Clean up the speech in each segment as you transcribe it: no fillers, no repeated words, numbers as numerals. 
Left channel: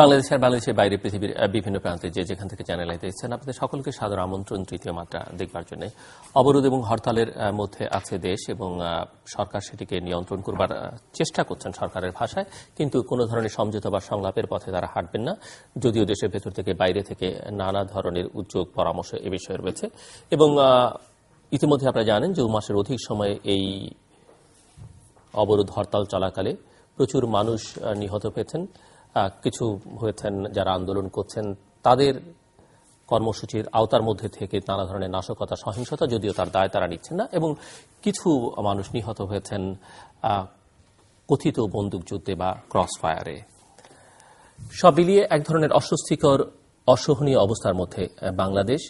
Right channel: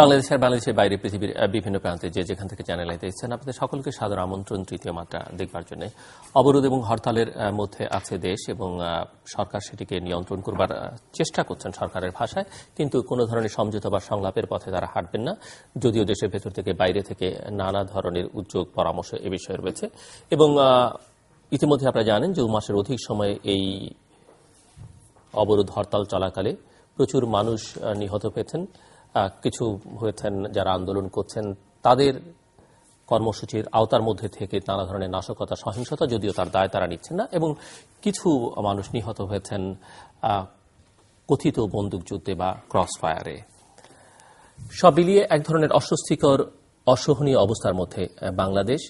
বাংলাদেশের বাইরে পৃথিবীর বিভিন্ন প্রান্তে যে যেখান থেকে চ্যানেল দেখছেন আপনাদের সকলকে সাদর আমন্ত্রণ তৃতীয় মাত্রা দেখবার জন্য। অবরোধ এবং হরতালের মধ্যে আছে দেশ এবং সরকার সেটিকে নিয়ন্ত্রণ করবার চেষ্টা করছেন সরকারের ভাষায়, কিন্তু কোনো ধরনের সমঝোতা বা সংলাপের পথে তারা হাঁটবেন না, যদিও দেশের ভেতর থেকে বাইরে থেকে নানা ধরনের উদ্যোগ পরামর্শ এ বিষয়ে রয়েছে। এবং ইতিমধ্যে আপনারা জানেন যে 2 মাসের অধিক সময়ে এই অবরোধ হরতাল চলাকালে প্রচুর মানুষ নিহত হয়েছেন, কিছু হয়েছেন যারা আন্দোলন করছেন তাদের কর্মসূচির আওতার মধ্যে থেকে নানা ধরনের নাশকতা সহিংসতা, যদিও তার দায় তারা নিচ্ছেন না, এবং কিছু মানুষ নিহত হয়েছেন কথিত বন্দুকযুদ্ধে বা ক্রস ফায়ারে। সব মিলিয়ে এক ধরনের অস্বস্তিকর অসহনীয় অবস্থার মধ্যে বাংলাদেশ।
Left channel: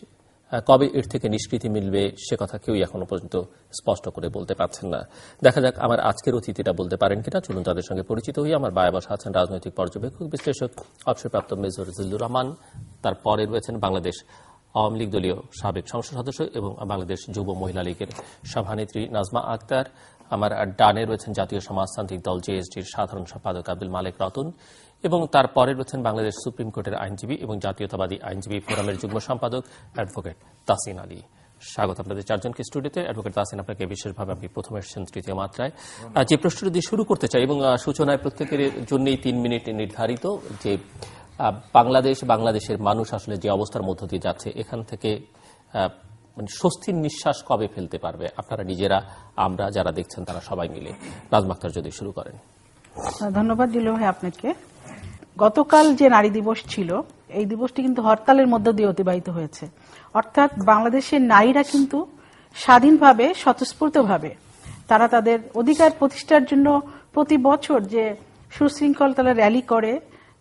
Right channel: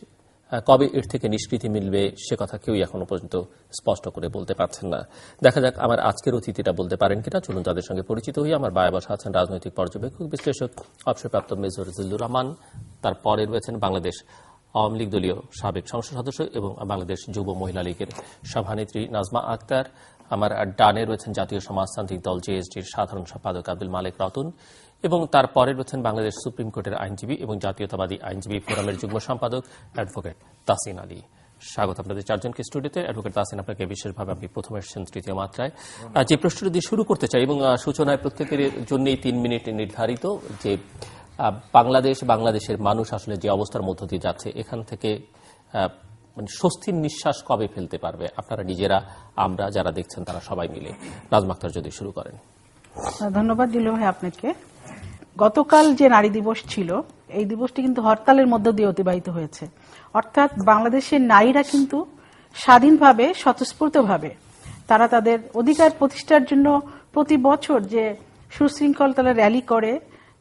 কবে এর থেকে নিষ্কৃতি মিলবে সে কথা কেউই এখনো পর্যন্ত স্পষ্ট করে বলতে পারছেন না। দেখা যাক আমার আজকের অতিথিরা বলতে পারেন কিনা। চলুন তাদের সঙ্গে পরিচিত হই। আমার বায়ে বসা আছেন রাজনৈতিক পর্যবেক্ষক বিশ্লেষক অবসরপ্রাপ্ত মেজর জিল্লুর রহমান। তারপরে রয়েছেন বাংলাদেশ আওয়ামী লীগ দলীয় সাবেক সংসদ সদস্য এবং বাংলাদেশ যুব মহিলা লীগের সভানেত্রী নাজমা আক্তার। আমার ডানে রয়েছেন জাতীয় সমাজতান্ত্রিক দল জেএসডির সাধারণ সম্পাদক আব্দুল মালেক রতন, এবং তারপরে রয়েছেন বাংলাদেশ সুপ্রিম কোর্টের আইনজীবী এবং জাতীয়তাবাদী আইনজীবী ফোরামের যুগ্ম সম্পাদক অ্যাডভোকেট তাসিন আলী। স্বাগত আপনাদের চারজনকে স্টুডিওতে। অ্যাডভোকেট তাসিন, আপনাকে বিশেষভাবে আপনি প্রথমে এসেছেন তৃতীয় মাত্রায়। যে প্রশ্নটি দিয়ে শুরু করতে চাই এবং সূচনায় প্রত্যেকের জন্যই 3 মিনিট নির্ধারিত, যে বাংলাদেশের মানুষ আসলে যে অবস্থার মধ্য দিয়ে যাচ্ছে এখান থেকে মানে স্বস্তির নিঃশ্বাস কবে ফেলতে পারবে আপনারা নিজেরা, আমরা যারা দেখছেন তারা সবাই মিলে? নাজমা আক্তার যদি শুরু করেন। ধন্যবাদ দিল ভাই আপনাকে। গতকাল যে নারী দিবস ছিল, এই দিবসটি কিন্তু হরতালের মধ্য দিয়ে অতিবাহিত হয়েছে। অর্থাৎ বাংলাদেশের নারীরা কিন্তু স্বাধীনভাবে স্বতঃস্ফূর্তভাবে তারা তাদের অধিকার প্রতিষ্ঠার জন্য প্রতি বছর যে সুশৃঙ্খল তারা র্যালি করে,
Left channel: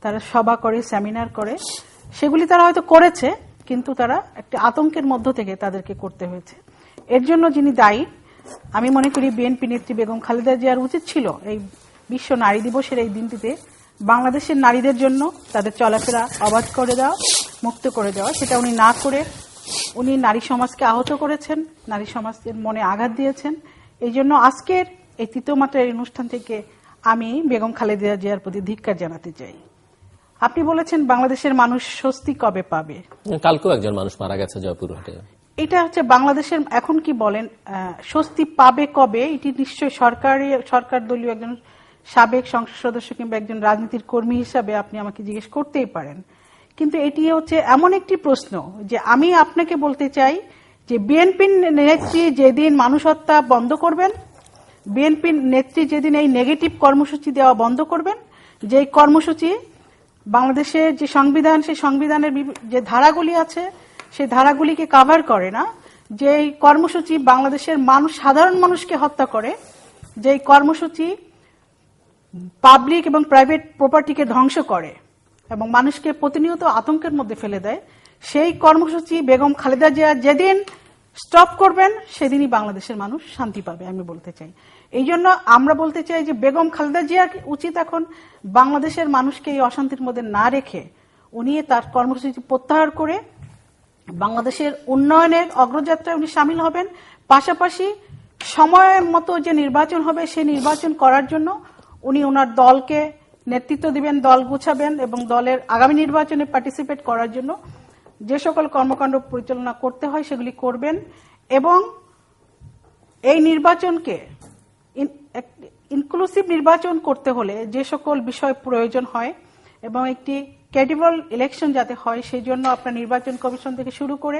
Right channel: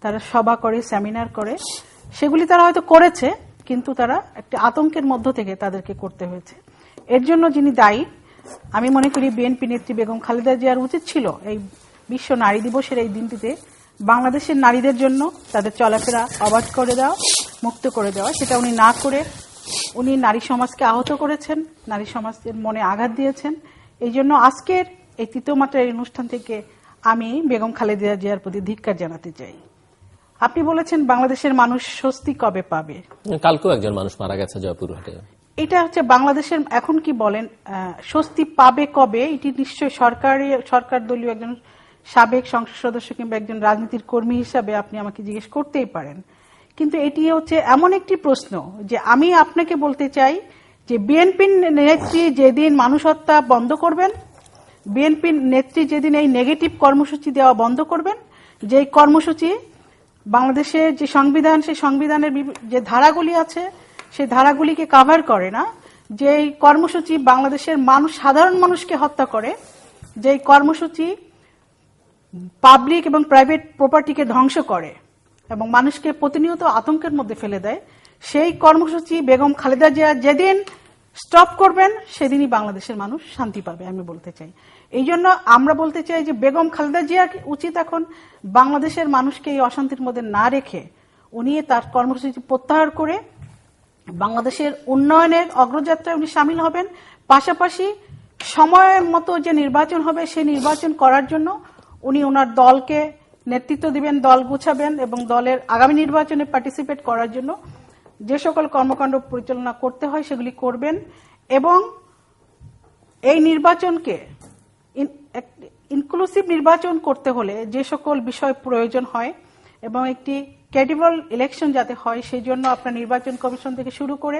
তারা সভা করে, সেমিনার করে, সেগুলি তারা হয়তো করেছে, কিন্তু তারা একটা আতঙ্কের মধ্য থেকে তাদেরকে করতে হয়েছে। এর জন্য যিনি দায়ী, আমি মনে করি বিএনপি নেত্রী বেগম খালেদা জিয়ার উচিত ছিল এই বিশ্ব নারী দিবসের এই দিনটিতে বাংলাদেশের নারীদের জন্য তাদের চলাফেরা অবাধ করে দেওয়া, মুক্ত করে দেওয়া। সেটা উনি না করে উনি নারী সমাজকে আহত করেছেন, নারী সমাজের মনে আঘাত দিয়েছেন। এই জন্য আজকের এই তৃতীয় মাত্রার অনুষ্ঠান থেকে আমি বেগম খালেদা জিয়ার প্রতি ধিক্কার জানাতে চাই। আপনি বলেছেন বাংলাদেশের মানুষ স্বস্তি কবে পাবে। কালকেও একজন মানুষ মারা গেছে জয়পুরহাটে। এটা হচ্ছে বাংলাদেশের এখন কি বলেন স্বস্তি পাবে কবে, এটি নিশ্চয় সরকার দলীয় একজন সাবেক সংসদ সদস্য কিংবা একজন রাজনীতির কর্মী হিসাবে আপনি আমাকে জিজ্ঞেস করতেই পারেন। কিন্তু এটি হচ্ছে এমন একটি প্রশ্ন যে আমি আপনাকে বলতে চাই যে বিএনপির নেত্রী যেদিন মানুষ হত্যা বন্ধ করবেন, বিএনপির নেত্রী যেদিন এই নেগেটিভ কর্মসূচি দেওয়া বন্ধ করবেন, যে কর্মসূচি বাংলাদেশের যে সংবিধান, সেই সংবিধানের যে ধারাগুলি আছে সেই ধারাগুলিকে কভার করে না, যে কর্মসূচি বাংলাদেশের সাধারণ মানুষকে হত্যা করে, যে কর্মসূচি পাবলিক এবং প্রাইভেট প্রপার্টিকে ধ্বংস করে এবং মানুষকে প্রতিনিয়ত আতঙ্কের মধ্যে ফেলে দেয়, সেই কর্মসূচি বেগম খালেদা জিয়া যেদিন স্টপ করবেন সেদিনই বাংলাদেশের মানুষ শান্তি পাবে, আমি বলতে চাই। এই জন্য আমরা বলতে চাই যে বেগম খালেদা জিয়ার উচিত এখন বাংলাদেশের মানুষকে এই অশান্তির মধ্যে না রেখে উনি তার কর্মসূচি প্রত্যাহার করে বাংলাদেশের উন্নয়নের অগ্রযাত্রায় উনি সামিল হবেন। পাশাপাশি সময় মতো যে নির্বাচন হবে সেই নির্বাচন করার জন্য উনি ওনার দলকে নেতৃত্ব দিবেন, দল গুছাবেন এবং দলের আগামী নির্বাচনে পার্টিসিপেট করার জন্য যে সকল কর্মকাণ্ড পরিচালনা করতে হয় সেগুলি করবেন এবং এই নির্বাচনকে ইনক্লুসিভ নির্বাচন করতে হলে যে সকল বিষয় প্রয়োজন হয় এবং একটি ক্রেডিবল ইলেকশন যাতে হয় সেই জন্য আপনার নির্বাচন কমিশন থেকে শুরু করে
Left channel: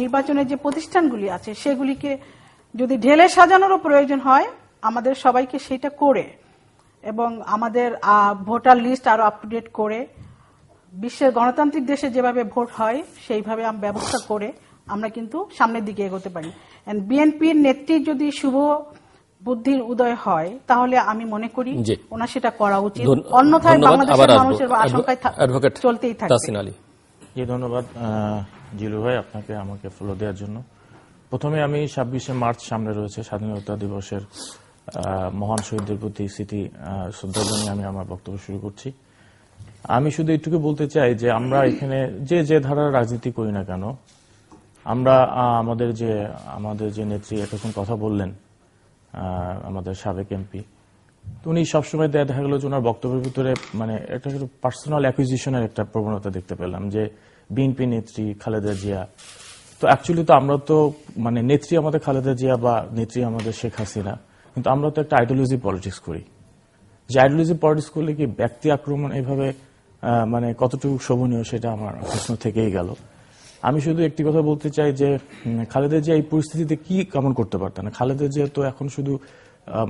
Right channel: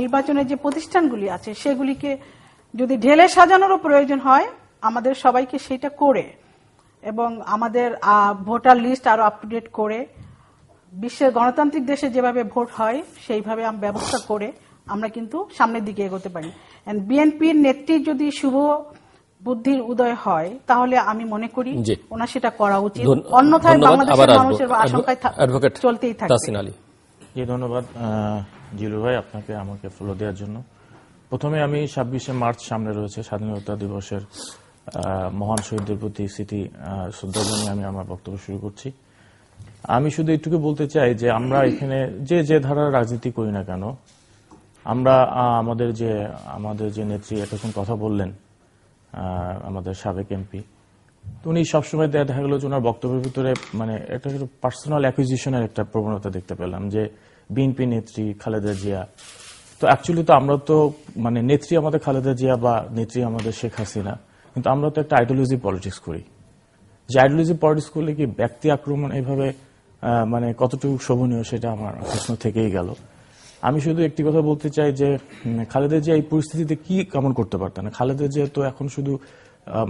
নির্বাচনের যে প্রতিষ্ঠানগুলি আছে সেগুলিকে যদি ঢেলে সাজানোরও প্রয়োজন হয় আমাদের সবাইকে সেটা করে এবং আমাদের ভোটার লিস্ট আরো আপ টু ডেট করে বিশ্বের গণতান্ত্রিক দেশে যেভাবে ভোট হয় সেইভাবে ব্যবস্থা করে আমরা কিন্তু সামনের দিকে এগোতে পারি। বিএনপির নেত্রী যদি শুভ বুদ্ধির উদয় হয় তাহলে আমি মনে করি ওনার সেটা করা উচিত, অন্যথায় বাংলাদেশের মানুষের আশঙ্কায় চলতেই থাকবে। ধন্যবাদ জিলু ভাই আপনাকে আমাকে ফলো দেওয়ার জন্য। প্রথমে আমি 26শে মার্চ সামনে রয়েছে স্বাধীনতা দিবসের মহান শহীদদের প্রতি স্মৃতি শ্রদ্ধা জানিয়ে আমি আমার বক্তব্য শুরু করছি। আমি শুধু এটুকু বলতে চাই যে আমরা এখানে যে ধারার রাজনীতি করি না কেন, আমরা আমাদের যে নেত্রী এতক্ষণ কথা বললেন, আমাদের সাবেক এমপি, তো উনি সবসময় দেখা গেল যে ওনার বক্তব্যের ভিতরে মানে একটা পার্সোনাল অ্যাকুইজিশনের একটা প্রবণতা দেখতে পেলাম, যে বিএনপি নেত্রী খালেদা জিয়া। তো অ্যাকচুয়ালি তো আমরা তো মানে নেত্রী আমাদের খালেদা জিয়া বা নেত্রী আমাদের শেখ হাসিনা, কিন্তু আমরা তো একটা আইডিওলজি পলিটিক্স করি। যে আইডিওলজি পলিটিক্স করলে কি ব্যক্তি আক্রমণ এইভাবে মানে কতটুকু শোভনীয়, সেটা আমার প্রশ্ন থেকেই গেল। আমি শুধু একটি কথা বলতে চাই যে খালেদা জিয়া এই পরিস্থিতিতে কি কেমন করতে পারতেন। খালেদা জিয়া তো এখন শুধু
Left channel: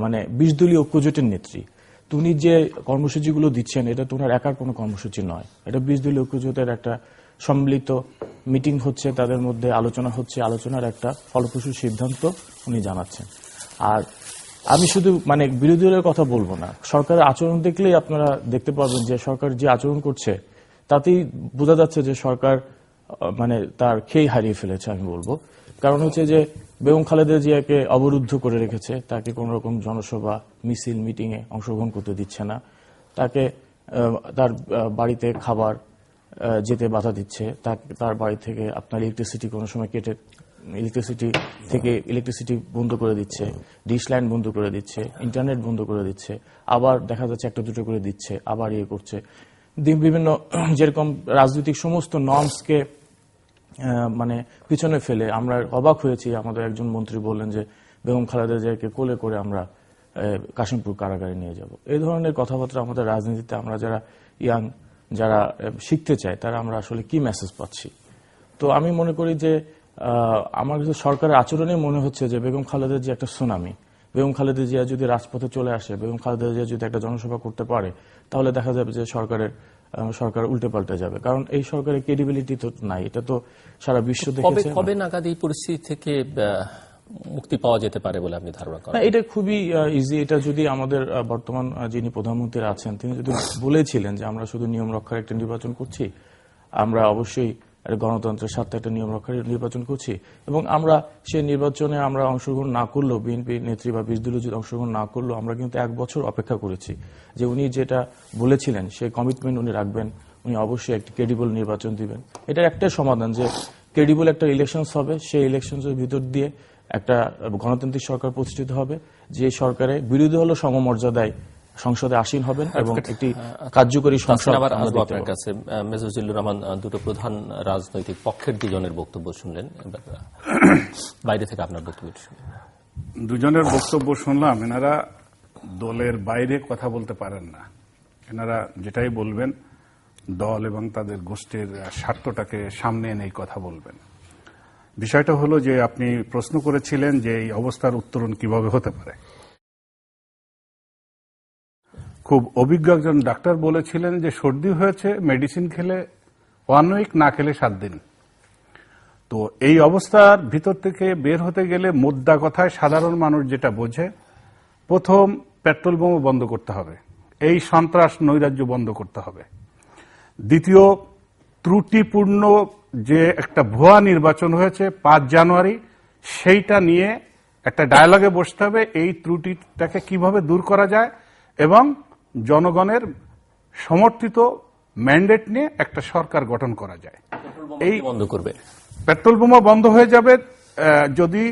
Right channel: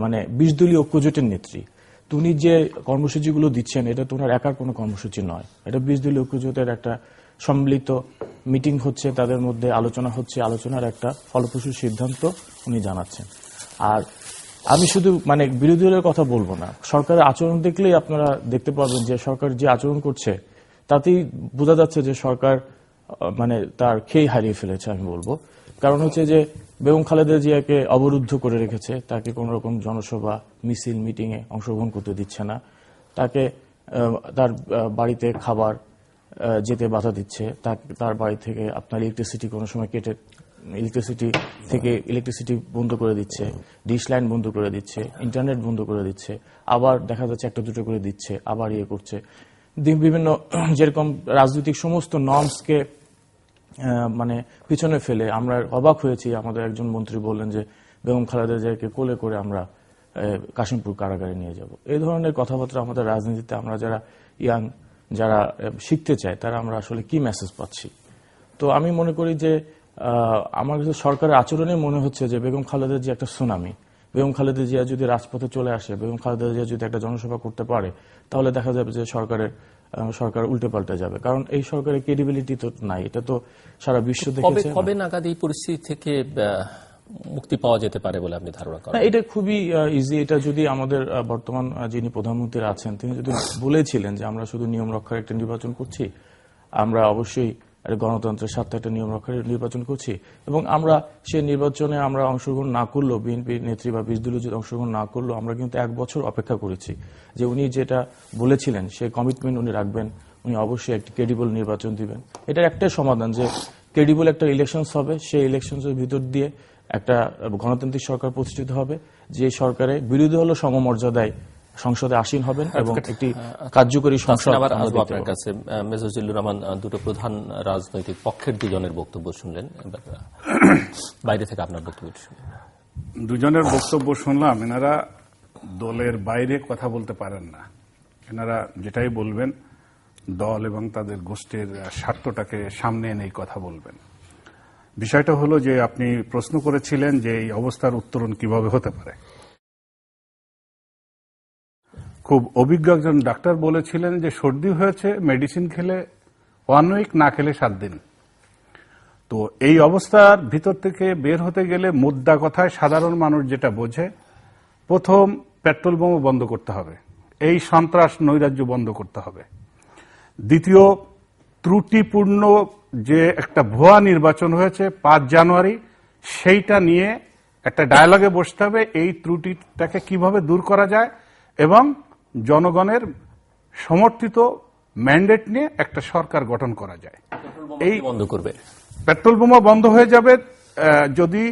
মানে 20 দলীয় ঐক্যজোটের নেত্রী। উনি যে কর্মসূচিগুলো দিচ্ছেন এটা তো ওনার একার কোনো কর্মসূচি নয়, এটা 20 দলীয় ঐক্যজোটের একটা সম্মিলিত মিটিং হচ্ছে, তাদের মধ্যে আলোচনা হচ্ছে, আলোচনার একটা ফলপ্রসূ সিদ্ধান্ত উনি জানাচ্ছেন। আর আমি শুধু মানে বিরোধী দলের কথা বলবো না, সরকারের আচরণ দেখলেই আপনারা দেখতে পাবেন যে সরকার যে আচরণ করছে তাতেই বোঝা যাচ্ছে যে সরকার মানে তার খেই হারিয়ে ফেলেছে আমি বলবো। কারণ হচ্ছে যে বেগম খালেদা জিয়াকে অবরুদ্ধ করে রেখেছে, তাকে কোন রকম জনসভা মিছিল মিটিং এ অংশগ্রহণ করতে দিচ্ছে না, তাকে তার বাড়িতে খাবার যেতে বাধা দিচ্ছে, তার বাড়ি থেকে আপনার ইলেকট্রিসিটি কোনো সময় কেটে ইলেকট্রিসিটি বন্ধ করে দিচ্ছে, ডিশ লাইন বন্ধ করে দিচ্ছে, ইন্টারনেট বন্ধ করে দিচ্ছে, আবার দেখা যাচ্ছে একটা দুটো করে দিচ্ছে, আবার ইয়ে করছে। বিভিন্ন যেরকম রাজনৈতিক সমস্ত নর্মসকে মানে পিছনে ফেলে আমরা অবাক হয়েছি। আমাদের একজন মন্ত্রী বললেন যে বেগম খালেদা জিয়াকে কোলে করে আমরা কাশিমপুর কারাগারে নিয়ে যাব। এই ধরনের কথাবার্তা আমাদের রাজনীতিতে আমরা যারা ইয়াং, যারা শিখতে চায়, তারা আমরা আসলে কি মেসেজ পাচ্ছি। তো আমি মনে করি যে আমার কাছে সরকারের আচরণে মনে হচ্ছে যে বেগম খালেদা জিয়া একটা সুনামি। বেগম খালেদা জিয়া যদি রাজপথে চলে আসে, বেগম খালেদা জিয়া যদি একটা জনসভা করতে পারে, তাহলে দেখা যাবে যে সরকার উল্টে পাল্টে যাবে। কারণ এই সরকারের ক্রেডিবিলিটি তো নাই, এটা তো সারা বিশ্ব দেখেছে। কবে নাগাদ এই পরিস্থিতি থেকে মুক্তি পাওয়া যেতে পারে বলে আপনি ধারণা করেন? এটা খুবই ইজি। এটা যদি আমাদের বর্তমান যিনি প্রধানমন্ত্রী আছেন তিনি যদি বলেছিলেন যে আমরা শুধু নিয়ম রক্ষার একটা নির্বাচন করছি, আমরা অবশ্যই গণতন্ত্রের স্বার্থে একটা নিয়ম রক্ষার নির্বাচন করছি, এবং আমরা সেই নির্বাচনে আমরা অংশগ্রহণ না করলেও, বিএনপি নেত্রী বা 20 দলীয় যদি অংশগ্রহণ না করলেও, আমরা কিন্তু 1 বছর অপেক্ষা করেছি যে উনি যেটা বলেছিলেন সেই কমিটমেন্ট উনি রাখবেন, উনি অবশ্যই একটি ক্রেডিবল নির্বাচন দিবেন। এটা একটাই সমাধান যে ক্রেডিবল একটা ইলেকশনস হবে, সেই ইলেকশনসের ভিতর দিয়ে একটা গণতান্ত্রিক সরকার প্রতিষ্ঠিত হবে, যে সরকারে বিরোধী হলো সমমর্যাদায় সংসদে আসীন হবেন এবং একটি কার্যকরী সংসদ। আপনার কাছে মেজর জিল্লুর রহমান, দুটো প্রধান রাজনৈতিক পক্ষের দুজনের বক্তব্য শুনলেন, বাইরে থেকে আপনার বক্তব্য শুনলেন। দুজনের বক্তব্য শুনলাম, এনারা দলের বাইরে কথা বলতে পারেন না। এনারা যেটাই বলবেন দল এবং তাদের গোষ্ঠীর স্বার্থটাকে সামনে এনে কথা বলবেন। বিষয়টা হলো যে আপনি প্রশ্ন করেছিলেন যে এই অবস্থার উত্তরণ কিভাবে হতে পারে। খুব অভিজ্ঞ একজন ডাক্তার বলেছিলেন যে সর্দি হয়েছে, মেডিসিন খেলে 1 উইক, না খেলে 7 দিন। তো এই অবস্থার ভিতর থেকে বের হতে গেলে মোদ্দা কথায় সাধারণ মানুষ যেটা বোঝে, প্রথম পেট্রোল বোমা বন্ধ করতে হবে, এই সন্ত্রাস নৈরাজ্য বন্ধ করতে হবে। দ্বিতীয়, ত্রুটিপূর্ণ যে একটা ভুয়া নির্বাচন হয়েছে 5 জানুয়ারি, সেইটা নিয়ে একটা ডায়ালগে বসতে হবে, এই ত্রুটিটাকে কিভাবে দূর করা যায় এবং জনগণের সমর্থিত ম্যান্ডেট নিয়ে একটা সরকার গঠন করা যায়। এই বন্ধ করবে, পেট্রোল বোমা বন্ধ হয়ে যাবে যদি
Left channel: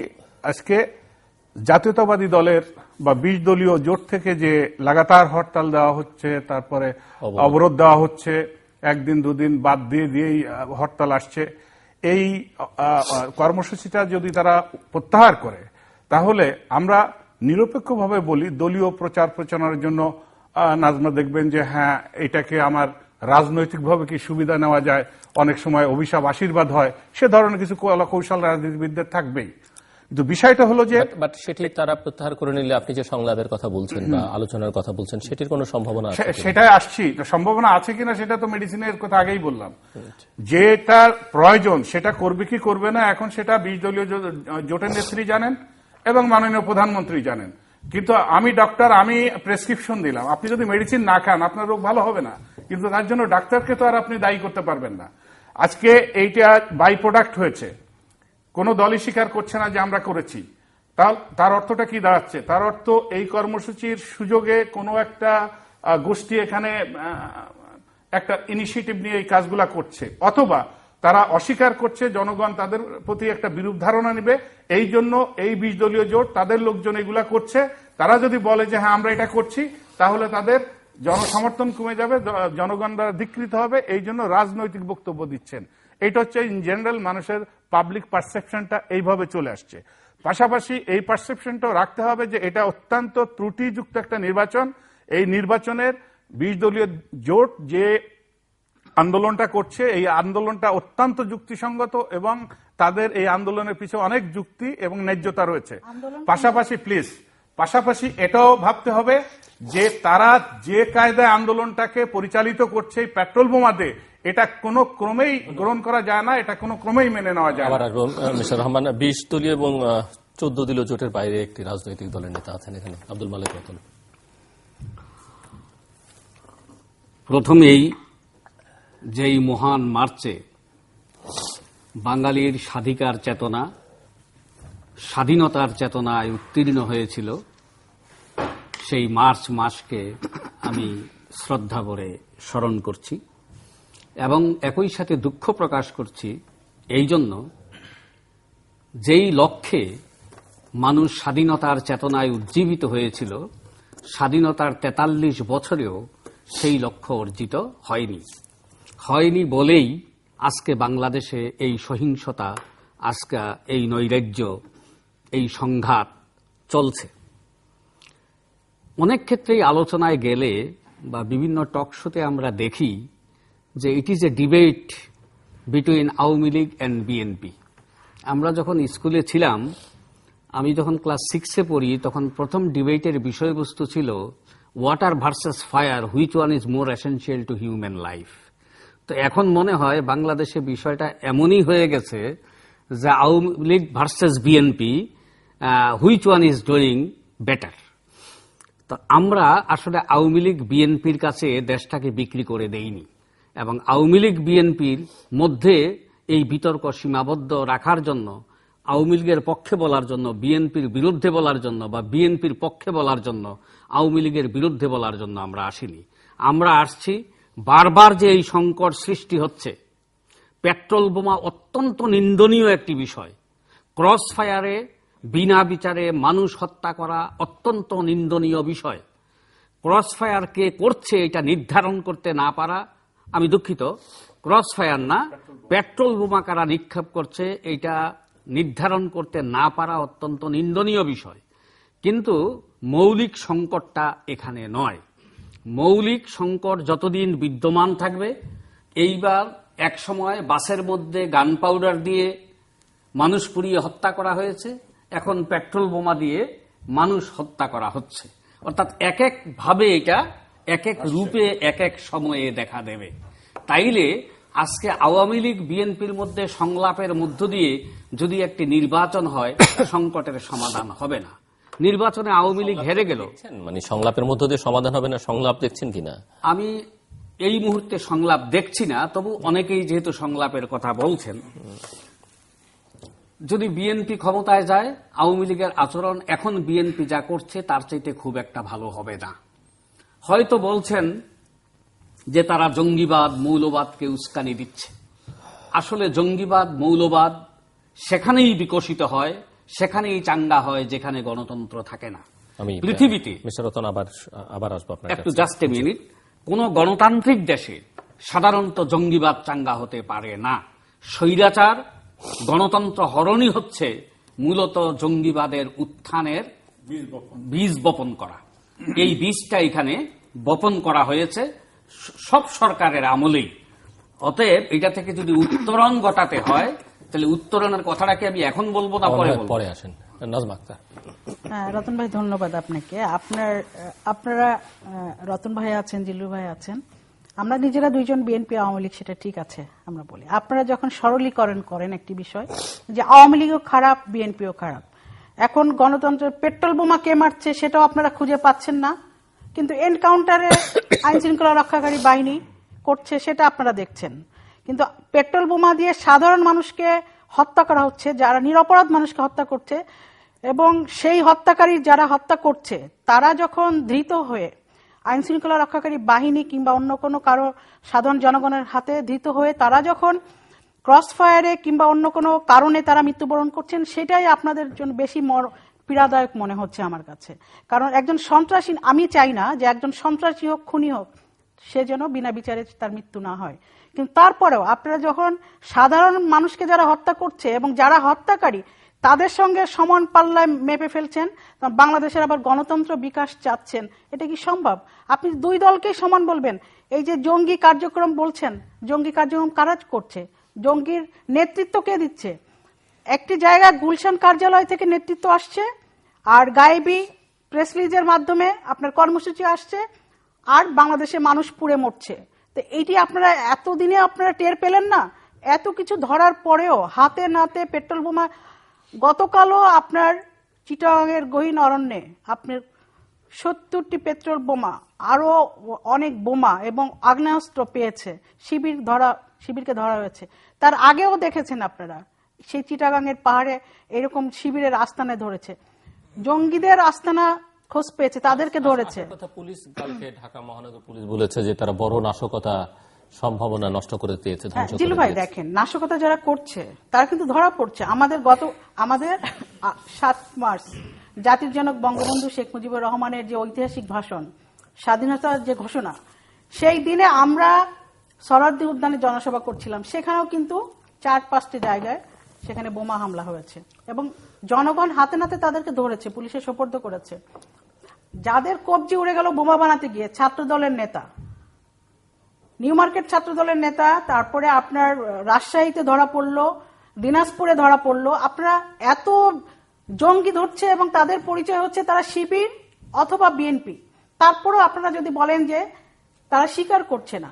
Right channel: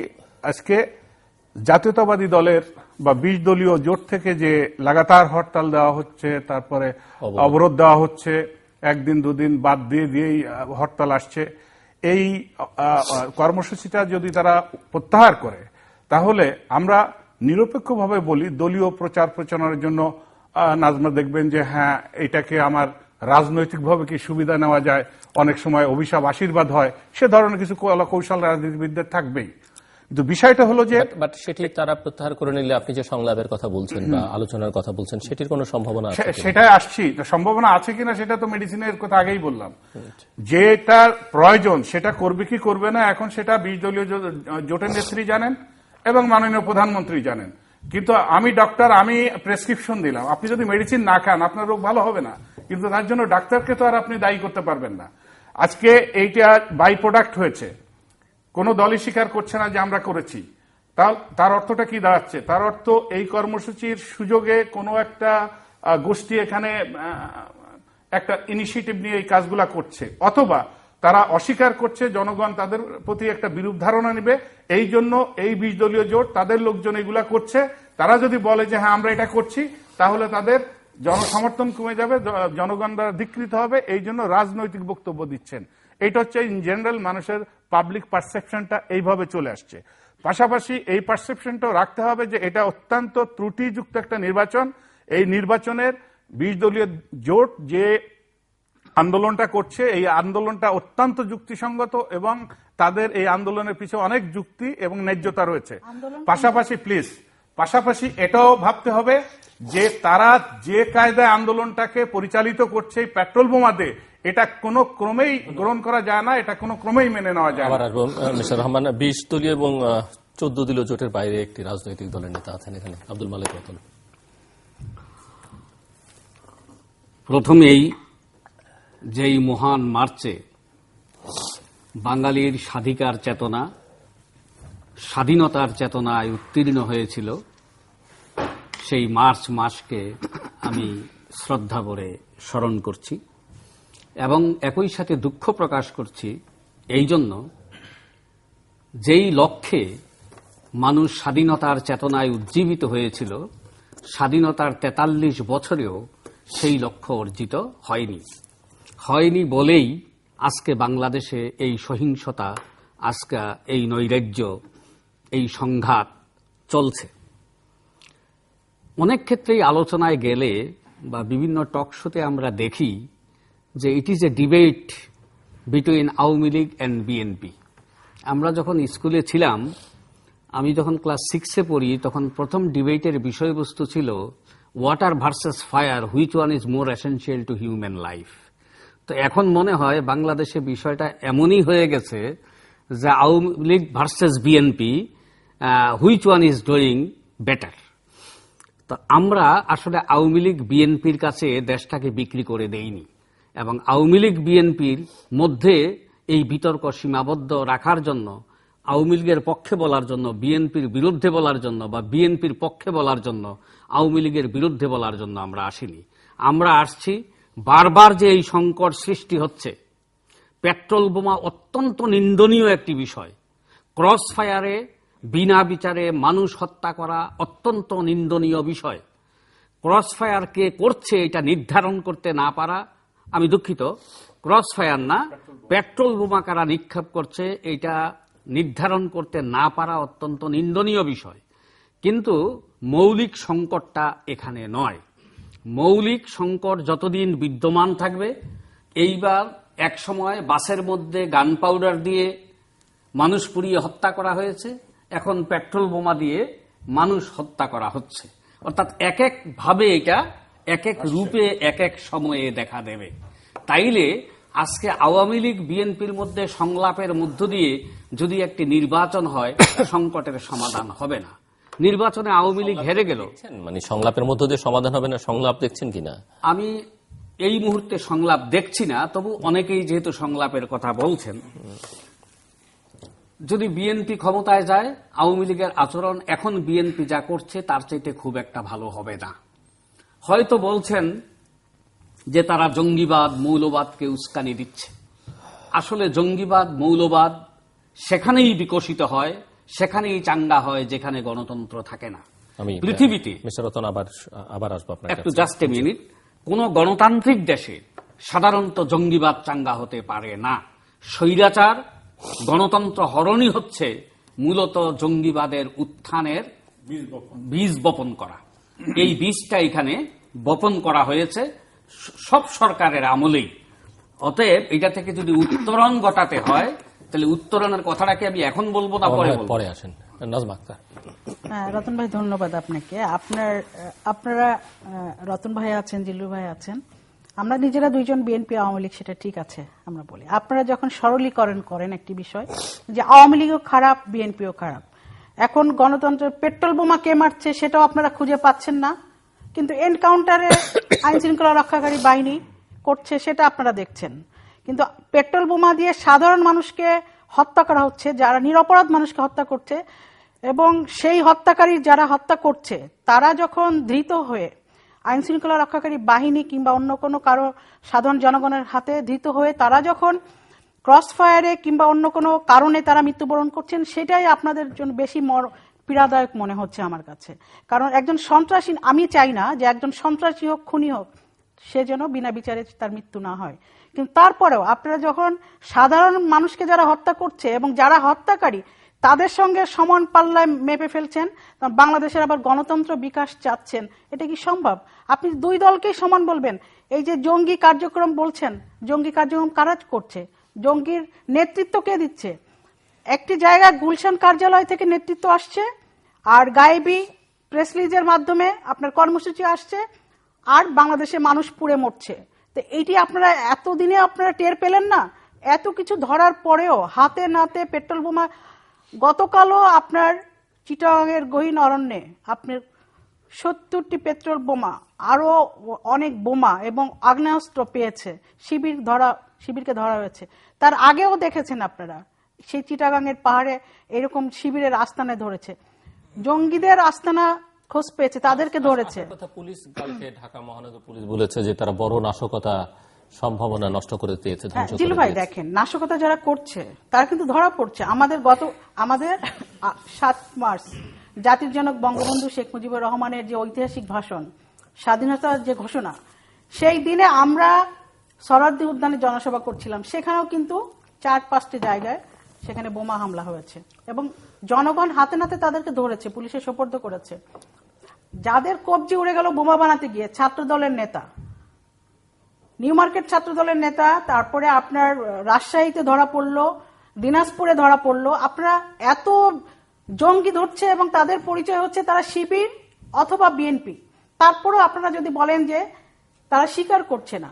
আজকে জাতীয়তাবাদী দলের বা 20 দলীয় জোট থেকে যে লাগাতার হরতাল দেওয়া হচ্ছে, তারপরে অবরোধ দেওয়া হচ্ছে, 1 দিন 2 দিন বাদ দিয়েই হরতাল আসছে, এই কর্মসূচিটা যদি তারা প্রত্যাহার করে, তাহলে আমরা নিরপেক্ষভাবে বলি, দলীয় প্রচার প্রচারণার জন্য নাজমা দেখবেন যে হ্যাঁ এটাকে আমার রাজনৈতিকভাবে কি সুবিধা নেওয়া যায়, অনেক সময় অভিশাপ আশীর্বাদ হয়, সে ধরনের কিছু কৌশল রাজনীতিবিদদের থাকবেই। কিন্তু বিষয়টা হলো যে সেটি তারা প্রত্যাহার করে নিলে আপনি যে সংলাপের কথা বলছেন বা আলোচনার কথা বলছেন, সেটির কোনো সম্ভাবনা আছে? সেটাই আসছি, সম্ভাবনা আছে কিনা সেটা তো মেডিসিনের কথা আগেই বললাম। যেটা প্রয়োজন সেটা করবে কি করবে না, এখন সেটা 20 দলীয় জোটের নেত্রী জানেন এবং মাননীয় প্রধানমন্ত্রী জানেন। কিন্তু আমি ডক্টর, আমি প্রেসক্রিপশন দিলাম, আপনি যদি মেডিসিন না খান আপনার রোগ ভালো হবে না, কিন্তু তার জন্য ডাক্তারকে তো আর আপনি দায়ী করতে পারবেন না। আজকে এইটা বাই প্রোডাক্ট হয়েছে, কোন দলই স্বীকার করছে না যে আমরা করেছি। তার অর্থটা কি দাঁড়াচ্ছে? তার অর্থ এই কর্মসূচির সুযোগে কোনো একটা গোষ্ঠী এখানে একটা ইনিশিয়েটিভ নিয়ে এই কাজগুলা করছে, অথবা তারা অস্বীকার করছে, জনগণ তাদের প্রতি একটা বিরূপ ধারণা নেবে, এই জন্য এই 20 দলীয় জোট তাদের লোকজন এগুলা করছে, তারা যদি বলে যে হ্যাঁ আমরা এটা করছি, তাহলে তাদের জনসমর্থন কমে যাবে, জনগণ দ্বারা ধিকৃত হবে, এই জন্য রাজনৈতিক বক্তব্য দিচ্ছেন। এটা হচ্ছে ইন জেনারেল মানুষের পাবলিক পারসেপশনটা এইভাবে চলে আসছে। পাশাপাশি এই পারসেপশনটাও রাখতে হবে যে এটা অত্যন্ত ত্রুটিযুক্ত একটা নির্বাচন। এই নির্বাচনের 20 দলীয় জোট যে আন্দোলনটা করছে, এই আন্দোলনটা অত্যন্ত যুক্তিসঙ্গত এবং তাদের এই আন্দোলনের পিছনে অনেক যুক্তি এবং ন্যায্যতা রয়েছে। পাশাপাশি এটাও ভাবতে হবে যে তারা যে কায়দায় আন্দোলনটাকে পরিচালিত করছে পেট্রোল বোমাতে, এটা কোনো ক্রমেই গ্রহণ করা যায় না, এটা কোনো ক্রমেই মেনে নেওয়া যায় না। মিস্টার রহমান, 20 দলীয় এবং 14 দলীয় জোটের বাইরে একটি রাজনৈতিক দলের নেতা আছেন এখানে, আব্দুল মালিক। প্রথমেই যেই মহান মার্চে বাঙালির স্বাধিকার চেতনা, স্বাধীনতার চেতনায় উত্তীর্ণ হয়েছিল, সেই মার্চ মাসকে আমি শ্রদ্ধা করে স্মরণ করছি এবং একই সাথে দুঃখ প্রকাশ করছি এই জন্য, যেই লক্ষ্যে মানুষ স্বাধীনতার চেতনায় উজ্জীবিত হয়েছিল, স্বাধীনতার 43 বছরেও সেই লক্ষ্য অর্জিত হয়নি বলেই আজকে বাংলাদেশে এই সহিংসতা, আজকে এই নৈরাজ্য, এই সংঘাত চলছে। অনেক ক্ষেত্রেই আলোচনায় গেলে বা বিভিন্ন টক শোতে আমরা দেখি যে it is a debate between Awami League and BNP. আমরা যখন স্কুলে ছিলাম, আমি যখন ক্লাস 6-এ পড়ি, তখন প্রথম ডিবেটের বিষয়বস্তু ছিল water versus fire, which one is more essential two human life. তো এখন মনে হয় বাংলাদেশে বিষয়টা এমনই হয়ে গেছে যে Awami League versus BNP, which one is doing better. তো আমরা আসলে আওয়ামী লীগ বিএনপির কাছে দেশটাকে বিক্রি করে দেইনি এবং আওয়ামী লীগ বিএনপির মধ্যে এই বিতর্ক সীমাবদ্ধ রাখার জন্য, আওয়ামী লীগের পক্ষে বলার জন্য বিএনপির বিরুদ্ধে বলার জন্য বা বিএনপির পক্ষে বলার জন্য আওয়ামী লীগের বিরুদ্ধে বলার জন্য আমরা আসিনি। আমরা আসছি, বারবার যে এই সংকট সৃষ্টি হচ্ছে, পেট্রোল বোমা অত্যন্ত নিন্দনীয় একটি বিষয়, ক্রস ফায়ারে বিনা বিচারে মানুষ হত্যা করা অত্যন্ত নিন্দনীয় বিষয়। ক্রস ফায়ার কে করছে এটা নির্ধারণ করতে না পারা, আমি দুঃখিত, ক্রস ফায়ার না, পেট্রোল বোমা কারা নিক্ষেপ করছে এটা নির্ধারণ করতে না পারা অত্যন্ত নিন্দনীয় বিষয়। কিন্তু মৌলিক সংকটটা এখানে নয়। মৌলিক সংকট যতদিন বিদ্যমান থাকবে, এইবার এক সময় বাসের মধ্যে গান পাউডার দিয়ে মানুষ পুড়িয়ে হত্যা করা হয়েছে, এখন পেট্রোল বোমা দিয়ে মানুষ হত্যা করা হচ্ছে। অর্থাৎ এক এক ভাবে এটা এক এক রূপে এক এক সময়ে দেখা দেবে। তাইলে আজকে আওয়ামী লীগ বিএনপির মধ্যে সংলাপের মধ্য দিয়ে যদি একটি নির্বাচন হয়, সংকটের সমাধান হবে না। নির্বাচনে আওয়ামী লীগ হেরে গেল, মানে সংলাপের মধ্য দিয়ে সমাধান হবে না, সংলাপ দেখছেন কিনা? আমি এই মুহূর্তে সংলাপ দেখছি না, তবু অনেকেই যেহেতু সংলাপের কথা বলছেন, যদি বিএনপি ক্ষমতায় যায়, আওয়ামী লীগের আচরণ এখন বিএনপি যা করছে তার চাইতে খুব একটা ভালো হবে না। হয়তো বলছেন যে তারা জঙ্গিবাদ, মৌলবাদকে উস্কানি দিচ্ছে। আসলে জঙ্গিবাদ, মৌলবাদ সেখানেই বিকশিত হয়, সেখানেই চাঙ্গা হয় যেখানে গণতন্ত্র থাকে না। পৃথিবীতে আবার আসবো আপনার একটু জাস্ট এ মিনিট, কোন গণতান্ত্রিক দেশে সাধারণত জঙ্গিবাদ চাঙ্গা হতে পারে না। স্বৈরাচার, গণতন্ত্র হরণই হচ্ছে মূলত জঙ্গিবাদের উত্থানের বীজ বপন করা। এই বীজটা এখানে বপন করা হয়েছে সব সরকারের আমলেই। অতএব এটা থেকে যদি উত্তরণ ঘটাতে হয়, তাহলে উত্তরণের কথাটাকে আমি এখন বলবো না পরে আসেন। নাজমা আক্তার। রতন ভাই, ধন্যবাদ আপনাকে। আপনারা রতন ভাই আছেন, জিল্লু ভাই আছেন, আমরা নিজেরা দুইজন বিএনপি আওয়ামী লীগ, সেটা ঠিক আছে আমরা বলি। আপনারা যখন সরলীকরণ করেন একটি বিষয় যে আওয়ামী লীগও খারাপ, বিএনপিও খারাপ, এখন গণতন্ত্রের পেট্রোল বোমা কে মারছে সেটাও আপনারা খুঁজে পাচ্ছেন না, কিন্তু এনকাউন্টারে আইন শৃঙ্খলা রক্ষাকারী বাহিনী করছে সেটা আপনারা দেখছেন। কিন্তু পেট্রোল বোমা দিয়ে সাধারণ মানুষকে হত্যা করা হচ্ছে, যারা নিরপরাধ মানুষকে হত্যা করছে, এবং সেই হত্যাকারী যারা হত্যা করছে তারা যখন ধৃত হয়ে আইন শৃঙ্খলা রক্ষাকারী বাহিনী কিংবা অন্য কোনো কারো সাধারণ জনগণের হাতে ধৃত হয়ে তারা যখন ক্রস ফায়ারে কিংবা অন্য কোনো কারণে তারা মৃত্যুবরণ করছেন, সেটাই আপনাদের জন্য বেশি পীড়াদায়ক মনে হচ্ছে আমার কাছে। কারণ একজন সন্ত্রাসী, আমি চাই না যে একজন সন্ত্রাসী হোক, খুনি হোক, সে যেন বিনা বিচারে তার মৃত্যু না হয়। কিন্তু তারপরেও আপনারা যখন সাধারণ মানুষকে যারা হত্যা করছে এবং যারা হত্যাকারী তাদের সঙ্গে সমান পাল্লায় মেপে ফেলছেন, বাংলাদেশের আবার গণতন্ত্র বিকাশ চাচ্ছেন, এটা কি সম্ভব? আপনি দুই দলকেই সমান বলবেন? এই যে জঙ্গি কার্যক্রম বলছেন, জঙ্গি কার্যক্রম কারা করছে? জঙ্গির নেতৃত্ব কে দিচ্ছে? একটি জায়গায় গুলশান কার্যালয় থেকে নেতৃত্ব আসছে, আর গায়েবী প্রেস রিলিজের মাধ্যমে আপনার কর্মসূচি আসছে, আর বাংলাদেশে মানুষ পুড়ে মরছে। তো এইটি আপনারা এতদিনে আপনারা টের পেলেন না? এত কিছু ধরার পরেও হাতে নাতে পেট্রোল বোমা, গতকালও আপনার চিটাগাংয়ের গহীন অরণ্যে আপনার 70টি পেট্রোল বোমা, আরো অনেক বোমা এবং আগ্নেয়াস্ত্র পেয়েছে, শিবিরকে ধরা হয়েছে। তার আগেও দেখেছেন আপনারা সেই চিটাগাংয়ের পাহাড়ে এরকম শিবিরের আস্তানা ধরেছে, জঙ্গিদের আস্তানা খোঁজ পেয়েছে, তাদেরকে ধরেছে। পুলিশ কালকে ঢাকা মহানগর পুলিশ বলেছে যে তারা বড় নাশকতা সম্ভাবনা নষ্ট করে দিয়েছে। জিলু ভাই দেখেন, নাশকতা যারা করছে তারা কিন্তু ধরা পড়ছে। আমাদের 7 মার্চ জাতির জনক বঙ্গবন্ধু শেখ মুজিবুর রহমানের যে ঐতিহাসিক ভাষণ, স্বাধীনতার যে ঘোষণা, সেই দিনে আমরা সরারদি উদ্যানে জনসভা করছিলাম, সেখানেও কিন্তু 4-5টি জায়গায় সেখানে বোমা হামলা হয়েছে এবং জনগণ হাতে নাতে তাদেরকে ধরেছে, পুলিশে সোপর্দ করেছে। যাদের কবজি উড়ে গেল বোমা বানাতে গিয়ে, ছাত্র দলের নেতা, নিউ মার্কেট ছাত্র দলের নেতা, তারপরে আপনার রাজশাহীতে ধরা পড়লো, দিনাজপুরে ধরা পড়লো। আপনারা এত জঙ্গি ধরছে এবং তাদের পরিচয় হচ্ছে তারা শিবির অথবা বিএনপি, তারপরেও আপনারা যদি বলেন যে তারা স্বীকার করছে না,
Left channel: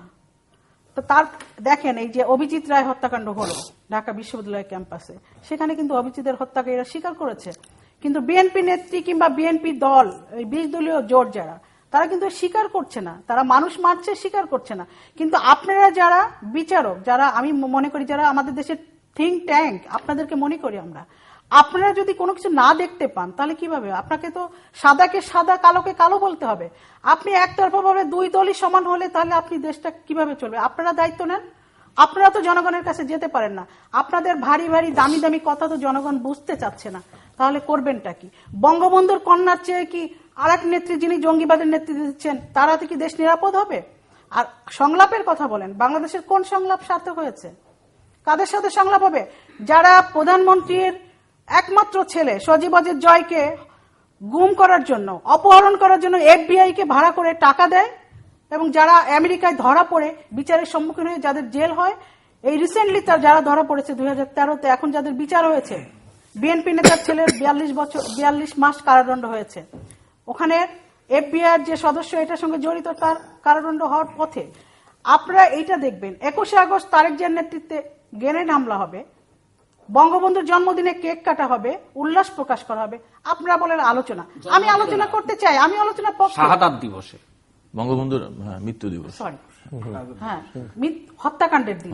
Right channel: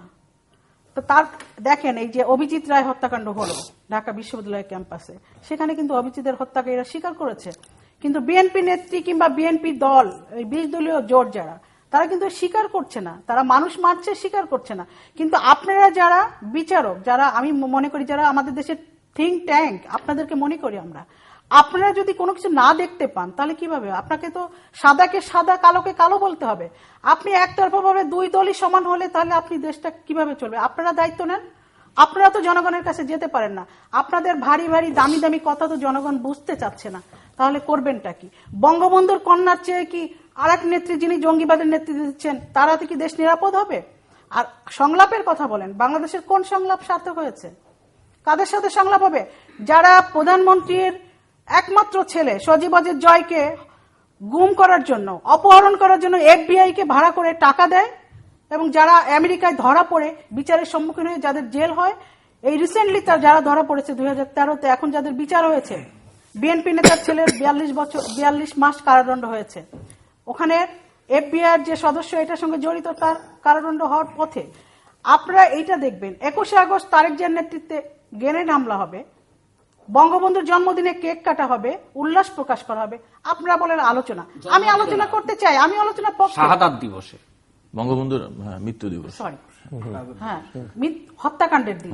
তো তার দেখেন এই যে অভিজিৎ রায় হত্যাকাণ্ড হলো ঢাকা বিশ্ববিদ্যালয় ক্যাম্পাসে, সেখানে কিন্তু অভিজিতের হত্যাকারীরা স্বীকার করেছে, কিন্তু বিএনপি নেত্রী কিংবা বিএনপি দল, এই 20 দলীয় জোট যারা, তারা কিন্তু স্বীকার করছে না, তারা মানুষ মারছে স্বীকার করছে না। কিন্তু আপনারা যারা বিচারক, যারা আমি মনে করি যারা আমাদের দেশের থিঙ্ক ট্যাঙ্ক, আপনাদেরকে মনে করি আমরা, আপনারা যদি কোনো কিছু না দেখতে পান তাহলে কিভাবে? আপনাকে তো সাদাকে সাদা, কালোকে কালো বলতে হবে। আপনি একতরফা ভাবে দুই দলই সমান হলে তাহলে আপনি দেশটা কিভাবে চলবে? আপনারা দায়িত্ব নেন। আপনারা তো জনগণের কাছে যেতে পারেন না, আপনাদের ভারী ভারী দামি দামি কথা তো জনগণ বুঝতে চাচ্ছে না, তাহলে করবেনটা কি? বঙ্গবন্ধুর কন্যার চেয়ে কি আর এক নেত্রী যিনি জঙ্গিবাদের নেতৃত্ব দিচ্ছেন তার হাতে কি দেশ নিরাপদ হবে? আর সংলাপের কথা বলেন, বাংলাদেশের কোন সংলাপ সার্থক হয়েছে? কাদের সাথে সংলাপ হবে? যারা প্রধানমন্ত্রীর একমাত্র ছেলে সজীব ওয়াজেদ জয়কে গুম করার জন্য, অপহরণ করার জন্য FBI কে ভাড়া করে টাকা দেয় এবং যারা আমেরিকায় ধরা পড়ে বিচারের সম্মুখীন হয়ে যাদের জেল হয়, এই রিসেন্টলি তার যারা ধরা পড়েছে 2013-তে, এখন যাদের বিচার হয়েছে, বিএনপি নেতার ছেলের 42 মাস কারাদণ্ড হয়েছে। ওখানে FBI যে সদস্য এটার সঙ্গে জড়িত, তার কারাদণ্ড হওয়ার পথে। আপনারা এইটা দেখবেন, 21শে আগস্ট তারেক জিয়ার নেতৃত্বে গ্রেনেড হামলা হবে, বঙ্গবন্ধুর জন্মদিনে কেক কাটা হবে, উল্লাস প্রকাশ করা হবে। আপনারা বলেন আলোচনা, আমি আলোচনা করতে চাই, আমি আলোচনা শাহাদাত দিবসে, বঙ্গবন্ধুর মৃত্যু দিবস, সরি হ্যাঁ, হত্যাকাণ্ডের দিন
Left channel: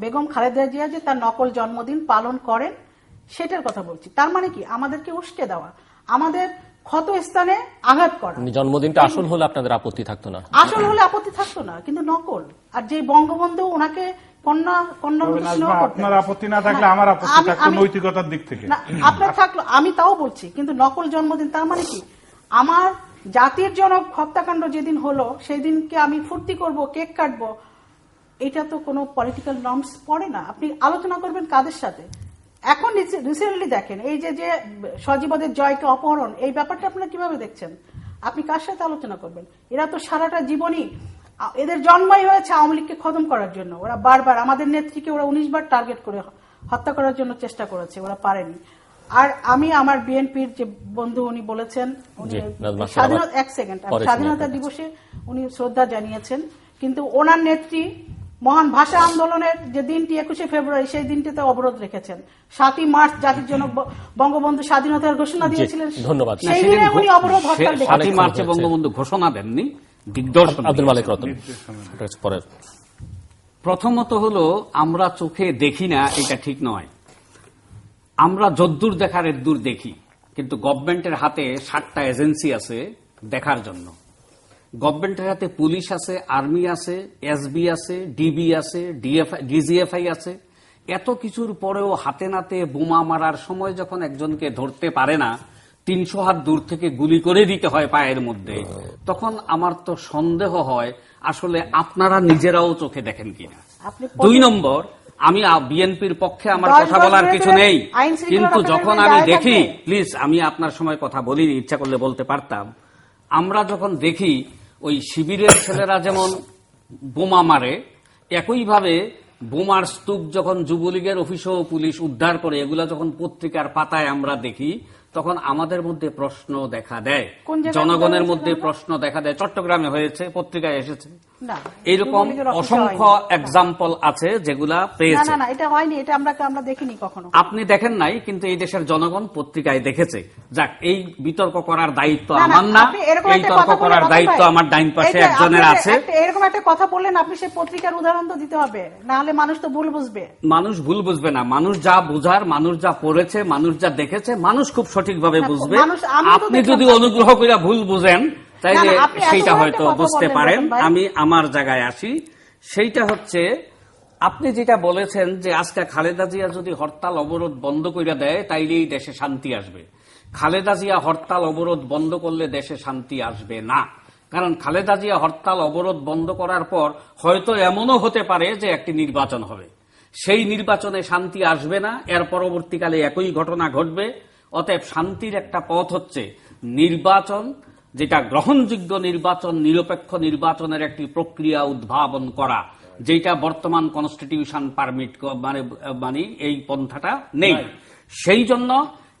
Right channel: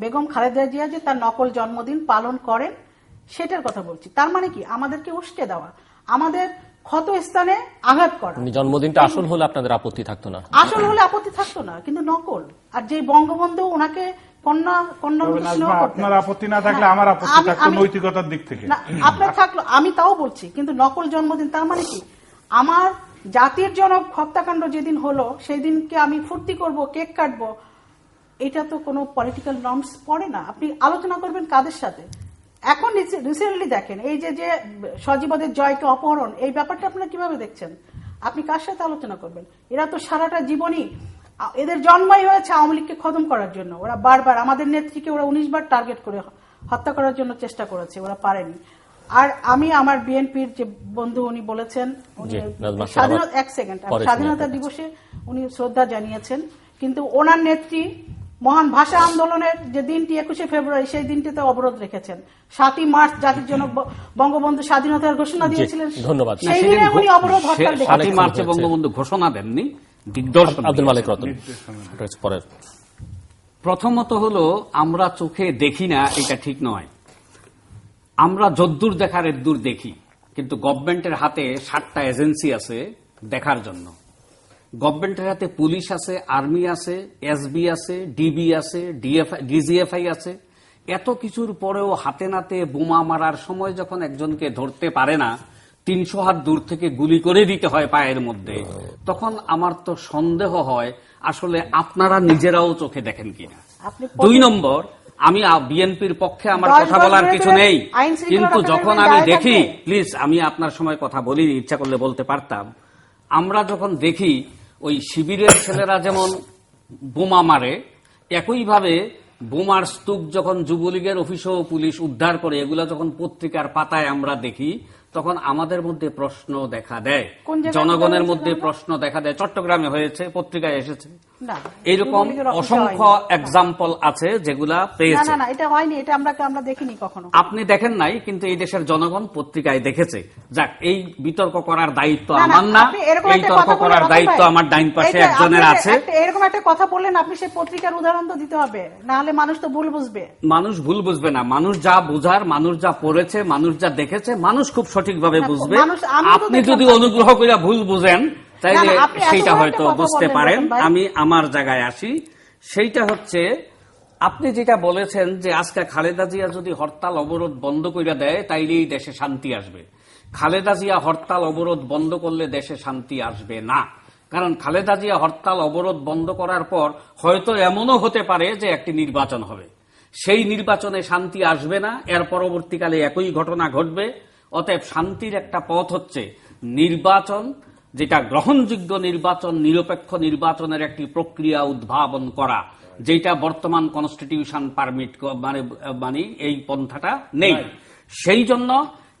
বেগম খালেদা জিয়া যে তার নকল জন্মদিন পালন করেন সেটার কথা বলছি। তার মানে কি? আমাদেরকে উস্কে দেওয়া, আমাদের ক্ষত স্থানে আঘাত করা। জন্মদিনটা আসল হলে আপনাদের আপত্তি থাকতো না? আসল হলে আপত্তি থাকতো না, কিন্তু নকল। আর যে বঙ্গবন্ধু ওনাকে আপনার আপত্তি না থাকলে আমার আপত্তি থাকতো নৈতিকতার দিক থেকে। আপনার থাকলো, আমি তাও বলছি, কিন্তু নকল জন্মদিন। তার মানে কি? আমার জাতির জনক হত্যাকাণ্ড যেদিন হলো সেই দিনকে আমি ফুর্তি করব, কেক কাটবো, এটা তো কোনো পলিটিক্যাল নর্মস পড়ে না। আপনি আলোচনা করবেন কাদের সাথে? এখন রিসেন্টলি দেখেন এই যে সজীব ওয়াজেদ জয়কে অপহরণ, এই ব্যাপারটা আপনারা কিভাবে দেখছেন? আপনি কার সাথে আলোচনা করবেন? এরা তো সারাটা জীবনই, এদের জন্মই হয়েছে আওয়ামী লীগকে খতম করার জন্য। ওরা বারবার আমাদের নেত্রীকে ওরা 19 বার টার্গেট করে হত্যা করার জন্য চেষ্টা করেছে, ওরা পারেনি। আর আমি আমার বিএনপির যে বন্ধু উনি বলেছেন, স্বাধীনতা দিবসে উনি শ্রদ্ধা জানিয়েছেন, কিন্তু ওনার নেত্রী মহান ভাষা আন্দোলনের যে দিনটি 21শে ফেব্রুয়ারি, সেই দিনটিতে অবরোধ রেখেছেন। 7ই মার্চ জাতির জন্য বঙ্গবন্ধু স্বাধীনতার ঘোষণা দিয়েছিলেন, ধন্যবাদ, সেই দিনে উনি অবরোধ হত্যা। 7ই মার্চে বঙ্গবন্ধু ঘোষণা দেননি, আব্দুল মালিক রতন। প্রথমত হলো আমরা চোখে দেখি না, এটা ঠিক নয়। আমরা যদ্দূর দেখার এদ্দূর দেখি, কিন্তু গভর্নমেন্টের হাতে 7টা এজেন্সি আছে দেখার জন্য। গভর্নমেন্টের হাতে পুলিশ আছে, আর্মি আছে, এসবি আছে, ডিবি আছে, ডিজিএফআই আছে। এত কিছুর পরেও হাতে নাতে বোমা মারার সময় যখন একজনকে ধরতে পারে না, 300 হাত দূর থেকে গুলি করে দিতে হয় পায়ের মধ্যে, তখন আমার তো সন্দেহ হয় আসলে আপনারা নিজেরাও চোখে দেখেন কিনা। আপনি 2 নম্বর, আমি বিএনপির পক্ষে আমার 10 কথা বলার বছর কিছু ধরে নেই, আইন শৃঙ্খলা কিন্তু রক্ষাকারী যখন আমি বাহিনী দেখি, দাঁড়িয়ে থাকবে। প্লিজ আমি আপনার সময় কথা বলিনি, ইচ্ছা করলে বলতে পারতাম, আমরা যখন দেখি ওই শিবিরের ছেলেরা যেমন বোমা মারে, একইভাবে বোমার স্তূপ যখন যুবলীগের অফিস ও পুলিশ উদ্ধার করে, এগুলা যখন পত্রিকার পাতায় আমরা দেখি, তখন আমাদের মধ্যে প্রশ্ন দেখা দেয়, কোন জায়গায় জনগণের হয়েছে মধ্যে ঘটনা? প্রশ্ন দেখা দেয়। চট্টগ্রামে হয়েছে, পত্রিকায় এসেছে, না, এরকম যুবলীগের অফিসে অসংখ্য হয়নি। এক্সাম্পল আছে যেগুলা না পেয়েছে। না না, এটা হয়নি, এটা আমরা দেখিনি কখনো। আপনি দেখেন নাই, কিন্তু এই দেশের জনগণ পত্রিকায় দেখেছে। যাক, এই বিতর্ক করার দায়িত্ব না, না, আমার না, আপনি এরকম এই একটা তর্ক কথা বললেন, করার অতএব দায়িত্ব ভাই, আমার ডাইন পাশে এই যে একজনের আপনাকে আছে। এরকম একটা কথা বললেন, আপনি সেই পত্রিকার উদাহরণ তো দিতে হবে, না হলে মানুষ তো ভুল বুঝবে। মানুষ ভুল বুঝবে না, মানুষ যা বোঝার, মানুষ যা পড়েছে, মানুষ যা দেখেছে, মানুষ খুব সঠিকভাবে না, বুঝবে। মানুষ, আমিও তো আপনি দেখলাম যদি না। অনুগ্রহ করে ভুল বুঝেন, তাইলে না, না, আপনি এত সেইটা বড় হয়তো একটা কথা বুঝতে বললেন, পারেন। ভাই। আমি আমার জায়গায় আসি, সেইটা হচ্ছে আপনি যেটা বলেছেন যে আজকে খালেদা জিয়া যদি হরতাল অবরোধ বন্ধ করে দেয় তাইলেই দেশে শান্তি আসবে। খালেদা জিয়া হরতাল অবরোধ বন্ধ করলে দেশে শান্তি আসবে না, কারণ খালেদা জিয়া হরতাল অবরোধ বন্ধ করার পর হয়তো এমনও হতে পারে যে একটি নির্বাচন হবে, সেই নির্বাচনে শান্তি আসবে না, এর পরবর্তীকালে একই ঘটনা ঘটবে। অতএব শান্তির একটা পথ হচ্ছে নির্বাচন, যেটা গ্রহণযোগ্য নির্বাচন, নিরপেক্ষ নির্বাচনের একটি প্রক্রিয়া উদ্ভাবন করা, যেটা বর্তমান কনস্টিটিউশন পারমিট মানে এই পন্থাটা নেই। সেই জন্য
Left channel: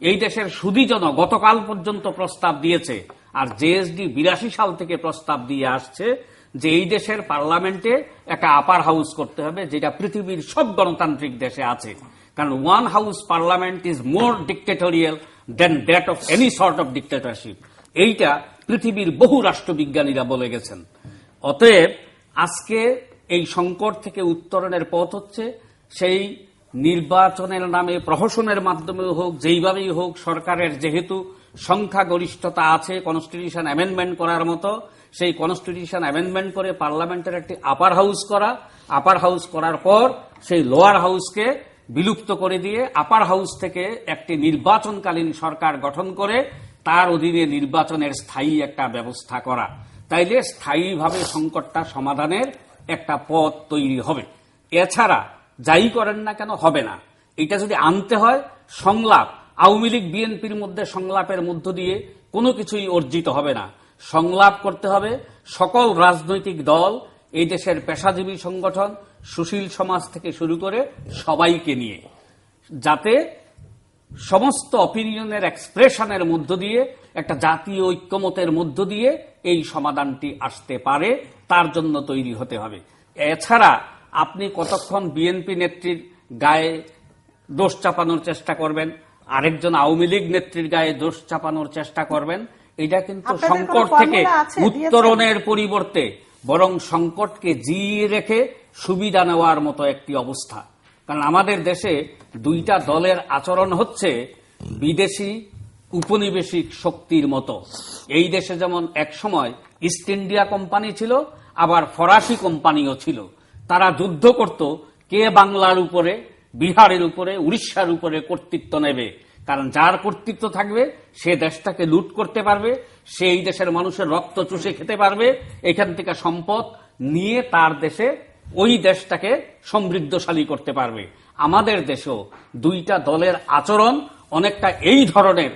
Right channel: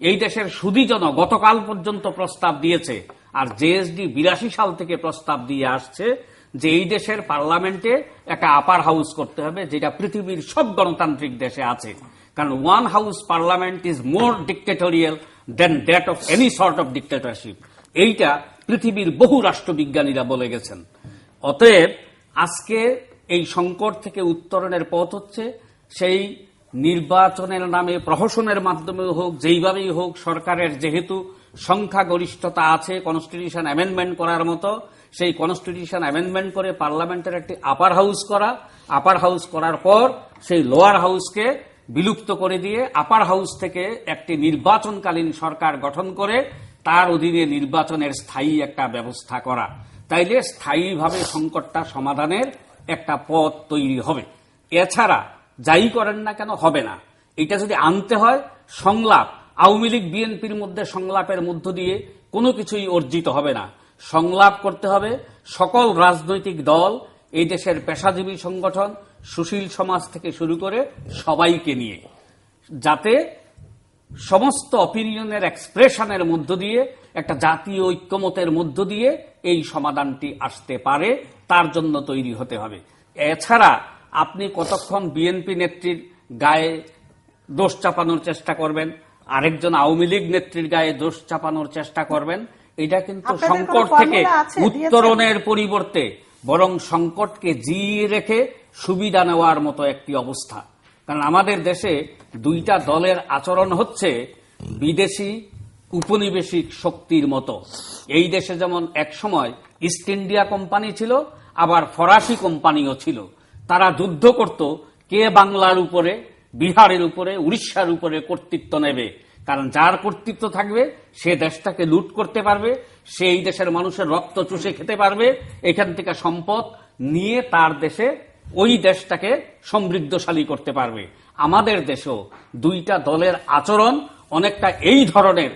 এই দেশের সুধীজন গতকাল পর্যন্ত প্রস্তাব দিয়েছে, আর জেএসডি 82 সাল থেকে প্রস্তাব দিয়ে আসছে যে এই দেশের পার্লামেন্টে একটা আপার হাউস করতে হবে, যেটা পৃথিবীর সব গণতান্ত্রিক দেশে আছে। কারণ one house parliament is more dictatorial than that of any sort of dictatorship, এইটা পৃথিবীর বহু রাষ্ট্রবিজ্ঞানীরা বলে গেছেন। অতএব আজকে এই সংকট থেকে উত্তরণের পথ হচ্ছে সেই নির্বাচনের নামে প্রহসনের মাধ্যমে হোক, যেইভাবেই হোক, সরকারের যেহেতু সংখ্যাগরিষ্ঠতা আছে কনস্টিটিউশন অ্যামেন্ডমেন্ট করার মতো, সেই কনস্টিটিউশন অ্যামেন্ডমেন্ট করে পার্লামেন্টের একটি আপার হাউস করা, আপার হাউস করার পর সেই লোয়ার হাউসকে বিলুপ্ত করে দিয়ে আপার হাউস থেকে একটি নির্বাচনকালীন সরকার গঠন করে তার অধীনে নির্বাচনের স্থায়ী একটা ব্যবস্থা করা, তাইলে স্থায়ীভাবে সংকটটা সমাধানের একটা পথ তৈরি হবে। এছাড়া যাই করেন না কেন হবে না। এটা যদি আনতে হয় সংলাপ, আওয়ামী লীগ বিএনপির মধ্যে সংলাপের মধ্য দিয়ে কোনো কিছুই অর্জিত হবে না। সংলাপ করতে হবে সকল রাজনৈতিক দল, এই দেশের পেশাজীবী সংগঠন, সুশীল সমাজ থেকে শুরু করে সবাইকে নিয়ে, যাতে সমস্ত অপিনিয়নের এক্সপ্রেশনের মধ্য দিয়ে একটা জাতীয় ঐক্যমতের মধ্য দিয়ে এই সমাধানটি আসতে পারে, তার জন্য তৈরি হতে হবে। এছাড়া আপনি কতক্ষণ বিএনপি নেত্রীর গায়ে দোষ চাপানোর চেষ্টা করবেন, আরেকজন আওয়ামী লীগ নেত্রীর গায়ে দোষ চাপানোর চেষ্টা করবেন, এটা কিন্তু আপনাদের কোনো সংকট থেকে ফর্মুলা আছে, উত্তরণের পরিবর্তে বরং সংকটকে জিইয়ে রেখে সুবিধা নেওয়ার মতো একটি অবস্থা। কারণ আমাদের দেশে দুইটা দলের আচরণ হচ্ছে বিদেশি উপনিবেশিক শক্তির মতো। এই দেশে যেমন একসময় ইস্ট ইন্ডিয়া কোম্পানি ছিল, আবার ফরাসি কোম্পানিও ছিল। তারা যুদ্ধ করত কে বাংলার উপরে, বিহারের উপরে, উড়িষ্যার উপরে কর্তৃত্ব নেবে। কারণ যার কর্তৃত্ব থাকবে সে দেশটাকে লুট করতে পারবে, সেই দেশের মানুষের রক্ত চুষে খেতে পারবে, এখান থেকে সম্পদ নিয়ে তার দেশে ওই দেশটাকে সমৃদ্ধশালী করতে পারবে। আমাদের দেশেও দুইটা দলের আচরণ অনেকটা এই ধরনের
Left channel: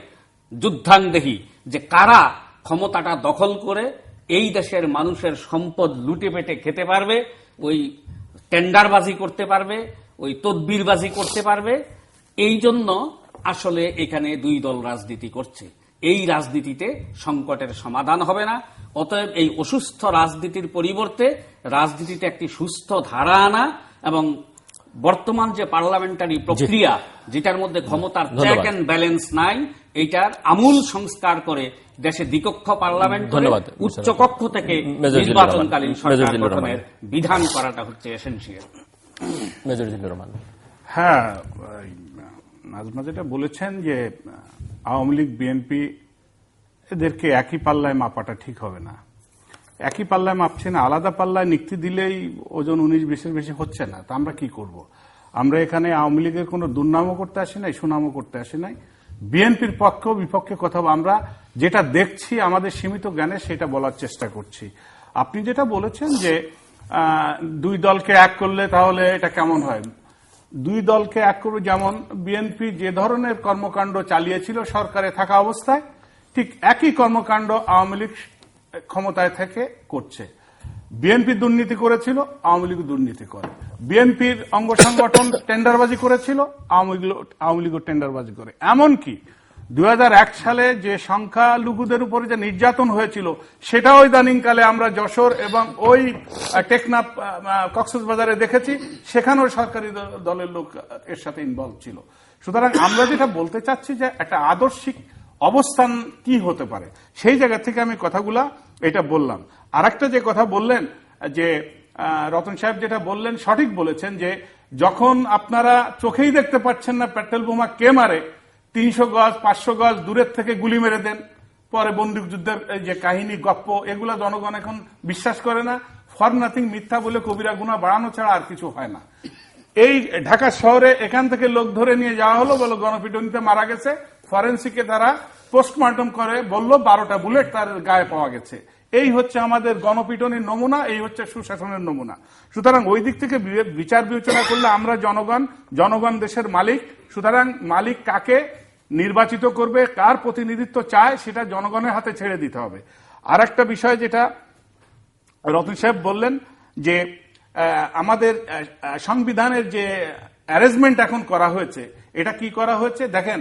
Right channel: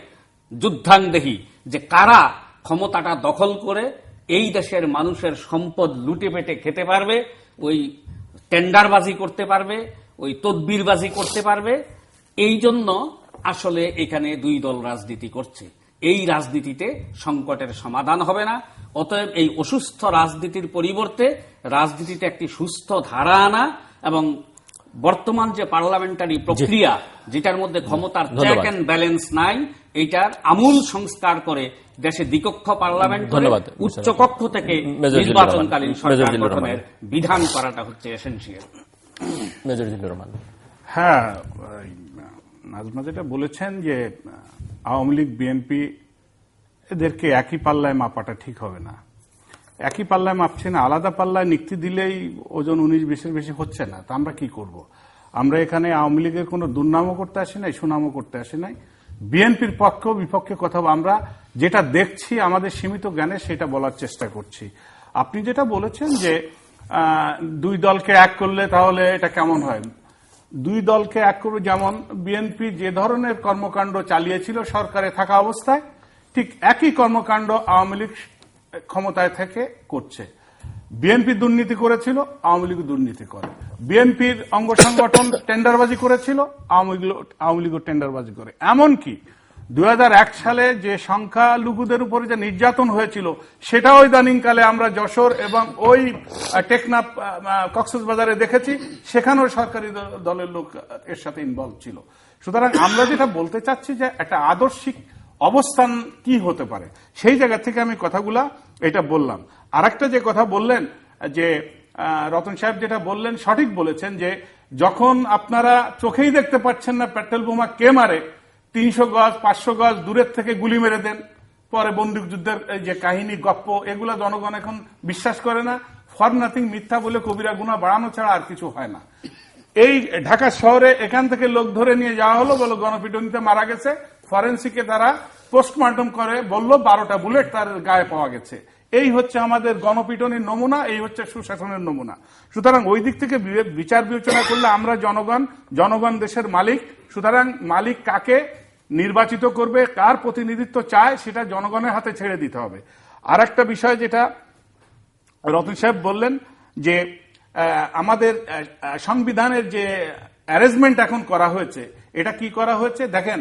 যুদ্ধাঙ্গদেহী, যে কারা ক্ষমতাটা দখল করে এই দেশের মানুষের সম্পদ লুটে পেটে খেতে পারবে, ওই টেন্ডারবাজি করতে পারবে, ওই তদবিরবাজি করতে পারবে। এই জন্য আসলে এখানে দুই দল রাজনীতি করছে। এই রাজনীতিতে সংকটের সমাধান হবে না। অতএব এই অসুস্থ রাজনীতির পরিবর্তে রাজনীতিতে একটি সুস্থ ধারা আনা এবং বর্তমান যে পার্লামেন্টারি প্রক্রিয়া, যেটার মধ্যে ক্ষমতার চেক এন্ড ব্যালেন্স নাই, এইটার আমূল সংস্কার করে দেশে দ্বিকক্ষ পার্লামেন্ট করে উচ্চকক্ষ থেকে নির্বাচনকালীন সরকার গঠনের বিধান করাটা হচ্ছে এসেনশিয়াল। মেজর জিল্লুর রহমান। হ্যাঁ, নাজমা যেটা বলেছেন যে আওয়ামী লীগ বিএনপি এদেরকে একই পাল্লায় মাপাটা ঠিক হবে না। একই পাল্লায় মাপছে না, আলাদা পাল্লায় নিক্তি দিলেই ওজন 19-20 বেশি হচ্ছে না। তা আমরা কি করব? আমরা এখানে আওয়ামী লীগের কোনো দুর্নামও করতে আসি নাই, সুনামও করতে আসি নাই। বিএনপির পক্ষ বিপক্ষে কথা আমরা যেটা দেখছি আমাদের সীমিত জ্ঞানে সেটা বলার চেষ্টা করছি। আপনি যেটা বলেছেন যে দুই দলকে এক করলে তাহলে এটা কেমন হয়, দুই দলকে এক করবে, যেমন বিএনপি যে ধরনের কর্মকাণ্ড চালিয়েছিল সরকারে থাকা অবস্থায়, ঠিক একই কর্মকাণ্ড আওয়ামী লীগ ক্ষমতায় থেকে করছে। বিএনপি দুর্নীতি করেছিল, আওয়ামী লীগ দুর্নীতি করে। বিএনপির অঙ্গ সংগঠন টেন্ডারবাজি করেছিল, আওয়ামী লীগ টেন্ডারবাজি করে। এমনকি 2001 সালে যে সংখ্যালঘুদের উপরে যে নির্যাতন হয়েছিল সেটাও ইদানিংকালে আমরা যশোর এবং ওই টেকনাফ কক্সবাজারে দেখেছি, সেখানেও সরকারি দলের লোক এর সাথে ইনভলভ ছিল। সুতরাং আমরা যেটা বলতে চাচ্ছি যে একটা আদর্শিক অবস্থান কি হতে পারে, সেই জায়গা থেকে আমি কথাগুলা এটা বললাম। আরেকটা যে কথা বললেন যে রতন সাহেব যেটা বললেন সঠিক বলেছেন, যে যখন আপনারা চোখেই দেখতে পাচ্ছেন না পেট্রোল বোমা কে মারে, 300 গজ 500 গজ দূরের থেকে গুলি মেরে দেন, পরে বন্দুকযুদ্ধের যে কাহিনী গপ্প এগুলা জনগণ এখন বিশ্বাস করে না। ফর নাথিং, মিথ্যা বলে কবিরা গুনাহ বাড়ানো ছাড়া আর কিছু হয় না। এই ঢাকা শহরে এখান থেকে লোক ধরে নিয়ে যাওয়া হলো, বলো গণপিটুনিতে মারা গেছে, ফরেন্সিকে তারা পোস্টমর্টম করে বলল 12টা বুলেট তার গায়ে পাওয়া গেছে। এই হচ্ছে আমাদের গণপিটনের নমুনা, এই হচ্ছে সুশাসনের নমুনা। সুতরাং ওই দিক থেকে বিচার বিবেচনা করলে আমরা জনগণ দেশের মালিক। সুতরাং মালিক কাকে নির্বাচিত করবে, কার প্রতিনিধিত্ব চায়, সেটা জনগণের হাতে ছেড়ে দিতে হবে। আর একটা বিষয় যেটা রতন সাহেব বললেন যে আমাদের সংবিধানের যে অ্যারেঞ্জমেন্ট এখন করা হয়েছে, এটা কি করা হয়েছে দেখেন,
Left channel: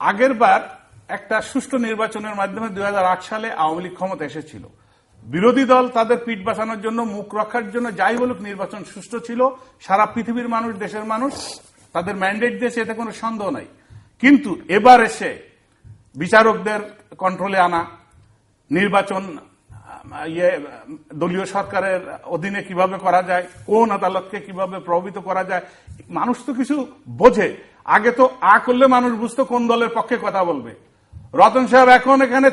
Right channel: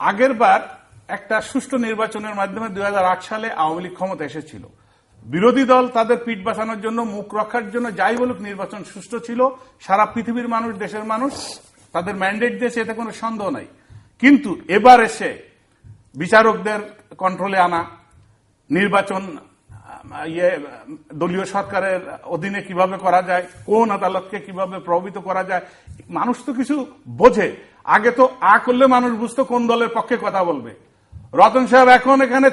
আগের বার একটা সুষ্ঠু নির্বাচনের মাধ্যমে 2008 সালে আওয়ামী লীগ ক্ষমতা এসেছিল। বিরোধী দল তাদের পিঠ বাঁচানোর জন্য, মুখ রক্ষার জন্য যাই বলুক, নির্বাচন সুষ্ঠু ছিল। সারা পৃথিবীর মানুষ, দেশের মানুষ তাদের ম্যান্ডেট দিয়েছে, এতে কোনো সন্দেহ নাই। কিন্তু এবার এসে বিচারকদের কন্ট্রোলে আনা, নির্বাচন দলীয় সরকারের অধীনে কিভাবে করা যায়, কোন আদালতকে কিভাবে প্রভাবিত করা যায়, মানুষ তো কিছু বোঝে। আগে তো করলে মানুষ বুঝতো কোন দলের পক্ষে কথা বলবে। রতন সাহেব এখন এখানে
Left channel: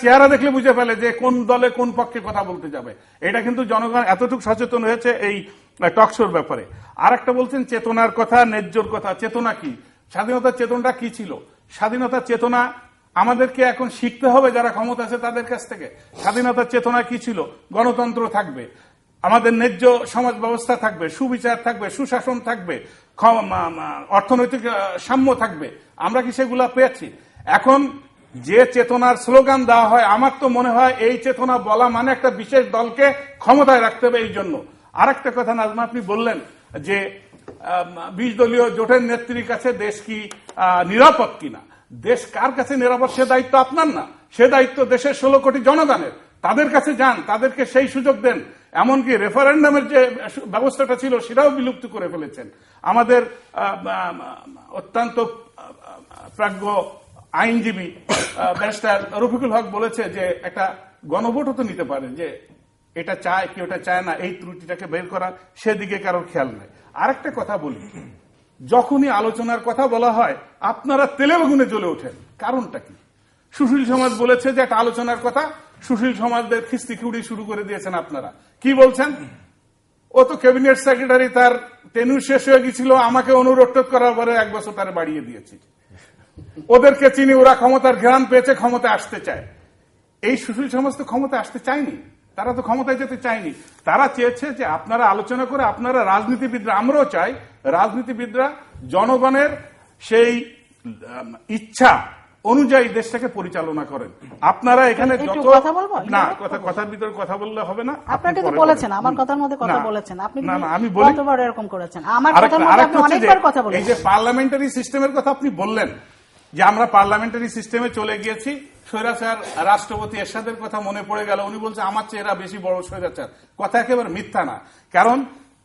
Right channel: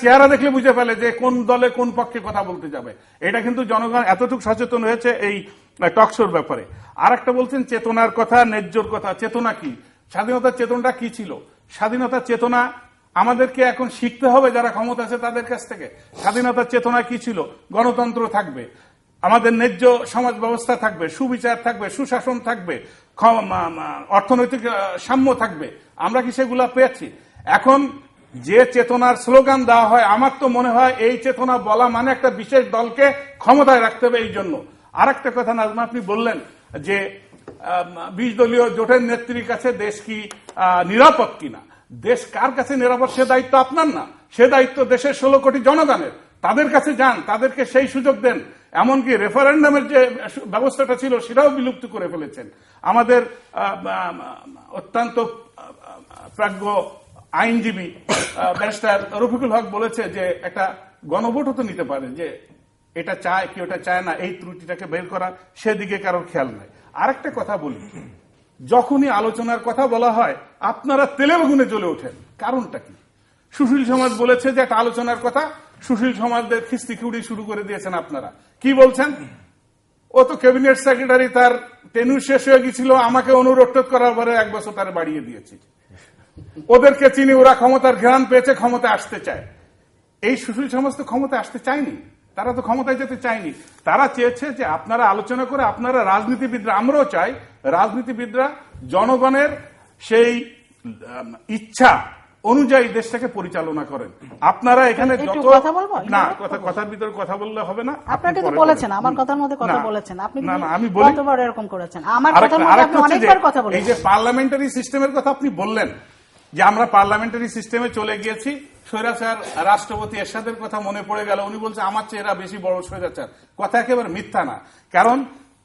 চেহারা দেখে বুঝে ফেলে যে কোন দলে কোন পক্ষে কথা বলতে যাবে। এটা কিন্তু জনগণ এতটুকু সচেতন হয়েছে এই টকশোর ব্যাপারে। আর একটা বলছেন চেতনার কথা, ন্যায্যর কথা। চেতনা কি? স্বাধীনতার চেতনাটা কি ছিল? স্বাধীনতার চেতনা আমাদেরকে এখন শিখতে হবে যারা ক্ষমতা আছে তাদের কাছ থেকে। স্বাধীনতার চেতনা কি ছিল? গণতন্ত্র থাকবে, আমাদের ন্যায্য সমাজ ব্যবস্থা থাকবে, সুবিচার থাকবে, সুশাসন থাকবে, অর্থনৈতিক সাম্য থাকবে। আমরা কি সেগুলা পেয়েছি? এখন যে চেতনার স্লোগান দেওয়া হয়, আমার তো মনে হয় এই চেতনা বলা মানে একটা বিশেষ দলকে ক্ষমতায় রাখতে হবে। এই জন্য আর একটা কথা নাজমা, আপনি বললেন যে 20 দলীয় জোটের নেত্রীর কাছে দেশ কি নিরাপদ কিনা। দেশ কার কাছে নিরাপদ সে দায়িত্ব আপনার না, সে দায়িত্ব দেশের 16 কোটি জনগণের। তাদের কাছে যান, তাদেরকে সেই সুযোগ দেন। এমনকি রেফারেন্ডামের যে ব্যবস্থাটা ছিল সেটাও বিলুপ্ত করে ফেলেছেন। আমাদের অত্যন্ত প্রাজ্ঞ আইনজীবী ব্যারিস্টার রফিকুল হক বলেছে যে একটা গণভোটও তো নিতে পারে, যে এটা চায় কি ওটা চায় না, এই ত্রুটিটাকে বের করা, সেদিকে কারোর খেয়াল নাই। আরেকটা কথা বলি, যখনই আলোচনার কথা বলা হয় আপনারা তেলে বেগুনে চলে ওঠেন। কারণটা কি? সুশীল সমাজ বলেছে যে একটা আলোচনার কথা, সুশীল সমাজদের খিস্তি খিউড়ি শুরু করে দিয়েছেন আপনারা। কি বলছেন? ও তো ক্যাবিনেট সেক্রেটারি, তার টেনুর শেষ হয়ে গেছিল, আমাকে অনুরোধ করার পরে 1 বছর তারা বাড়িয়ে দিয়েছে। ওদেরকে চিনি, ওরা ক্ষমতার ঘ্রাণ পেয়েছে, ক্ষমতা আসতে চায়। এই সুশীল সমাজ তো ক্ষমতা আসতে চায়নি, তারা তো ক্ষমতায় যেতে চায়নি। তারা চেয়েছে যে আপনারা আলোচনা করে, আপনারা রাজনীতিবিদরা, আমরাও চাই রাজনীতিবিদরা জনগণের সেই ইচ্ছা অনুযায়ী দেশটাকে পরিচালনা করেন। আপনারা এখানে কথা বলবো না, কথার ভিতরে কথা বললে হবে না। আপনাকে তো বলেছেন, আমার কথার মধ্যে কথা বলেছেন আপনি, আমি বলি কতবার এরকম করেছেন? আমার কথার মধ্যে আপনি অনেকবার কথা বলেছেন। এই যে পার্লামেন্টারি সিস্টেমের কথা আপনি বললেন, যে আমরা পার্লামেন্টারি সিস্টেমে চলে গিয়েছি, স্বৈরাচার রাষ্ট্রপতি এরশাদের কথা মনে পড়ে গেল। উনি বলছে আমার চেয়ে এরা বেশি বড় স্বৈরাচার। কথা একেবারে মিথ্যা না, কারণ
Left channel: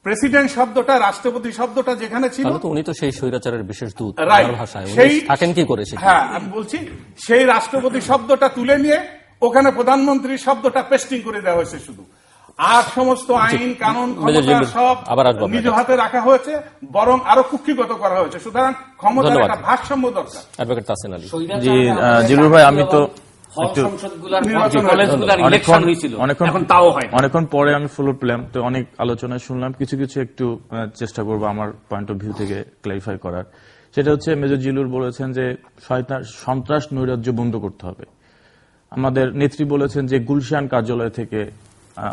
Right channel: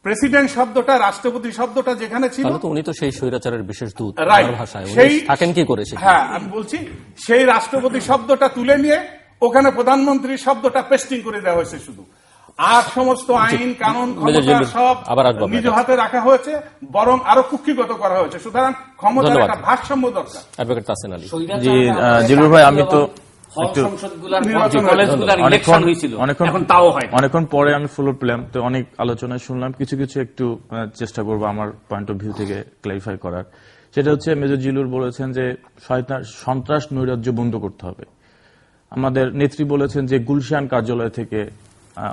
প্রেসিডেন্ট শব্দটা, রাষ্ট্রপতি শব্দটা যেখানে ছিল, উনি তো সেই স্বৈরাচারের বিশেষ দূত ভাষায় থাকেন কি করেছে। হ্যাঁ, আমি বলছি সেই রাষ্ট্রপতি শব্দটা তুলে নিয়ে ওখানে প্রধানমন্ত্রী শব্দটা পেস্টিং করে দেওয়া হয়েছে শুধু। আর সমস্ত আইন কানুন ক্ষমতা সব নিজ হাতে রাখা হয়েছে, বরং আরো কুক্ষিগত করা হয়েছে। সুতরাং ক্ষমতার একটা ভারসাম্য দরকার। অ্যাডভোকেট তাসিন আলী। জি জিলুর ভাই, আমি তো অনেকক্ষণ পরে আমি ফলো পেলাম, তো অনেক আলোচনা শুনলাম, কিছু কিছু একটু চেষ্টা করবো আমার পয়েন্ট অফ ভিউ থেকে ক্লারিফাই করার। সেটা হচ্ছে মেজর জিলুর বলেছেন যে সন্ত্রাস নৈরাজ্য বন্ধ করতে হবে। আমাদের নেত্রী বলেছেন যে গুলশান কার্যালয় থেকে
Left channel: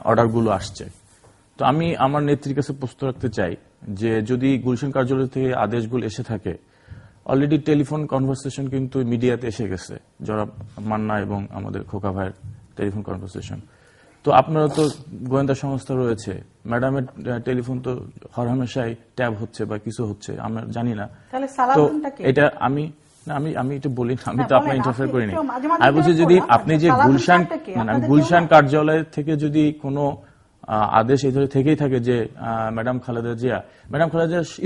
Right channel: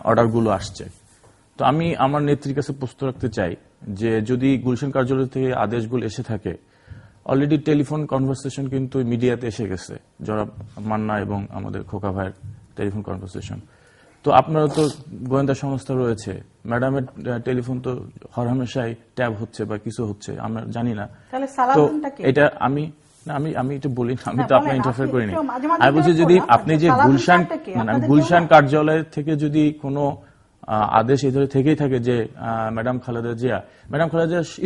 অর্ডারগুলো আসছে। তো আমি আমার নেত্রীর কাছে প্রশ্ন রাখতে চাই যে যদি গুলশান কার্যালয় থেকে আদেশগুলো এসে থাকে, অলরেডি টেলিফোন কনভারসেশন কিন্তু মিডিয়াতে এসে গেছে, জনাব মান্না এবং আমাদের খোকা ভাইয়ের টেলিফোন কনভারসেশন। তো আপনারা তো গোয়েন্দা সংস্থা রয়েছে, ম্যাডামের টেলিফোন তো হরহামেশাই ট্যাব হচ্ছে বা কিছু হচ্ছে, আমরা জানি না। তো এটা আমি এটা বলি, আমি তো আপনার ইন্টারফেয়ার করিনি। আমি বলছি যদি আপনি যে গুলশান কার্যালয় থেকে যদি কোনো আদেশ এই ধরে থেকেই থাকে যে ম্যাডাম খালেদা জিয়া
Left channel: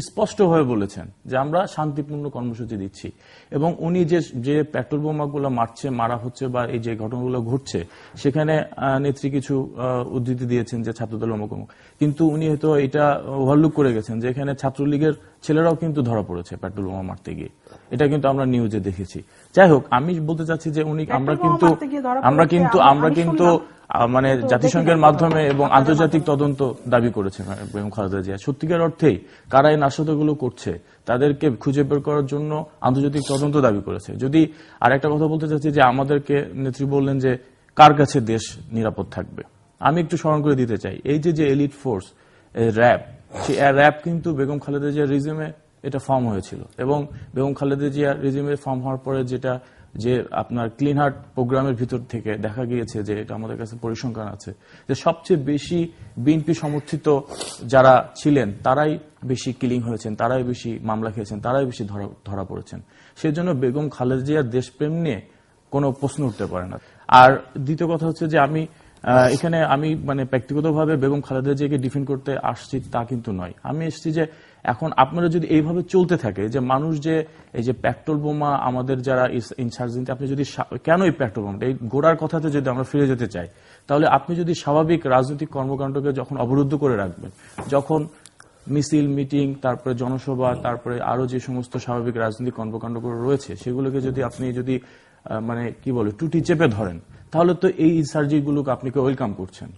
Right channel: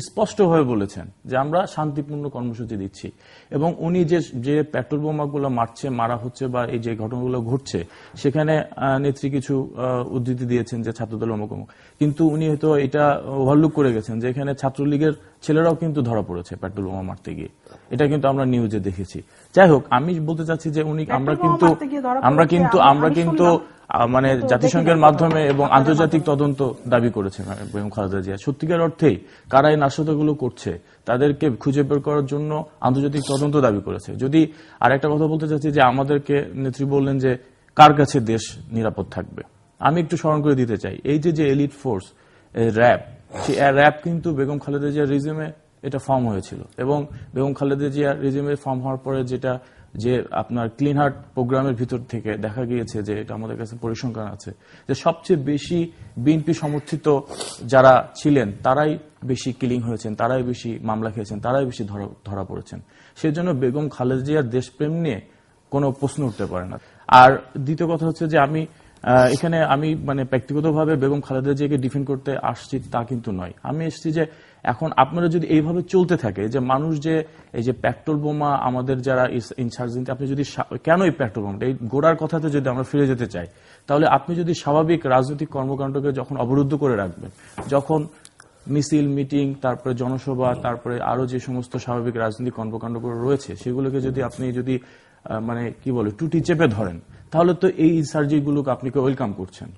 স্পষ্টভাবে বলেছেন যে আমরা শান্তিপূর্ণ কর্মসূচি দিচ্ছি, এবং উনি যে পেট্রোল বোমাগুলো মারা হচ্ছে বা এই যে ঘটনাগুলো ঘটছে সেখানে নেত্রী কিছু উদ্ধৃতি দিয়েছেন যে ছাত্রদল অমুক, কিন্তু উনি হয়তো এটা ওভারলুক করে গেছেন যে এখানে ছাত্রলীগের ছেলেরাও কিন্তু ধরা পড়েছে পেট্রোল বোমা মারতে গিয়ে। এটা কিন্তু আমরা নিউজে দেখেছি। যাই হোক, আমি বলতে চাচ্ছি যে উনি আমরা কিন্তু মানে জাতিসংঘের মাধ্যমে এবং আন্তর্জাতিক তদন্ত দাবি করেছে বেগম খালেদা জিয়া। সত্যিকার অর্থেই কারা এই নাশকতাগুলো করছে তাদেরকে খুঁজে বের করার জন্য আন্তর্জাতিক তদন্ত দাবি করেছে। যদি আরেকটা কথা বলতে চাচ্ছি যে আমাদেরকে নেত্রী বললেন যে কার কাছে দেশ নিরাপদ থাকবে, আমি একটু স্মরণ করে দিতে চাই এই যে এলিট ফোর্স র্যাব, সেই র্যাব কিন্তু বেগম খালেদা জিয়ার রিজিমে এটা ফর্ম হয়েছিল, এবং বেগম খালেদা জিয়ার রিজিমে ফর্ম হওয়ার পরে যে আপনার ক্লিন হার্ট প্রোগ্রামের ভিতর থেকে দেখা গিয়েছে যে এটা আমাদের কাছে পরিসংখ্যান আছে যে সবচেয়ে বেশি বিএনপি সমর্থিত যারা ছিলেন তারাই বেশি কিলিং হয়েছেন, তারাই বেশি মামলা খেয়েছেন, তারাই বেশি ধরা পড়েছেন। সেজন্য বেগম খালেদা জিয়ার দেশপ্রেম নিয়ে কোনো প্রশ্ন উঠতে পারে না। আর দ্বিতীয় কথা হচ্ছে যে এখানে আমি মানে ব্যক্তিগতভাবে বেগম খালেদা জিয়াকে ডিফেন্ড করতে আসছি তা কিন্তু নয়। আমি এসেছি যে এখন আপনারা যদি এইভাবে চলতে থাকে যে মানুষ যে এই যে পেট্রোল বোমা আমাদের যারা ইনসার্জেন্ট, আপনি যদি কেন এই পেট্রোল বোমা এই গোড়ার কথাতে যদি আমরা ফিরে যেতে চাই, তাহলে আপনি যদি স্বাভাবিক রাজনৈতিক কর্মকাণ্ডকে যখন অবরুদ্ধ করে রাখবেন, যখন মিছিল মিটিং তারপরে জনসভা তারপরে আরো যে সমস্ত স্বাভাবিক রাজনৈতিক কর্মকাণ্ডগুলো রয়েছে সেগুলোকে যদি আপনি মানে কি বলে টুটি চেপে ধরেন, তাহলে তো এই ইনসার্জিগুলোকে আপনি ওয়েলকাম করছেন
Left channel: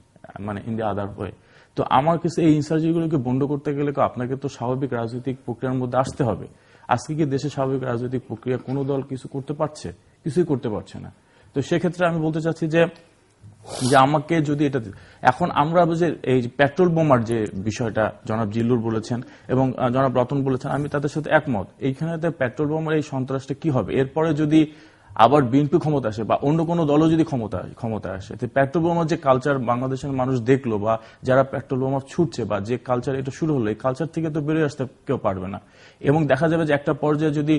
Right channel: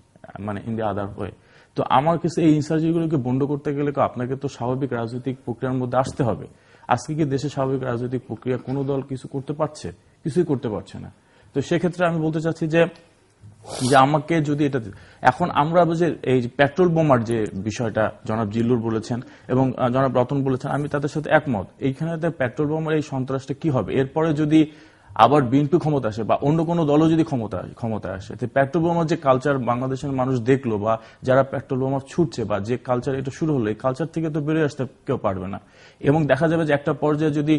মানে ইন দ্য আদার ওয়ে। তো আমার কাছে এই ইনসার্জিগুলোকে বন্ধ করতে গেলে আপনাকে তো স্বাভাবিক রাজনৈতিক প্রক্রিয়ার মধ্যে আসতে হবে। আজকে কি দেশে স্বাভাবিক রাজনৈতিক প্রক্রিয়া কোনো দল কিছু করতে পারছে? কিছুই করতে পারছে না। তো সেক্ষেত্রে আমি বলতে চাচ্ছি যে আমাকে যদি এটা এখন আমরা যে এই পেট্রোল বোমার যে বিষয়টা জনাব জিল্লুর বলেছেন এবং জনাব রতন বলেছেন, আমি তাদের সাথে একমত। এইখানে পেট্রোল বোমার এই সন্ত্রাসটা কি হবে এরপরে যদি আবার বিএনপি ক্ষমতা আসে বা অন্য কোনো দলও যদি ক্ষমতা আসে, পেট্রোল বোমার যে কালচার বাংলাদেশের মানুষ দেখলো বা যারা পেট্রোল বোমা ছুটছে বা যে কালচার এটা শুরু হলো, এই কালচার থেকে তো বেরিয়ে আসতে কেউ পারবে না। এবং দেখা যাবে যে একটা পর্যায়ে যদি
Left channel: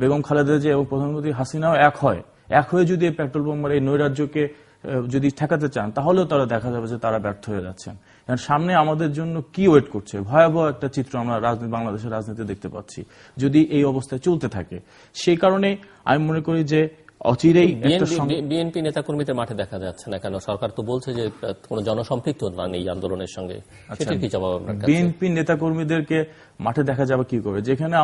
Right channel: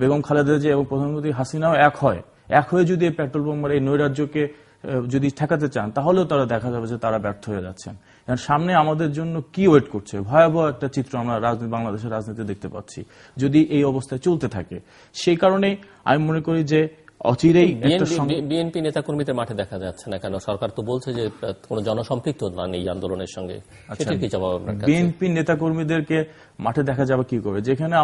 বেগম খালেদা জিয়া এবং প্রধানমন্ত্রী হাসিনাও এক হয়ে যদি পেট্রোল বোমার এই নৈরাজ্যকে যদি ঠেকাতে চান, তাহলেও তারা দেখা যাবে যে তারা ব্যর্থ হয়ে যাচ্ছেন। সামনে আমাদের জন্য কি ওয়েট করছে, ভয়াবহ একটা চিত্র আমরা বাংলাদেশের রাজনীতি দেখতে পাচ্ছি যদি এই অবস্থায় চলতে থাকে। সেই কারণে আমি মনে করি যে অচিরেই বিএনপি নেতাকর্মীদের মাঠে দেখা যাচ্ছে না কেন? সরকার তো বলছে যে কোনো জনসম্পৃক্ততা নেই আন্দোলনের সঙ্গে। কি জবাব? বিএনপি নেতাকর্মীদেরকে মাঠে দেখা যাবে কি করে, যেখানে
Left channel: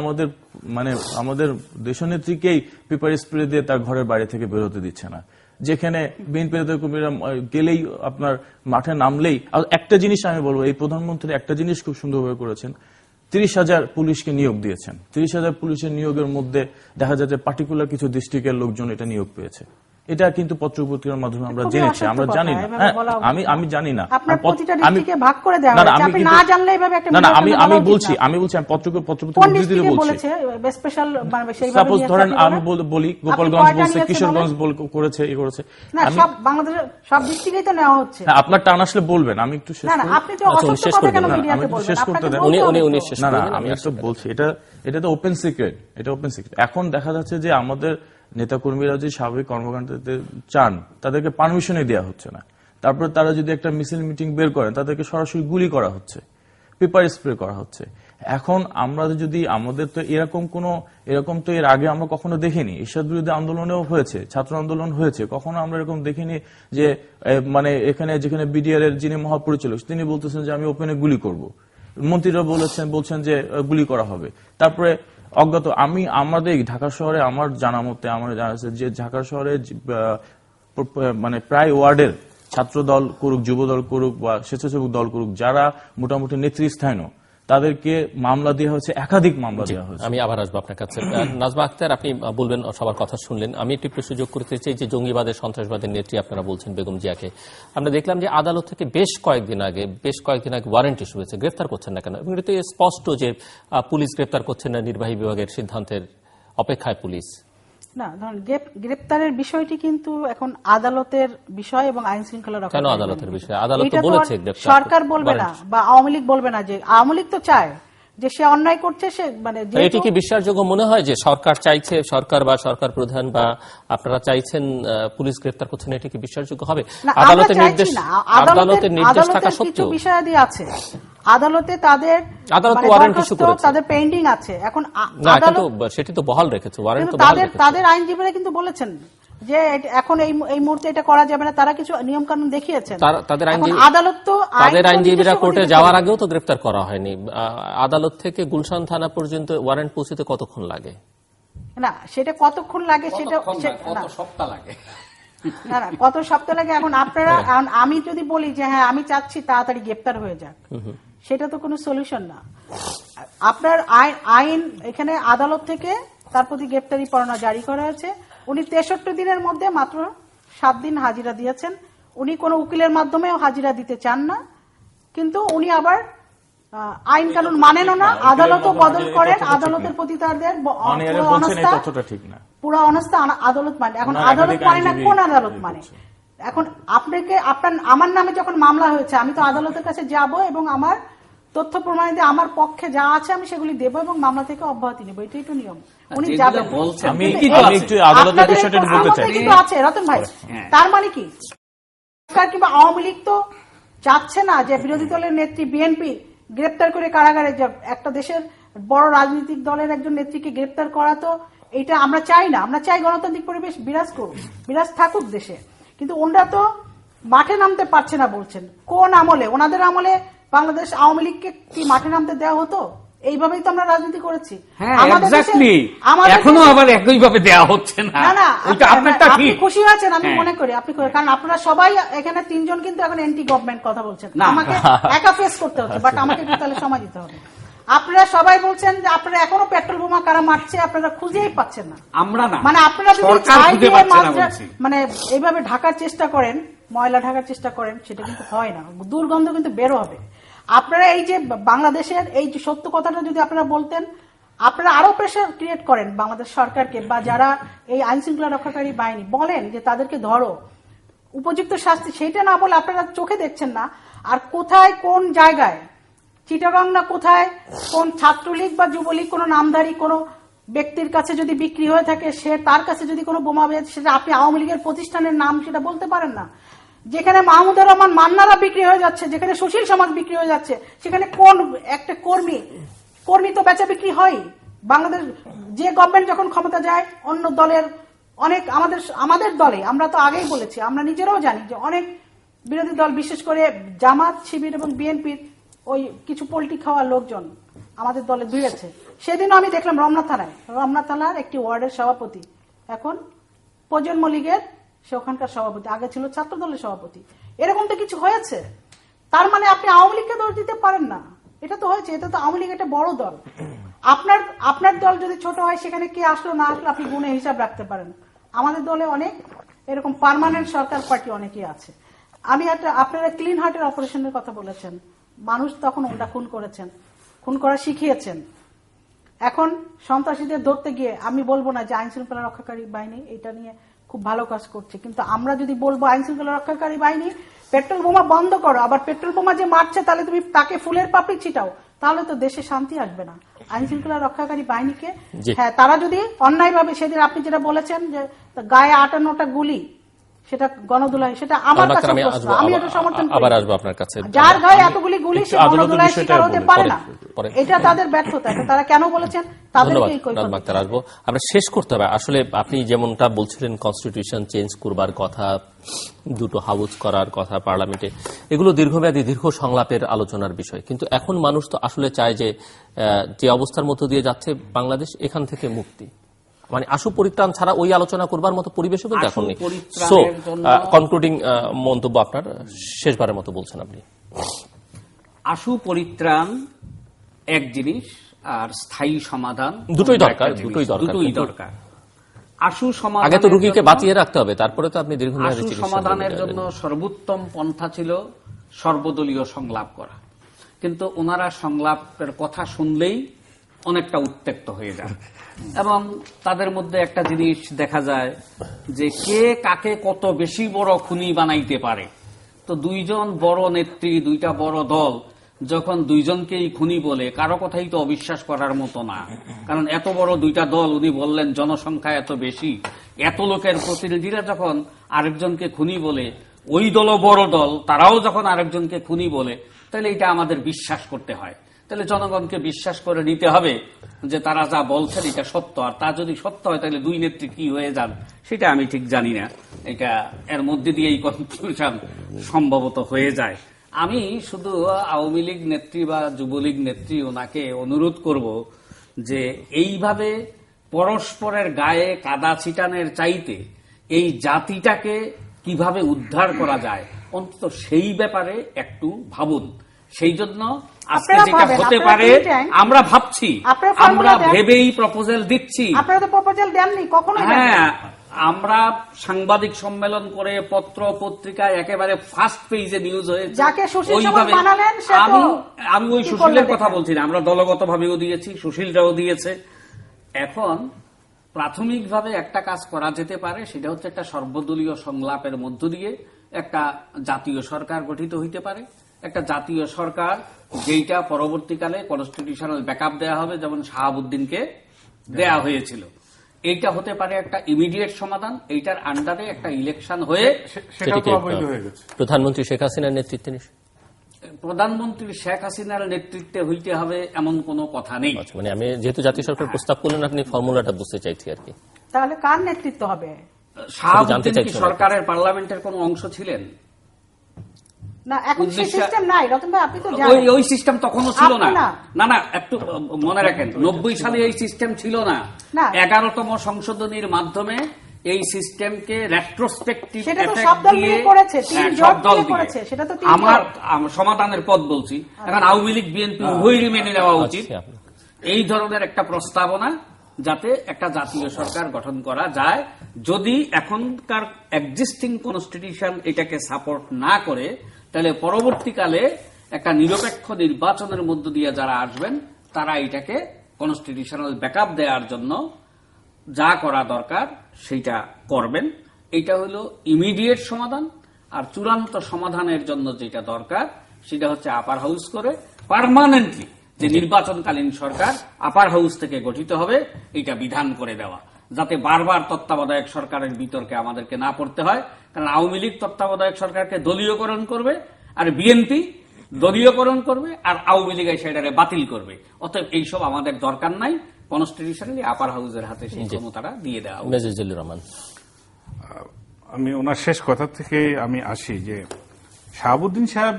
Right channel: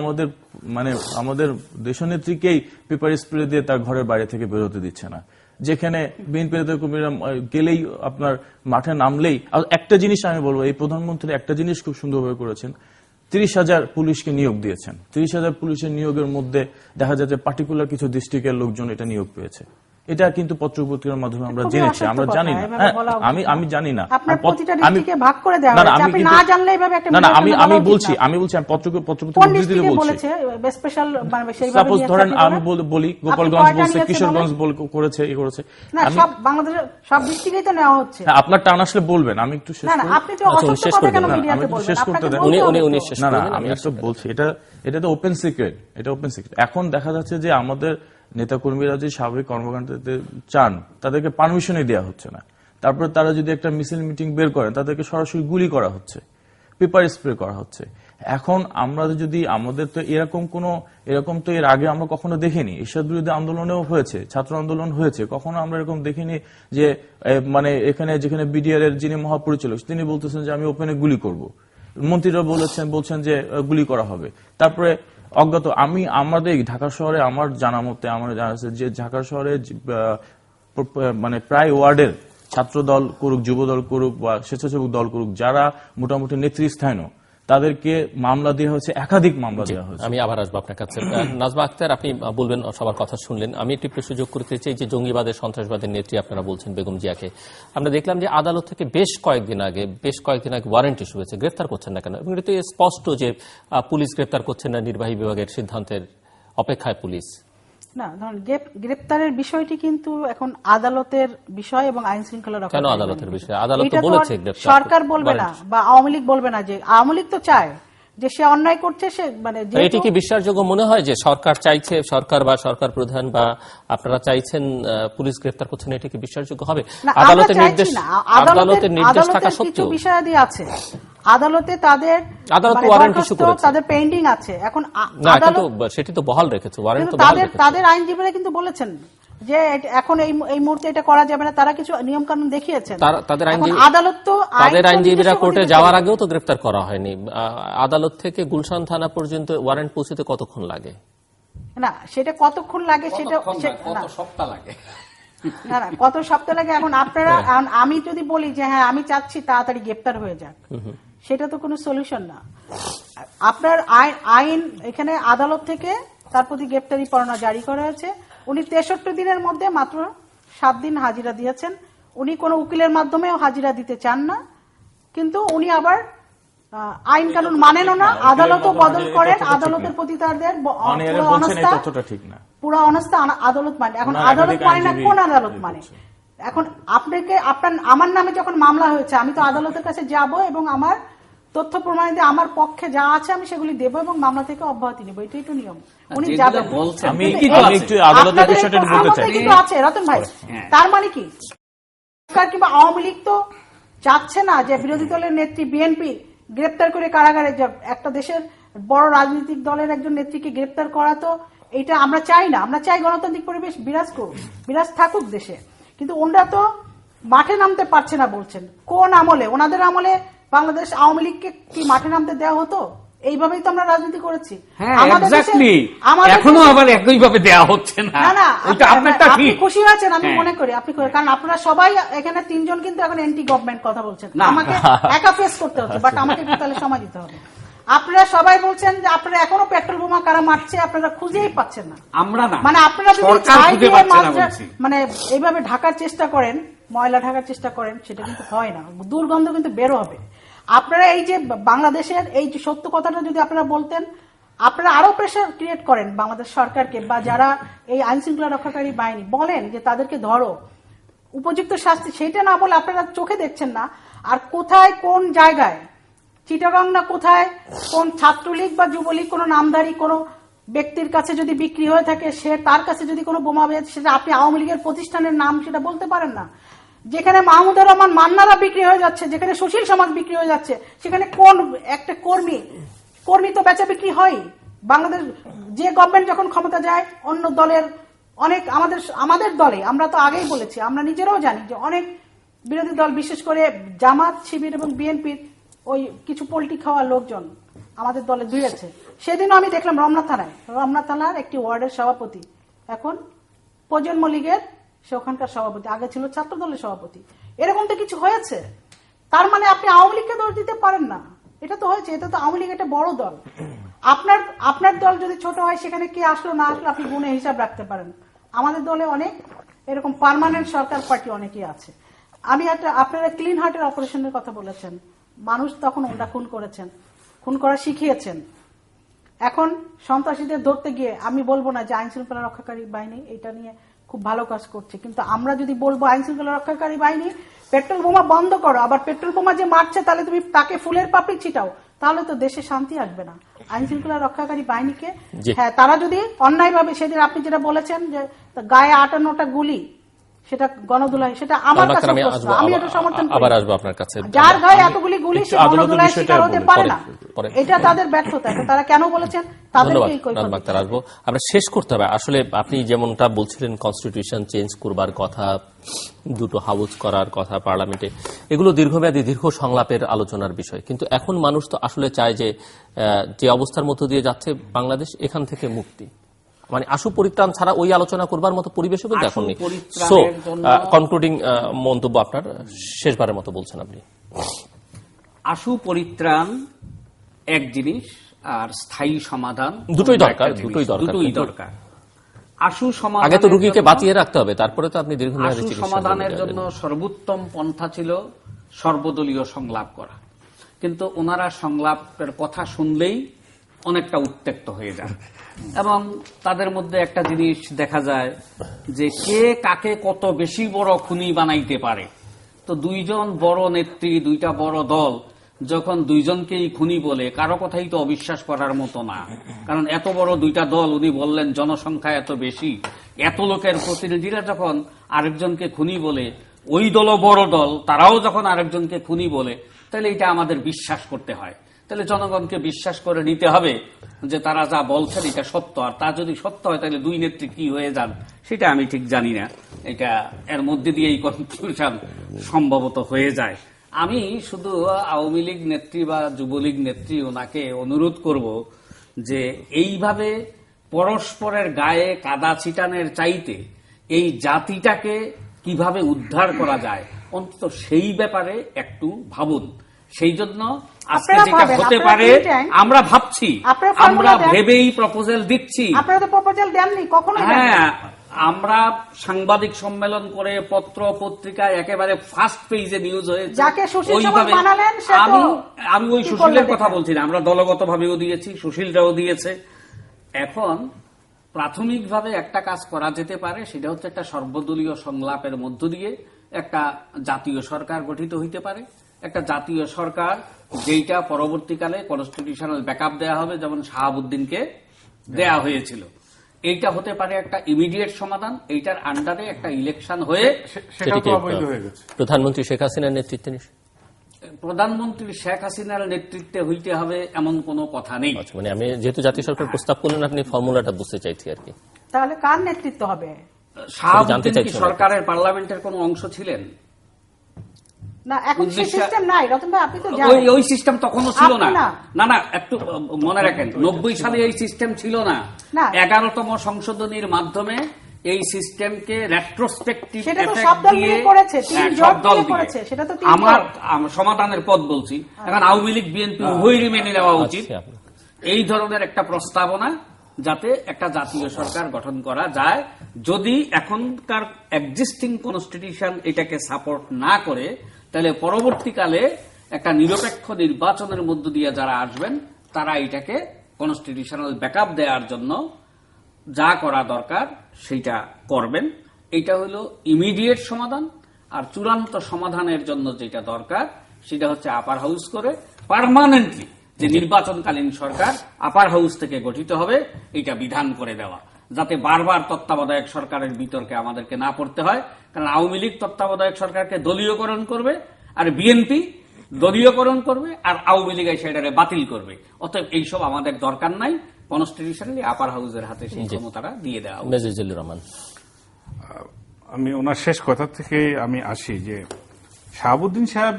আমাদের দেশনেত্রীকেই পেপার স্প্রে দিয়ে তার ঘরের বাইরে থেকে বেরোতে দিচ্ছে না, যেখানে বিএনপি নেতাকর্মীরা গেলেই আপনার মাঠে নামলেই। একটা জিনিস আমি বলবো, এই প্রধানমন্ত্রী একটা জিনিস খুব সুন্দরভাবে করেছেন, 30,000 পুলিশকে নিয়োগ দিয়েছেন। 30,000 পুলিশের নিয়োগের মধ্যে দেখা যাচ্ছে পার্টিকুলার কিছু ডিস্ট্রিক্টের লোকজন এটা নিয়োগ পেয়েছে। এটা কিন্তু পত্রপত্রিকার মাধ্যমে আমরা জেনেছি, আমরা জানি না। আমি জানি না, আমি বলছি সাপোজ ধরেন আমি বলি গোপালগঞ্জ বলছে, কিশোরগঞ্জ করেছে, এ করেছে, আপনার টান আসলে বলবেন। আমি একটু শেষ করতে দেন। না, আমি একটু বলছি, এটা তো ওপেন সিক্রেট, এটা ওপেন সিক্রেট। এখন দেখা যাচ্ছে যে আমাদের নেতাকর্মীরা যে স্বাভাবিক কর্মকাণ্ডে চান তাদেরকে পারমিশনই দেওয়া হচ্ছে না। তারপরে তারা যদি একটা মিছিল মিটিং বের করেন তাদেরকে সরাসরি গুলি করা হচ্ছে, পেপার স্প্রে করা হচ্ছে। এখন আমরা যদি আমাদের তো এরকম তো এর আগে আমরা কখনো দেখিনি। এরশাদ বিরোধী আন্দোলনেও হয়েছে, ছাত্র আন্দোলন হয়েছে, কখনো আমরা এরকম দেখিনি যে যেখানে বিডিআর এর যিনি মহাপরিচালক তিনি বলতেছেন যে আমি ওপেনে গুলি করব, মন্ত্রীরা বলছেন যে গুলি করা হবে। তারপরে অজ্ঞাত আমাদের ঢাকা শহরে আমার জানা মতে আমার জানা আছে যে ঢাকা শহরে প্রায় ওয়ার্ডের ছাত্র দল করুক, যুব দল করুক বা স্বেচ্ছাসেবক দল করুক, যারা মোটামুটি নেতৃস্থানীয়, তাদেরকে মামলা দেওয়া হয়েছে, একাধিক মামলা দেওয়া হয়েছে। আমি আবার আসবো আপনার কাছে। নাজমা আক্তার, আপনি বলবেন, সবার কথা শুনলেন। আমি একটি প্রশ্ন যোগ করতে চাই যে জঙ্গিবাদের সন্ত্রাসবাদের নেত্রী আপনারা বলছেন বেগম জিয়াকে, আমরা দেখলাম যে আদালত থেকে বেশ কয়েকদিন আগে ওয়ারেন্ট ইস্যু হয়েছে, গ্রেফতার করছেন না কেন? এবং এটা তো স্পষ্ট যে পুলিশ গ্রেফতার করছেন না, নির্বাহী বিভাগের সিদ্ধান্তের অপেক্ষায় পুলিশ। না, ধরুন গ্রেপ্তারের বিষয়টি কিন্তু এখন আদালতের বিষয় এবং আইন শৃঙ্খলা রক্ষা। কেন আদালতের বিষয়? আদালত তো বলেছে গ্রেফতার সরকার বলবে না বা আওয়ামী লীগ বলবে না। যে আওয়ামী লীগ তো চায় যে সে অন্যায় করছে, সে মানে এটি কি বিশ্বাসযোগ্য মনে হয় যে সরকার চাইছে, সরকার বা সরকার প্রধান বা আপনারা চাইছেন পুলিশ গ্রেফতার করছেন, এটি কি বিশ্বাসযোগ্য হবে? আদালতের নির্দেশ থাকা সত্ত্বেও বিষয়াদি আছে আদালতে, তাদের তাদের পেন্ডিং আছে। এখন আদালত সেটি তো বহাল রেখেছে, ওয়ারেন্ট তো তাদের আইনজীবীরা কিন্তু বলেছেন যে এখন এই মুহূর্তে এটা করা যাবে না। তারা কিছু নিয়ম কানুন দেখিয়েছেন। তাদের আইনজীবীরা কোর্টে যাওয়ার আগেও তো গ্রেফতার করা হয়নি। আদালত থেকে গুলশান থানা পর্যন্ত ওয়ারেন্ট পৌঁছতে কতক্ষণ লাগে? না, সেটা কতক্ষণ লাগে, সেটা সপ্তাহ লাগে না, কত সপ্তাহ লাগে। এখন আপনারা, আমি যদি বলি যে হ্যাঁ আমি চাচ্ছি তাড়াতাড়ি গ্রেফতার হয়ে যাক, সেটা তো কোনো সলিউশন না। আপনার আইন এখানে আদালত থেকে তার প্রতি গ্রেফতারি পরোয়ানা জারি করা হয়েছে। উনি 63 দিনের মধ্যে মাত্র 7 দিন হাজিরা দিয়েছেন। উনি কোনো উকিলের মাধ্যমেও হাজিরা দিতে চান না, কিন্তু উনি আবার আইন কানুন মানেনও না। আদালতও বদল করেন, আদালতের প্রতি তাদের পুরো অনাস্থা আদালত মানে। এখন আদালত মানে না, কোন আদালত মানে? এখন আমার নামে যখন মামলা হয়েছে, আমি তো আদালতের কাছে যাব এবং আমার তথ্য প্রমাণিত আমার পক্ষে যা আছে আমি সেগুলি দেবো এবং মামলা থেকে অব্যাহতি নেবো। এটাই তো নিয়ম। উনি যাবেন। আছে রতন ভাই, তার মানে কি সরকার কিংবা আওয়ামী লীগ তো চাচ্ছে না যে বিরোধী দলের নেত্রী বিএনপি গ্রেপ্তার করে কারাগারে যাক। একটা দেশের বড় রাজনৈতিক দলের একজন নেত্রীকে গ্রেপ্তার করা তো এটা আমরা চাই না। আমরা চাই গণতান্ত্রিক পরিবেশ বিরাজ থাকুক দেশে। কিন্তু ওনারা তো মাঠে নামতে পারছে না বলছেন। কোন আমলে? ওনাদের আমলে বাংলাদেশ আওয়ামী লীগকে কি মাঠে নামতে দেওয়া হতো? এইভাবেই তো আমরা রাজনীতি করেছি। এখনো আবার একইভাবে দেওয়া হচ্ছে না। না, আপনি খুশি আছেন আমি মনে করি। আপনি কারণ আপনারা সবাই এখানে 3 জন কিন্তু এখন এন্টি গভর্নমেন্ট কথা বলছেন। আমাকে একা ফেস করতে হচ্ছে, বাট আমাকে তাহলে সময় দিতে হবে। আপনারা সবাই বলছেন যে আপনারা এখনো পেট্রোল বোমা কারা মারছে আপনারা খুঁজেই পাচ্ছেন না। আমরা না, মানে আপনারা যদি মানে এইভাবে ঢাকার চেষ্টা করেন, ময়লা ঢাকার চেষ্টা করেন, সেটা কিন্তু হয় না। দুর্গন্ধ কিন্তু বেরো হবে। আপনারা এই যে বাংলাদেশের এই যে সত্য কথাটা যদি আপনারা বলতেন, আপনারা আরো প্রেশার ক্রিয়েট করেন বাংলাদেশ সরকারকে বা যারা এই আইন শৃঙ্খলা রক্ষাকারী বাহিনী, বলেন যে তাদেরকে ধরো, উপযুক্ত শাস্তি। সেটা না বলে আপনারা চোখে দেখছেন না। আর কোথায় কোন জায়গায়, চিটাগাং না কোথায় কোন ছাত্রলীগ বা যুবলীগ কোন নামধারী কোন ব্যক্তির কাছে যদি বিক্রি হয়ে থাকে, সে তার কাছে যদি কোনো বোমা বের, সেটা আপনি আওয়ামী লীগের প্রতিষ্ঠানের নাম সেটা বলতে পারেন না। যেখানে মাহমুদুর রহমান মান্নারা বিক্রি হয়ে যাচ্ছে, যেখানে সুশীল সমাজ বিক্রি হয়ে যাচ্ছে, সেখানে কোন একটা কর্মী তো বেচা বিক্রি হয়। বাংলাদেশ যে গভর্নমেন্ট যখন ক্ষমতা যায়, অন্য দলের অনেক আমাদের দলে, আমরা তো আগেই বলেছি, আমরা নিজেরাও জানি যে অনেক বিরোধী দল, বিশেষ করে জামাত, শিবির এবং বিএনপির ওই কিছু পলিটিক খাওয়া লোকজন আমাদের দলে ধুয়েছে। সেদিনও আমি দেখলাম রমনা থানার একটি ওয়ার্ডের সভাপতি এখন প্রজন্ম লীগের, সে ওখানকার সভাপতি, আগে ছিল ছাত্র দলের সভাপতি। এরকম তো কিছু হয়েছে। তার মানে আপনি আওয়ামী লীগকে দোষ দিতে পারেন না। এটা তো হয়েছে, এটা তো আওয়ামী লীগ একটা বড় দল। আপনার দল যদি ছোট হয়, সেখানে কে আসলো না আসলো আপনি গুণে হিসাব রাখতে পারেন। আমাদের দলে অনেক এরকম পার্মানেন্ট সরকার পার্টি অনেকেই আছে। আপনারা ক্লিন হার্টের অপারেশনের কথা বলেছেন, মানুষ তখন ওটা খুন করেছেন, খুন করা শিখিয়েছেন। এখন সন্ত্রাসীদের ধরতে গিয়ে আমি বলবো না যে আইন শৃঙ্খলা রক্ষাকারী বাহিনী এটা নিয়ে খুব ভালো কাজ করছে, কিন্তু আমরা যদি বলবো আইন শৃঙ্খলা রক্ষাকারী বাহিনী পেট্রোল বোমা বন্ধ করো, আবার পেট্রোল বোমা যে মারছে তাহলে তুমি তাকে ফুলের পাপড়ি ছিটাও, তাহলে তো দেশে শান্তি আসবে না। আইন শৃঙ্খলা রক্ষাকারী বাহিণীকে, হ্যাঁ, তারা যদি অন্যায়ভাবে, সেদিন আপনি যেটা বলেছেন যে গায়ে 58টা গুলি, সেটা গণধুলাই, সেটা আমার কাছে আমি এটা সমর্থন করি। আবার আসবো আপনার কাছে। যার গায়ে এতগুলি গুলি, সে গণধুলাই শিকার হতে পারে না। এটা তাদের ব্যর্থতা। তারা কেন বলেছেন তাদেরকে আসবো। আমরা শেষ করতে হবে। আসলে আপনি যেমনটা বলছিলেন, কনস্টিটিউশন চেঞ্জ করবার কথা, দুটো হাউস করার কথা পার্লামেন্টে, এগুলো দীর্ঘমেয়াদী দীর্ঘ সংলাপের আলোচনার বিষয়। কিন্তু এখন মানুষ তো আসলে চায় যে অবস্থার মধ্য দিয়ে যাচ্ছে বাংলাদেশ, এখান থেকে মুক্তি, মানে আশু পরিত্রাণ ছাড়া ওই আলোচনা করবার মতো পরিবেশও কিন্তু এখন নেই। সো কনক্লুডিং মন্তব্য আপনার, শেষবারের মতো বলছেন আপনি। আশু পরিত্রাণ এক জিনিস, আর স্থায়ী সমাধান দুটোই অন্য দরকার, একটা জিনিস। দুটোই দরকার, দুটোই কিন্তু দরকার। আশু সমাধান আগে তো রোগীকে বাঁচিয়ে রাখতে হবে, তারপরে তো আপনি দীর্ঘমেয়াদী আশু চিকিৎসা সমাধানের করতে জন্য যাবেন। সর্বোত্তম পন্থা ছিল সর্বদলীয় সংলাপ করা, কিন্তু ওনারা সংলাপের কথা শুনলেই অনেকটা উত্তেক্ত হয়ে যান, এবং তাদের মধ্যে একটা জিনিস দেখা যায় যে কে কাকে কত বেশি বড় খুনি বানাইতে পারে। তো দুইজন বড় নেত্রী, দুইটা বড় দল যখন দুইজনকেই খুনি বলে, কারো কথাই তো অবিশ্বাস করার মতো না। কারণ এত বড় দুইটা দল, উনি বললেন জনসংখ্যা এত বেশি, এত লোকের প্রতিনিধিরা যখন আরেকজনকে খুনি বলে, ওই দলও বড় দল, তারাও যখন আরেকজনকে খুনি বলে, তাহলে এটা আমাদের বিশ্বাস করতে হয়। তাহলে জনগণকে বিশ্বাস করে নিতে হবে যে তারা যা বলছেন এটা সত্য। আর তা যদি সত্য হয় তাহলে দুই নেত্রী কি হয়ে যান সেটা আমি ঠিক জানি না। এটা এর মধ্যে দিয়েই কনফিউশন সম্ভবত হয়ে যায়। আমি শুধু আওয়ামী লীগ নেত্রী বা যুবলীগ নেত্রী ওনাকে অনুরোধ করব যে এইভাবে পরস্পরের গায়ে কাদা ছিটানের চাইতে এই জাতিটাকে কিভাবে উদ্ধার করা যায় অন্তত সেই ব্যাপারে একটু ভাবুন। সেই জন্য আজকে আপনারা যেটা ভাবেন, হতে আপনারা পারে think tank, আমরা ভাবছি, আপনারা আমরা formula দেন। ভেবেই প্রপোজাল দিচ্ছি। আপনারা তো প্রপোজাল দেননি, কখনো হ্যাঁ, আমরা সাংবাদিক সম্মেলন করে পত্র পত্রিকায় একেবারে ফার্স্ট পেজে নিউজ হয়েছে। যাকে সুশীল ওইভাবে সমাজ বানালেন সে তো আমি ওই কি সুশীলের করলেন? কথা বলছি না, আমরা দলগত ভাবেও দিয়েছি, সুশীলরাও দিয়েছে। এখন প্রাথমিকভাবে একটা কাজ করা যেতে পারে, সেটা হচ্ছে একটা সর্বদলীয় সংলাপের মধ্য দিয়ে একটা জাতীয় সরকার গঠিত হইতে পারে। একটা জাতীয় সরকার যেটা পরবর্তীকালে কনস্টিটিউশনাল ব্যাকআপ দেওয়া হবে, যেমন শাহাবুদ্দিনকে দেয়া হয়েছিল। এইটা হতে পারে একটা ইমিডিয়েট সমাধান। এইটার আন্ডারে একটা ইলেকশন হয়ে সেটাও তো সেটিকে অবৈধ হয়ে গেছে। প্রধানমন্ত্রী শেখ হাসিনার নেতৃত্বে প্রধানমন্ত্রী শেখ হাসিনার নেতৃত্বে হইতে হবে এমন কোনো কথা নেই। আচ্ছা, মানে আমি যেহেতু জাতীয় সরকার প্রস্তাব করলেন, আপনি ফর্মুলাটা বুঝতে চাইছি আর কি। তাহলে কার নেতৃত্ব হবে? শাহাবুদ্দিন কি চাইছি না। সরকারের পার্লামেন্টের কোনো অংশ ছিলেন? না, এখন সেই উদ্দেশ্য- সিস্টেম নাই রতন ভাই, আপনি তো জানেন। ওই সিস্টেম তখনও ছিল না। আপনি না। না না, একটু মনে রাখেন, 90 সালে এই সিস্টেম ছিল না। না। 11তম সংশোধনীর মাধ্যমে এই সিস্টেমকে রেট্রোস্পেক্টিভ সেটা তো সব দল মিলে করেছে, তিন জোট মিলে করেছে, সেটা তো তিন আমার জোট। সমাধানের পথ বলছি। এখন আওয়ামী লীগ বিএনপি উভয়ই মেনে নেওয়া উচিত আচ্ছা, আপনার। এই ধরনের একটা প্রস্তাবনা, যাতে একটা জাতীয় সরকার গঠন করা যায়। যদি এখনকার এক্সিস্টিং কনস্টিটিউশন এটাকে সাপোর্ট না করে, তাহলে পরবর্তীকালে একটা নিরপেক্ষ নির্বাচনের মধ্য দিয়ে যারা আসবেন তারা এটাকে কনস্টিটিউশনাল ব্যাকআপ দেওয়ার জন্য যা করা দরকার সেটা করবেন। এটা হলো ইমিডিয়েট সমাধান। আর চূড়ান্ত সমাধানের জন্য যেটা দরকার সেটা হচ্ছে আপার হাউস করে পার্মানেন্টলি যে নির্বাচনকালীন সরকার আপার হাউস থেকে গঠিত হবে, এটা বিধান করে দেওয়া, যাতে বারবার তত্ত্বাবধায়ক সরকারের বিতর্কে আমাদেরকে না পড়তে হয়। কারণ আওয়ামী লীগ তত্ত্বাবধায়ক সরকারকে দলীয়করণ করবে, আর বিএনপি দলীয়করণ করবে, আর আওয়ামী লীগ সেটাকে বাতিল করবে। অতএব এইসব আমাদের দরকার নাই। কনস্টিটিউশনালি আপার হাউসের হাতে সেই ক্ষমতাটা দিয়ে দেওয়া উচিত। মেজর রহমান, আমি ওনার শেষ কথা থেকে আমি আসি যে শাহাবুদ্দিন সাহেব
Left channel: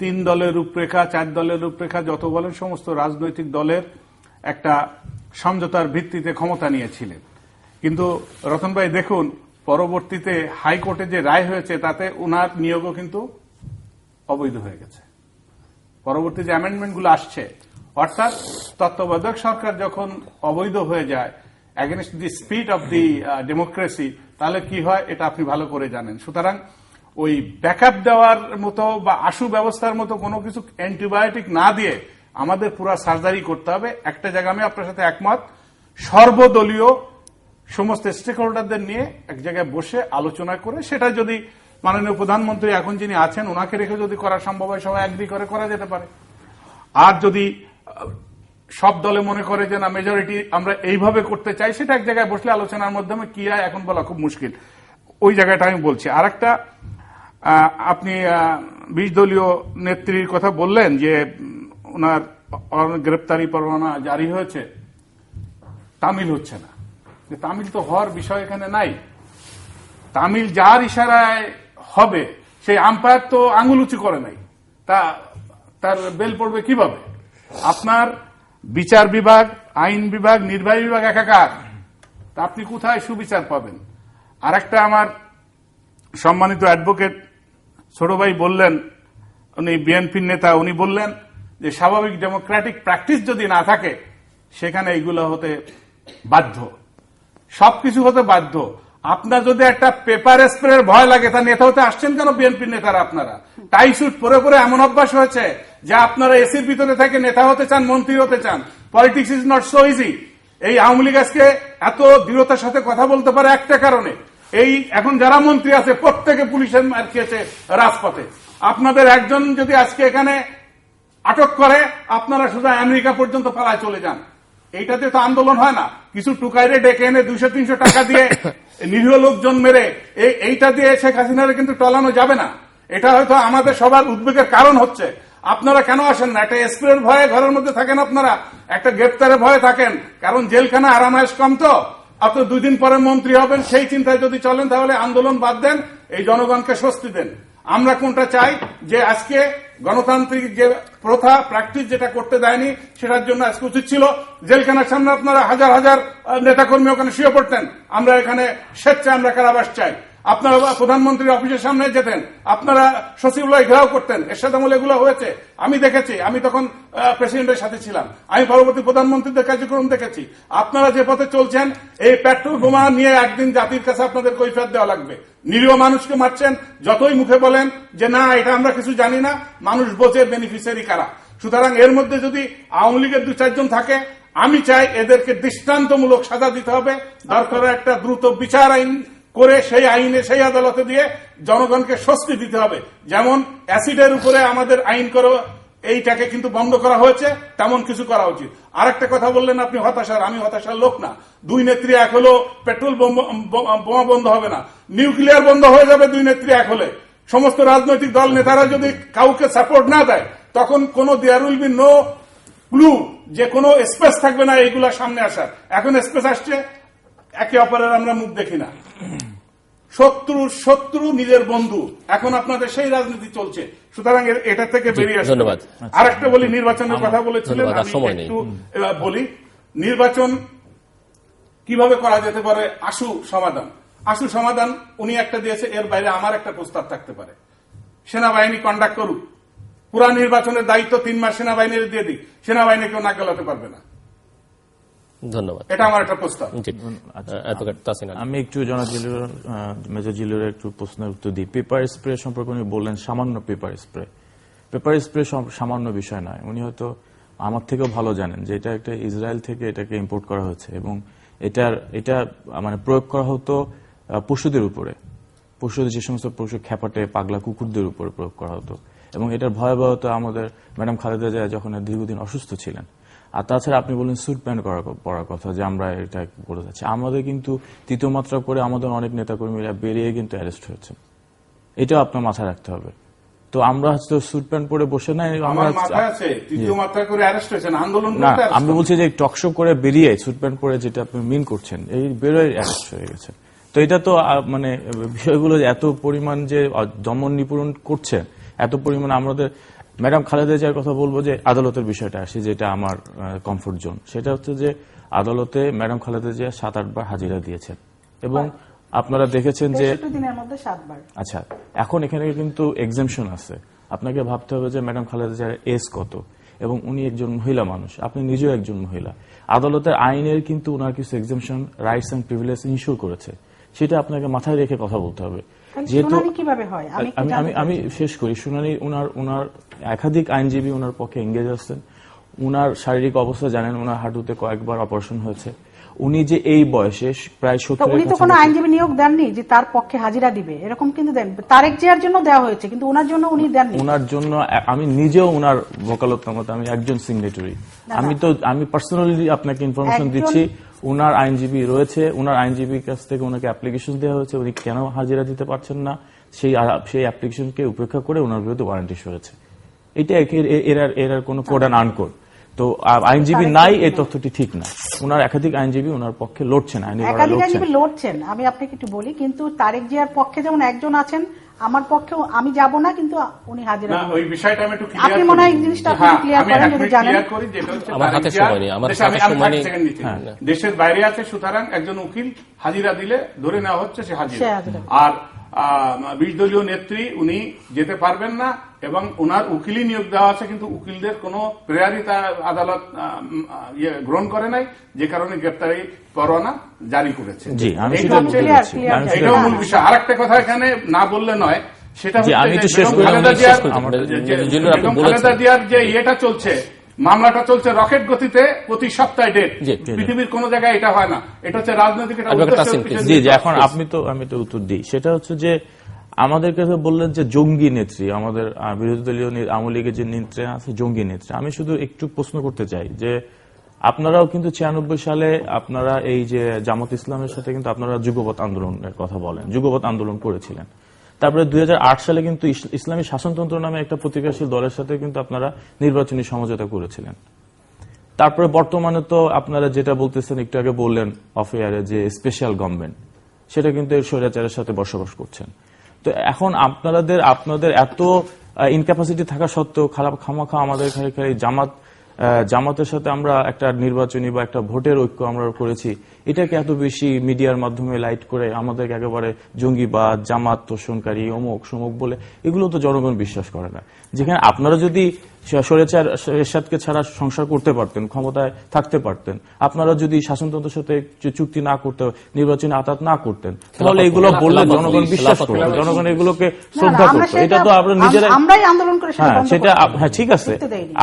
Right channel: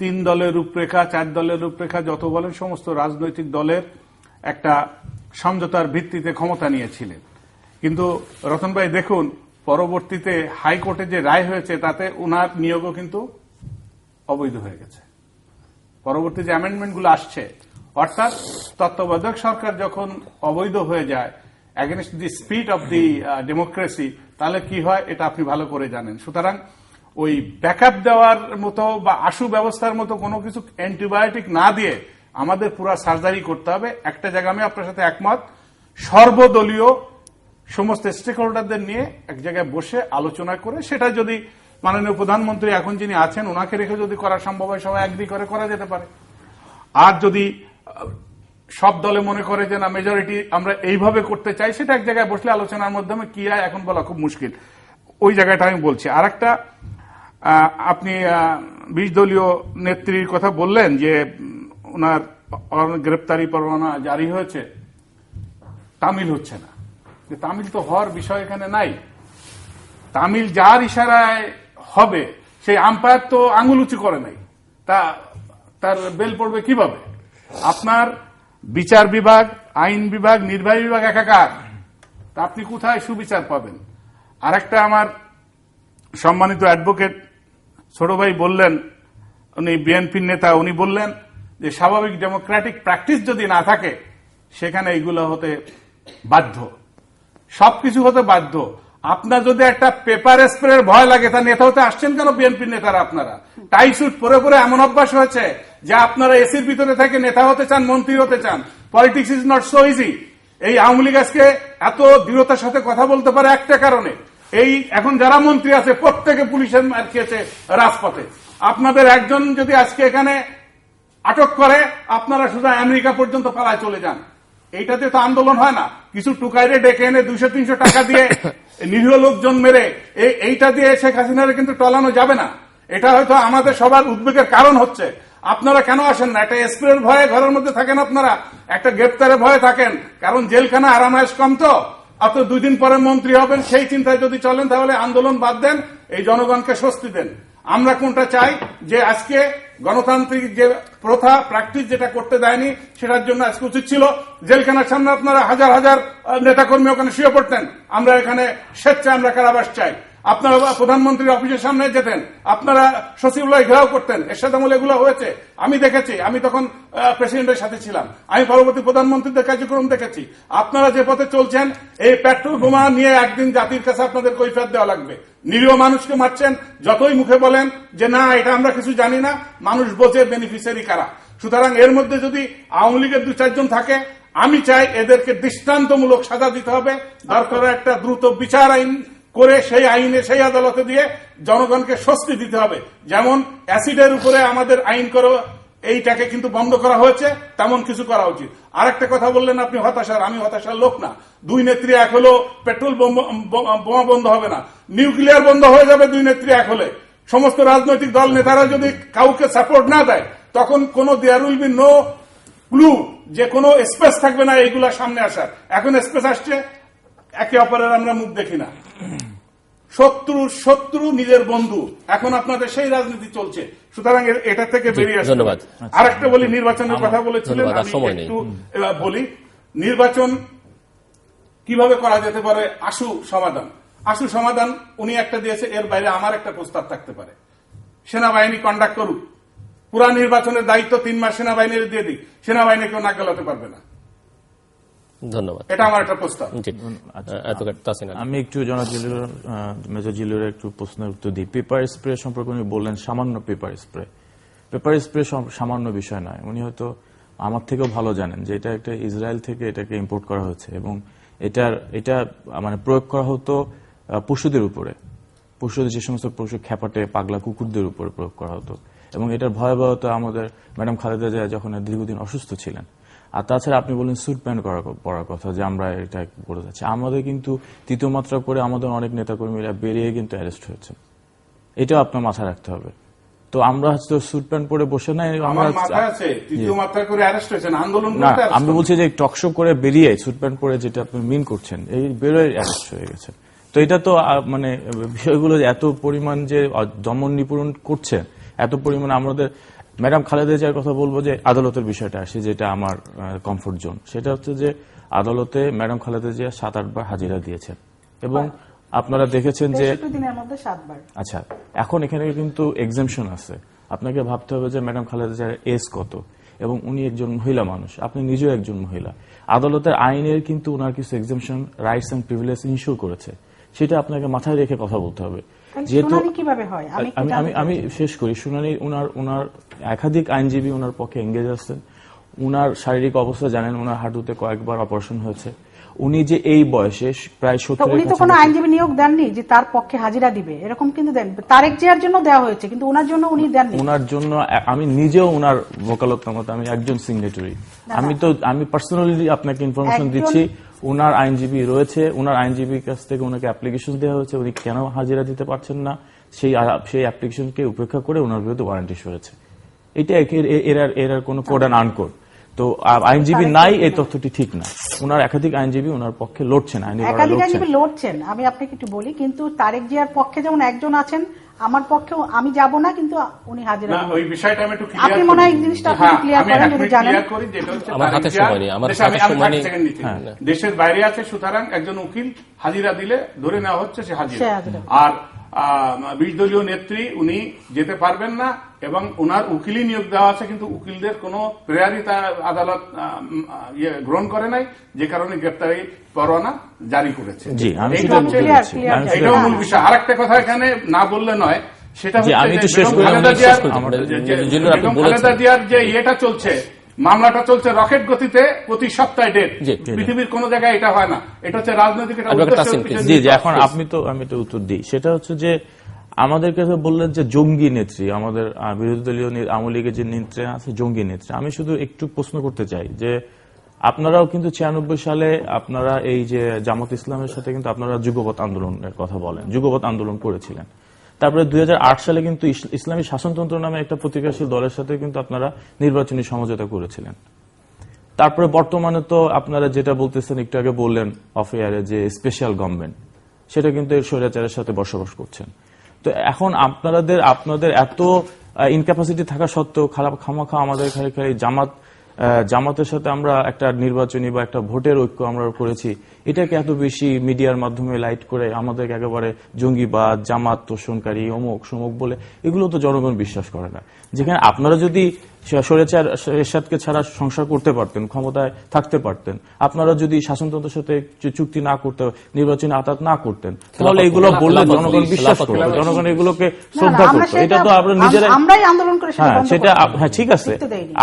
3 দলের রূপরেখা, 4 দলের রূপরেখা যত বলেন সমস্ত রাজনৈতিক দলের একটা সমঝোতার ভিত্তিতে ক্ষমতা নিয়েছিলেন। কিন্তু রতন ভাই দেখুন, পরবর্তীতে হাইকোর্টে যে রায় হয়েছে তাতে উনার নিয়োগও কিন্তু অবৈধ হয়ে গেছে। পরবর্তী যে অ্যামেন্ডমেন্টগুলো আসছে, অর্থাৎ তত্ত্বাবধায়ক সরকার যখন অবৈধ হয়ে যায় against the spirit of the democracy, তাহলে কি হয় এটা আপনি ভালো করে জানেন। সুতরাং ওই ব্যাকআপ দেওয়ার মতো বা আশু ব্যবস্থার মতো কোনো কিছু অ্যান্টিবায়োটিক না দিয়ে আমাদের পুরা সার্জারি করতে হবে। একটা জায়গা আমি আপনার সাথে একমত, সর্বদলীয় সমস্ত স্টেক হোল্ডারদের নিয়ে এক জায়গায় বসে আলোচনা করে, সেটা যদি মাননীয় প্রধানমন্ত্রী এখন যিনি আছেন ওনাকে রেখে যদি করা সম্ভব হয়, সবাই এগ্রি করে করা যেতে পারে। আর যদি সব দলে মনে করে যে না মেজরিটি আমরা এইভাবে করতে চাই, সেটা এক জায়গায় বসলে আলোচনার মাধ্যমে কি হয় এখন বলা খুব মুশকিল। ওই জায়গাটা আমি বলছি। আর একটা, আপনি 20 দলীয় নেত্রীর কথা বললেন যে ওনার গ্রেপ্তারি পরোয়ানা জারি হয়েছে, তামিল হচ্ছে না। তামিল তো হওয়ার বিষয় এখানে নাই। তামিল যার ইশারায় হবে সেই আম্পায়ার তো আঙুল উঁচু করে নাই, তার বেল পড়বে কিভাবে? আপনার বিচার বিভাগ, আইন বিভাগ, নির্বাহী বিভাগ একাকার, তা আপনি কোথায় সুবিচার পাবেন? আর একটা আমার সম্মানিত অ্যাডভোকেট ছোট ভাই বললেন, উনি বিএনপির নেতা, উনি বললেন যে স্বাভাবিক ডেমোক্রেটিক প্র্যাকটিস যদি না থাকে সেখানে এইগুলো হতে বাধ্য, সবকিছু হতে বাধ্য। আপনার যদি একটা পেপার স্প্রের ভয় লাগে, তা নেতা হতে আসছেন কেন বিএনপির নেতারা? আপনারা টাই স্যুট পরে পরে এমন অভ্যাস হয়েছে যে আপনারা এসির ভিতরে থাকে নেতা হতে চান, মন্ত্রী হতে চান। Politics is not so easy. এই আওয়ামী লীগ আজকে এত দৃঢ়তার সাথে কথা বলতে পারে একটা কারণে, এই এখন যারা মন্ত্রী আছে প্রত্যেকে পুলিশের মার খেয়েছে রাজপথে। আপনাদের একজন যদি আজকে এখানে আটক করে, আপনারা শুধু আমেরিকা পর্যন্ত পালায় চলে যান। এইটাতে তো আন্দোলন হয় না। কিছু টুকাইরে ডেকে এনে 200-300 টাকা দিয়ে নিরীহ লোকজন মেরে এইটা দিয়ে শেখ হাসিনার কিন্তু টলানো যাবে না। এটা হয়তো আমাদের সবার উদ্বেগের কারণ হচ্ছে। আপনারা কেন আসেন না? একটা স্প্রের ভয়ে ঘরের মধ্যে থাকেন, আপনারা একটা গ্রেপ্তারের ভয়ে থাকেন, কারণ জেলখানা আরামায়েশ কম তো। অত 2 দিন পরে মন্ত্রী হবেন সেই চিন্তায় যদি চলেন তাহলে আন্দোলন বাদ দেন, এই জনগণকে স্বস্তি দেন। আমরা কোনটা চাই? যে আজকে গণতান্ত্রিক যে প্রথা প্র্যাকটিস যেটা করতে দেয়নি, সেটার জন্য আজকে উচিত ছিল জেলখানার সামনে আপনারা হাজার হাজার নেতাকর্মী ওখানে শুয়ে পড়তেন। আমরা এখানে স্বেচ্ছা আমরা কারাবাস চাই। আপনারা প্রধানমন্ত্রীর অফিসের সামনে যেতেন, আপনারা সচিবালয় ঘেরাও করতেন। এরশাদ আমলে এগুলো হয়েছে, আমি দেখেছি। আমি তখন প্রেসিডেন্টের সাথে ছিলাম, আমি পরবর্তী প্রধানমন্ত্রীদের কার্যক্রম দেখেছি। আপনারা যে পথে চলছেন, এই পেট্রোল বোমা নিয়ে একদিন জাতির কাছে আপনাদের কৈফিয়ত দেওয়া লাগবে। নিরীহ মানুষকে মারছেন, যতই মুখে বলেন যে না এটা আমরা কিছু জানি না, মানুষ বোঝে বেনিফিশিয়ারি কারা। সুতরাং এর মধ্যে যদি আওয়ামী লীগের 2-4 জন থাকে, আমি চাই এদেরকে দৃষ্টান্তমূলক সাজা দিতে হবে। দরকার একটা দ্রুত বিচার আইন করে সেই আইনে সেই আদালতে দিয়ে জনগণকে স্বস্তি দিতে হবে। যেমন অ্যাসিডের উপরে আমাদের আইন করা, এইটাকে কিন্তু বন্ধ করা হয়েছে, তেমন কিছু করা উচিত। আর একটা কথা বললেন আপনি হতাশার, আমি হতাশার লোক না। 2 নেত্রী এক হলো, পেট্রোল বোমা বন্ধ হবে না, নিউক্লিয়ার বন্ধ হয়ে যাবে 2 নেত্রী এক হলে। সমস্ত রাজনৈতিক দল নেতারা যদি কাউকে সাপোর্ট না দেয়, তখন কোন there will be no clue, যে কোনো স্পেস থাকবে না এইগুলা সামনে আসার। এখন স্পেস আসছে, একে অপরের আমরা মুখ দেখি না। শত্রু নিজের বন্ধু, এখন আপনাদের সেই রাজনীতি চলছে। সুতরাং এটা থেকে বেরিয়ে আসতে। ধন্যবাদ। আর একটা বলি, নির্বাচনের কথা বলেছিলেন, আমি একটু বলি নির্বাচন কিভাবে করা যেতে পারে। আশু সমাধান উনি একটা দিয়েছে, এর বাইরে আমার একটা প্রস্তাব থাকতে পারে। সেনাবাহিনী কন্ডাক্ট করুক, পুরা নির্বাচনের দায়িত্ব 3 মাস সেনাবাহিনীর দিয়ে দিক, সেনাবাহিনী কেউ নাক গলাতে পারবে না। ধন্যবাদ। এটা আমার একটা প্রস্তাব। আমি একটু মেজর জিলুরের একটু প্রশ্নের উত্তর দিই। পেপার স্প্রে সম্পর্কে উনি বললেন সামান্য পেপার স্প্রে সামান্য বিষয় নয়। উনি হয়তো আমার থেকেও ভালো জানেন যে এটা একটা ইসরায়েল থেকে এটাকে ইম্পোর্ট করা হয়েছে, এবং এটা মানে প্রয়োগ করা হতো পশুদের উপরে, যে সমস্ত পশু খেপাটে পাগলা কুকুরদের উপরে প্রয়োগ করা হতো। এবং এটার ভয়াবহতা আমাদের ম্যাডাম খালেদা জিয়া যখন দীর্ঘদিন অসুস্থ ছিলেন। আর তাছাড়া আপনি বললেন স্যুট প্যান্ট পরার কথা, যে আমরা এটা বলে যাচ্ছি। আমাদের কিন্তু 3য় মাত্রা করে আমাদের অনেক নেতাকর্মীরা বেরিয়ে কিন্তু অ্যারেস্ট হয়েছে, এটাও আপনার মাথায় রাখতে হবে। তো আমরা হচ্ছে স্যুট প্যান্ট পরে বসে নাই, আমি বলছি যে টকশো করে বেরিয়ে স্যুট প্যান্ট পরে যেটা আপনি মিন করছেন, এই বেরোয় অ্যারেস্ট হয়ে গেছে। তো এটা তো মানে বিষয়গুলো এত পরিমাণ যে দমন নিপীড়ন করছে, এত পরিমাণ আমাদের। ম্যাডাম খালেদা জিয়ার কথা বলবো, যে আদালতের বিষয়টা আসে, যেটা আমার কমফোর্ট জোন, সেটা হচ্ছে যে আদালতে ম্যাডাম খালেদা জিয়া 7-8 বার হাজিরা দিয়েছেন, এবং আপনারা দেখেছেন যে আচ্ছা, এখন এখানে কিন্তু এক্সামশন আছে। আপনাকে ভাবতে হবে যে ম্যাডাম খালেদা জিয়ার এজ কত, এবং উনি একজন মহিলা মানুষ, আপনি নিজেও একজন মহিলা। আদালতের আইনের কিন্তু ওনার কিছু exemption, rights and privilege ensure করেছে, সেটা আপনাকে মাথায় রেখে কথা বলতে হবে। যেহেতু আমি শেষ করি, শুনানি ওনার একাধিক আইনজীবী ওনার পক্ষে এঙ্গেজ আছেন। ওনার শারীরিক অবস্থা জানেন, ওনার হাঁটুতে কয়েকবার অপারেশন হয়েছে। উনি যে এই বয়সে প্রায় 70, উনি তো কোনো আইনজীবী নিয়োগ দেননি যে তার পক্ষে হাজিরা দিবে, এরকম কিন্তু দেন। তারেক জিয়ার জন্য দেওয়া হয়েছে, কিন্তু ওনার জন্য উনি দেননি। ওনার জন্য আমি নিজেও ওনার ওকালতনামাতে আমি একজন সিগনেটারি। আমি পার্সোনালি আপনাকে ইনফরমেশন দিচ্ছি, ওনার আইনজীবী রয়েছে, ওনার আইনজীবীর কাছ থেকে ওনাকে অ্যাপ্লিকেশন দেওয়া হয়েছে, উনি কেন হাজিরা দিতে পারছেন না সেই অ্যাপ্লিকেশনকে উপেক্ষা করে ওনার বিরুদ্ধে ওয়ারেন্ট ইস্যু হয়েছে। এটা এর কোনো কোড অ্যান্ড আনকোড। তো আইনজীবী নাই, এই তথ্যটি ঠিক না। ওনার একাধিক আইনজীবী ওনার পক্ষে লড়ছেন, একাধিক আইনজীবী লড়ছেন। আমি আপনাকে একটু বলি, কিন্তু তারেক জিয়ার পক্ষে যেমন একজন আছেন, আমার পক্ষেও আমি যাব না, কিন্তু উনি হাজিরা। ওই বিষয়টা আমি একটু আপনি মনে হয় এই জিনিসটা আপনি ক্লিয়ার করেন, যদি জানেন। আমার হাতে সময় নেই, আমার হাতে সময় নেই। দেশের বাইরে আছে, সুতরাং একজন উকিল হাজিরা দিলে ধরে নেওয়া হচ্ছে সে হাজিরা। আর 20 দলীয় নেত্রী উনি যেতে পারবেন না এবং উনার উকিলই নিয়োগ দেওয়া আছে, কিন্তু উকিলদের কোনো প্রেয়ারই আদালত গ্রহণ করে নাই, যে কারণে গ্রেপ্তারি পরোয়ানা জারি করেছে। জি, আমি এইটা হচ্ছে এটাও মূল বিষয়। আর একটা কথা এখানে না বললে নয়, সেটা হচ্ছে খালেদা জিয়ার যে ইয়েটা চলছে, মামলাটা চলছে রকেট গতিতে, প্রতি সপ্তাহে ডেট। পৃথিবীর কোন জায়গায় এটা হয় না, এটা হচ্ছে রাজনৈতিক। জি জি, এখন আমি তো উত্তর দিই। সেটা হচ্ছে যে আমাদেরকে বললেন যে জঙ্গি নেত্রী, আমাদের বিরোধী দলীয় আওয়ামী লীগের যে নেত্রী আছে জঙ্গি নেত্রী। আমি শুধু একটু প্রশ্ন করতে চাই যে আপনারাও কিন্তু 96 সালে আপনারা এই যে জামাত ইসলামের সাথে কিন্তু আপনারা যুগপৎ আন্দোলনের কথা বলেন, যুগপৎ আন্দোলন করেছিলেন। তারপরে 2008 সালে কিন্তু ইসলামী শাসনতন্ত্র নামে একটা প্রতিক্রিয়াশীল দলের সাথে কিন্তু আপনারা নির্বাচনী সমঝোতা করেছিলেন। তারপরে বর্তমানে তো আপনারা যেটা বলতেছেন, একটু আগে বললেন অফ এয়ারে, যে স্পেশাল গভর্নমেন্ট, সেটা কিন্তু স্বৈরাচারের সাথে বসবাস করছেন। তো এখন আপনাদের এত ইনক্যাপাসিটি থাকা সত্ত্বেও খামাখা আমাদের জামাতের সাথে আমরা একটা নির্বাচনী বা একটা ভোটের ঐক্য আমরা করেছি, এটাকে এত বেশি মিডিয়ার মাধ্যমে লাইট করে আমাদেরকে একেবারে জঙ্গিবাদ, জামাত তোষণকারী, অমুক সমুক বলে, এগুলো তো জনগণ বিশ্বাস করে না। যেখানে আপনারা যদি স্বৈরাচার এরশাদকে ছাড়া সংসার করতে পারতেন, ক্ষমতায় থাকতে পারতেন, আপনারা যদি শাসনতন্ত্রের সাথে চুক্তি না করতে, নির্বাচনী আতাত না করতেন, তাহলে এগুলো বললে জনগণ বিশ্বাস করবে, জনগণ এগুলোকে শ্রদ্ধা করবে। এটা তো আপনারা নিজেরাই আন্দোলন করে, সেটা হ্যাঁ ঠিক আছে,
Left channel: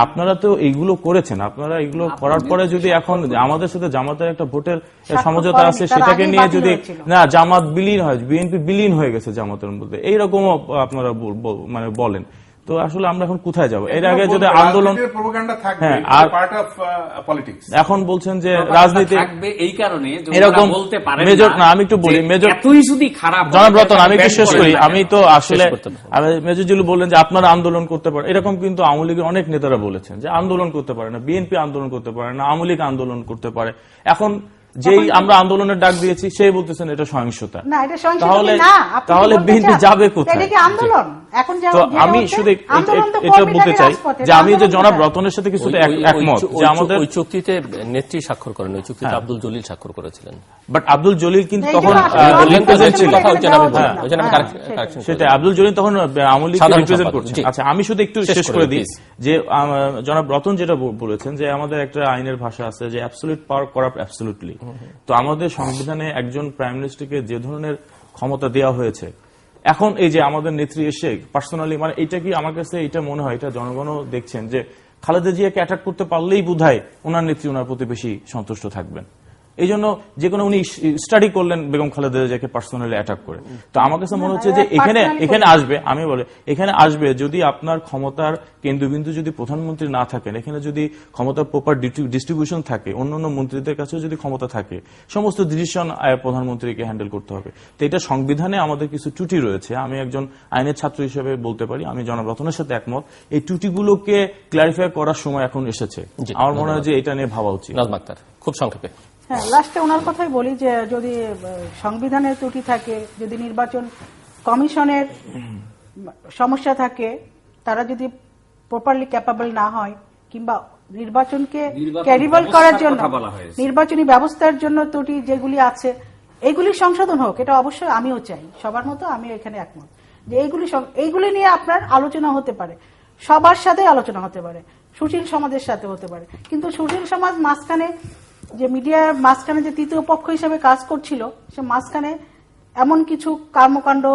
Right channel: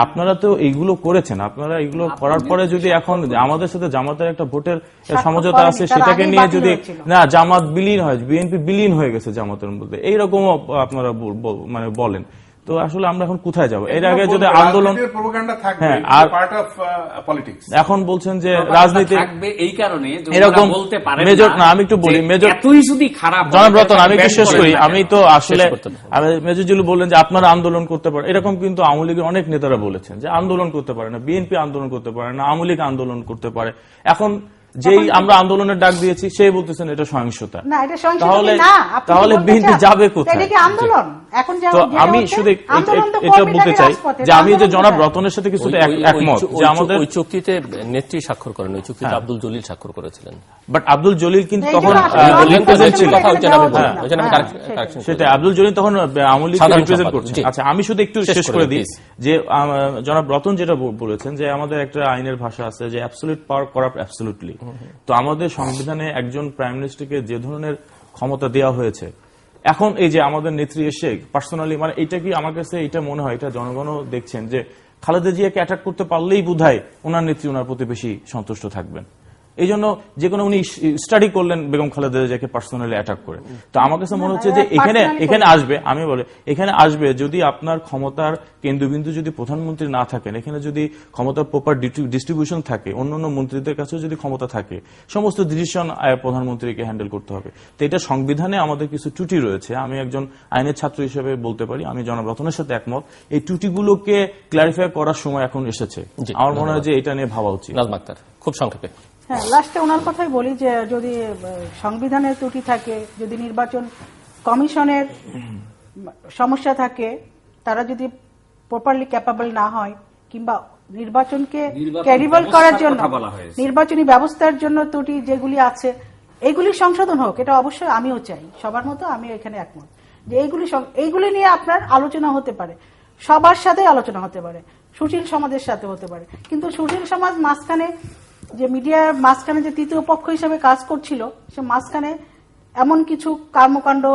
আপনারা তো এইগুলো করেছেন। আপনারা এগুলো করার পরে যদি এখন আমাদের সাথে জামাতের একটা ভোটের সমঝোতা আছে, সেটাকে নিয়ে যদি না জামাত বিলীন হয়, বিএনপি বিলীন হয়ে গেছে জামাতের মধ্যে, এইরকম আপনারা মানে বলেন, তো আসলে আমরা এখন কোথায় যাব? এর আগে যদি আন্দোলন এখন বলছেন যে রাজনীতি এই কারণে এরকম মেজর না, আমি একটু বলি মেজর যদি খারাপ জনাব রতন, আমি বিশ্বাস করি, আমি তো আসলে মেজর জিলু বললেন যে আপনারা আন্দোলন করতে পারেন, এরকম কিন্তু আওয়ামী লীগের অনেক নেতারা বলেছেন যে আন্দোলন করতে পারে না, বিএনপি আন্দোলন করতে পারে না, আওয়ামী লীগ আন্দোলন করতে পারে। এখন যেই আমরা আন্দোলনের ডাক দিয়েছি সেই বলতেছেন এটা সহিংসতা। তাহলে বিএনপি যাবে কোথায়? আমি শুধু এটা বলতে চাই যে আমি যে জনাব রতনের সাথে কিছুটা একমত যে আমাদের ওই চুক্তিতে নেত্রী স্বাক্ষর করেন, ওই চুক্তিতে আব্দুল জলিল স্বাক্ষর করেছিলেন, বাট আব্দুল জলিল কিন্তু তখন রিপ্রেজেন্ট ছিলেন, সেটা আব্দুল জলিল তখন আওয়ামী লীগ রিপ্রেজেন্ট করছেন। আচ্ছা, আমি শুধু একটু শেষ করে দিই যে জনাব রতন যেটা বলেছেন যে আমাদের একটা আইনের ভাষা আছে যে অ্যাবসলিউট পাওয়ার করাপ্ট অ্যাবসলিউটলি। তো আমাদের সংবিধানে একজন প্রাইম মিনিস্টারকে যে ধরনের ক্ষমতা দেওয়া হয়েছে, এখন এই যে আমাদের নেত্রী এসে পার্সোনালি, মানে এটা কি আমার কাছে এটা মনে হয়, এটা জনগণও দেখছেন যে খালেদা জিয়াকে অ্যাটাক করতে পারলেই বোধহয় ওনার নেত্রী ওনার প্রতি বেশি সন্তুষ্ট থাকবেন। এই জন্য যে কোনো উনি স্টাডি করলেন বেগম খালেদা জিয়াকে পার্সোনালি অ্যাটাক করে। তো আমার কাছে মনে হচ্ছে যে এখানে আসবে, আমি বলি এখানে আসবে যদি আপনার ক্ষমতার কেন্দ্রবিন্দু যদি প্রধানমন্ত্রী না থাকেন, এখানে যদি ক্ষমতার প্রপার ডিস্ট্রিবিউশন থাকে, অন্যান্য মন্ত্রীদের কাছেও যদি ক্ষমতা থাকে, সমস্ত ডিসিশন প্রধানমন্ত্রীকে হ্যান্ডেল করতে হবে। তো এটা সংবিধানে আমাদের কিছু ত্রুটি রয়েছে। আমি একজন আইনের ছাত্র হিসেবে বলতে পারি, আমি জনাব রতনের সাথে একমত, এই ত্রুটিগুলোকে ক্লারিফাই করার সময় এখন এসেছে। আমার মনে হয় যে এটা নিয়ে ভাবা উচিত। খুব সংক্ষেপে হ্যাঁ, লাস্টে ওনার কথাই বলি যে যদি সংবিধানের ত্রুটি থাকে, যদি নির্বাচন কমিশনের সমস্যা থাকে, তারা যদি প্রপারলি ক্যাপাবল না হয়, কিংবা নির্বাচনকে ক্যারিবল করার জন্য নির্বাচনী ব্যবস্থার জন্য ত্রুটি যেগুলি আছে এইগুলি সংশোধন হোক, এটা অবশ্যই আমিও চাই, সবার মতো আমিও এখানে একমত যে এইগুলি নিয়ে আপনার আলোচনা হতে পারে, সবার সাথে আলোচনা হতে পারে, সুশীল সমাজের সাথে হতে পারে। কিন্তু সুশীল সমাজ মাঝখানে যে মিডিয়ার মাঝখানে যে তৃতীয় পক্ষ হিসেবে কাজ করছিল, সে মাঝখানে এমন কিছু কর্মকাণ্ড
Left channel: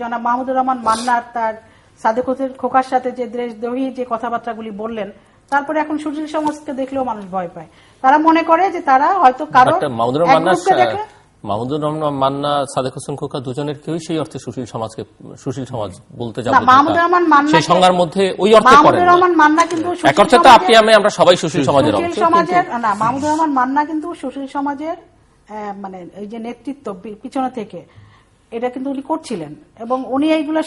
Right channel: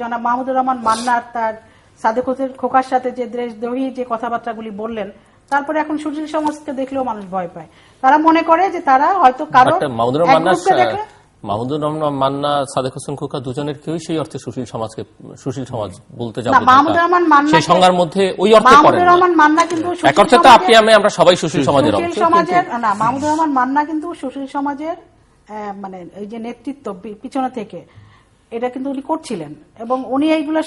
জনাব মাহমুদুর রহমান মান্নার তার সাদেক হোসেন খোকার সাথে যে দেশদ্রোহী যে কথাবার্তাগুলি বললেন, তারপরে এখন সুশীল সমাজকে দেখলেও মানুষ ভয় পায়। তারা মনে করে যে তারা হয়তো কারো মাহমুদুর রহমান মান্না, সাদেক হোসেন খোকা দুজনের কেউই সেই অর্থে সুশীল সমাজ বলতে যাবো মাহমুদুর রহমান মান্না সেই সংজ্ঞার মধ্যে ওই অর্থে মাহমুদুর রহমান মান্না কিন্তু এক অর্থে তো আমরা সবাই সুশীল সমাজের না, মাহমুদুর রহমান মান্না কিন্তু সুশীল সমাজের মানে এই যে নেতৃত্ব পিছনে থেকে এটা কিন্তু উনি করছিলেন, এবং উনি এইগুলো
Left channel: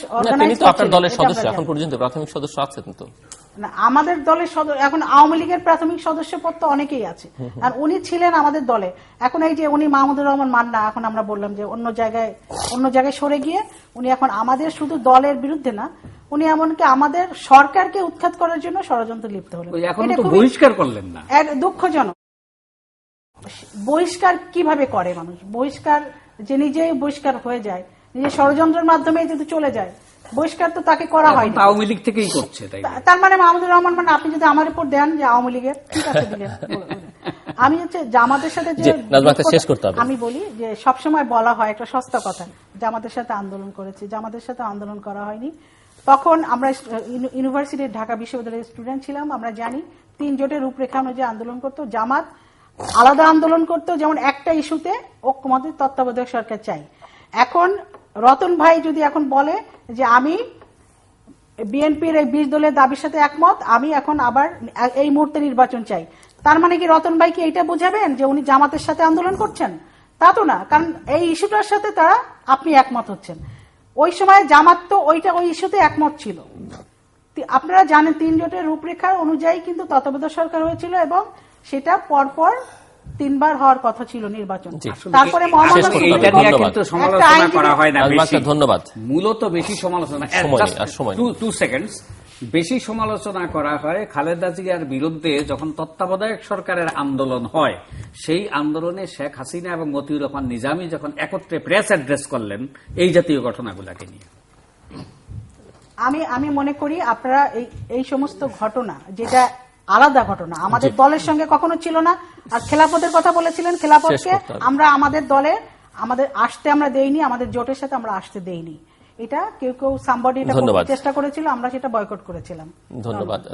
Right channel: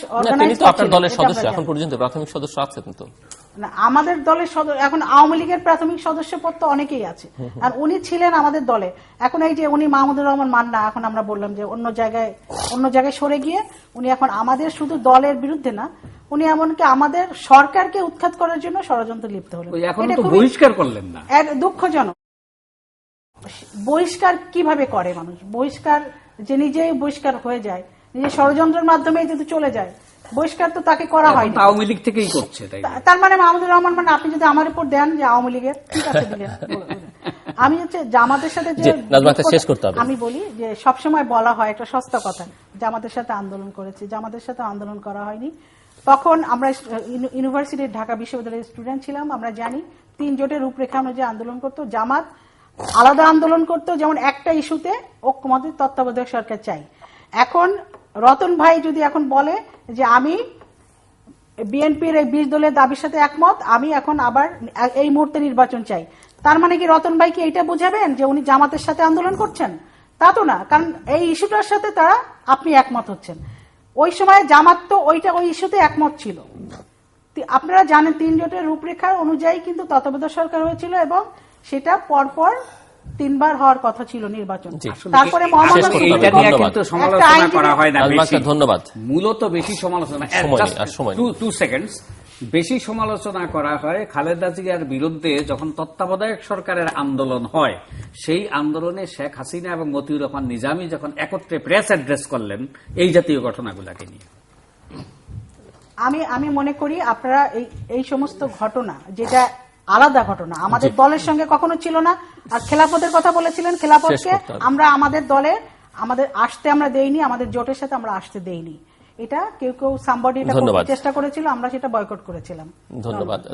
আপনার দলের সদস্য, এখন পর্যন্ত প্রাথমিক সদস্য আছে কিন্তু আমাদের দলের এখন আওয়ামী লীগের প্রাথমিক সদস্য পদ তো অনেকেই আছে, আর উনি ছিলেন আমাদের দলে। এখন এই যে উনি মাহমুদুর রহমান মান্না, এখন আমরা বললাম যে অন্য জায়গায় সরে গিয়ে উনি এখন আমাদের শুধু দলের বিরুদ্ধে না, উনি এমনকি আমাদের সরকারকে উৎখাত করার জন্য ষড়যন্ত্র লিপ্ত হলেন। এটা বহিষ্কার করলেন না, দুঃখজনক। বহিষ্কার কিভাবে করে মানুষ? বহিষ্কার যে নিজেই বহিষ্কার হয়ে যায়, নিজের ষড়যন্ত্রের মাধ্যমে যদি চলে যায়, বহিষ্কার তো তাকে করা হয়। আওয়ামী লীগ থেকেই করছে, তাই না? তার মানে মাহমুদুর রহমান, মানে আপনি যদি আমার উপর দেন যে আওয়ামী লীগের, ঠিক আছে দিলেন। আমি হচ্ছে জামাতের সাথে যে শেষ করতে হবে। আমি বলি যে সবসময় বলা হয় একটা সস্তা কথা, জামাতের সাথে আন্দোলন করেছে, জামাতের সাথে আন্দোলন করা হয়নি। তখন আমরা ইউনিভার্সিটির ঢাকা বিশ্ববিদ্যালয়ের স্টুডেন্ট ছিলাম, আমরা জানি 3 জোটের রূপরেখা অনুযায়ী আন্দোলন করতো, জামাত আলাদা আন্দোলন করতো, যেমন একটা ইস্যুতে ঐক্যমত তত্ত্বাবধায়ক সরকার চাই। এখন রতন ভাই যদি এখন বলে যে আমি বিএনপির এই 20 দলের দাবির সাথে একমত, আমি এখন আবার এই মুহূর্তে নির্বাচন চাই, তার মানে কি রতন ভাই কি এইটা বুঝাবেন যে উনি জামাতের সাথে আন্দোলন করছেন? তা তো না, কারণ এই ইস্যুটার সাথে আপনি একমত হচ্ছেন। ওই সময় জামাত তো ওই ইস্যুতে একমত ছিল। আপনারা জানেন 3 জোটের রূপরেখা অনুযায়ী কিন্তু তত্ত্বাবধায়ক সরকার হয়েছিল এবং সেটা পরপর 3 বার হওয়ার কথা ছিল নির্বাচন। তারপরে ধন্যবাদ। মূলত বেশি সমালোচনা, 2 সেকেন্ডস, বেশি সমালোচনা করা হয় খালেদা জিয়ার বিরুদ্ধে যখন তত্ত্বাবধায়ক সরকারের আন্দোলন হয়। সেই আন্দোলনে শেখ হাসিনা এবং মতিউর রহমান নিজামী যখন একত্রে প্রেস অ্যাড্রেস করলেন এই জাতীয় ঘটনাগুলোকে নিয়ে। আমি মনে করি আপনারা এই সমস্ত ঘটনা, যেটা আলাদা ঘটনা, আমাদের দলের সঙ্গে কখনো ছিল না। আর খেলাফতের কথা বলেছিলেন, খেলাফতকে আমরা আমাদের দলে আসতে আমরা দেইনি, আমাদের জোটের সাথে আমরা আসতে দেইনি। এটা কেউ সামবডি চেষ্টা করেছিল, আমরা সেটা বয়কট করেছিলাম।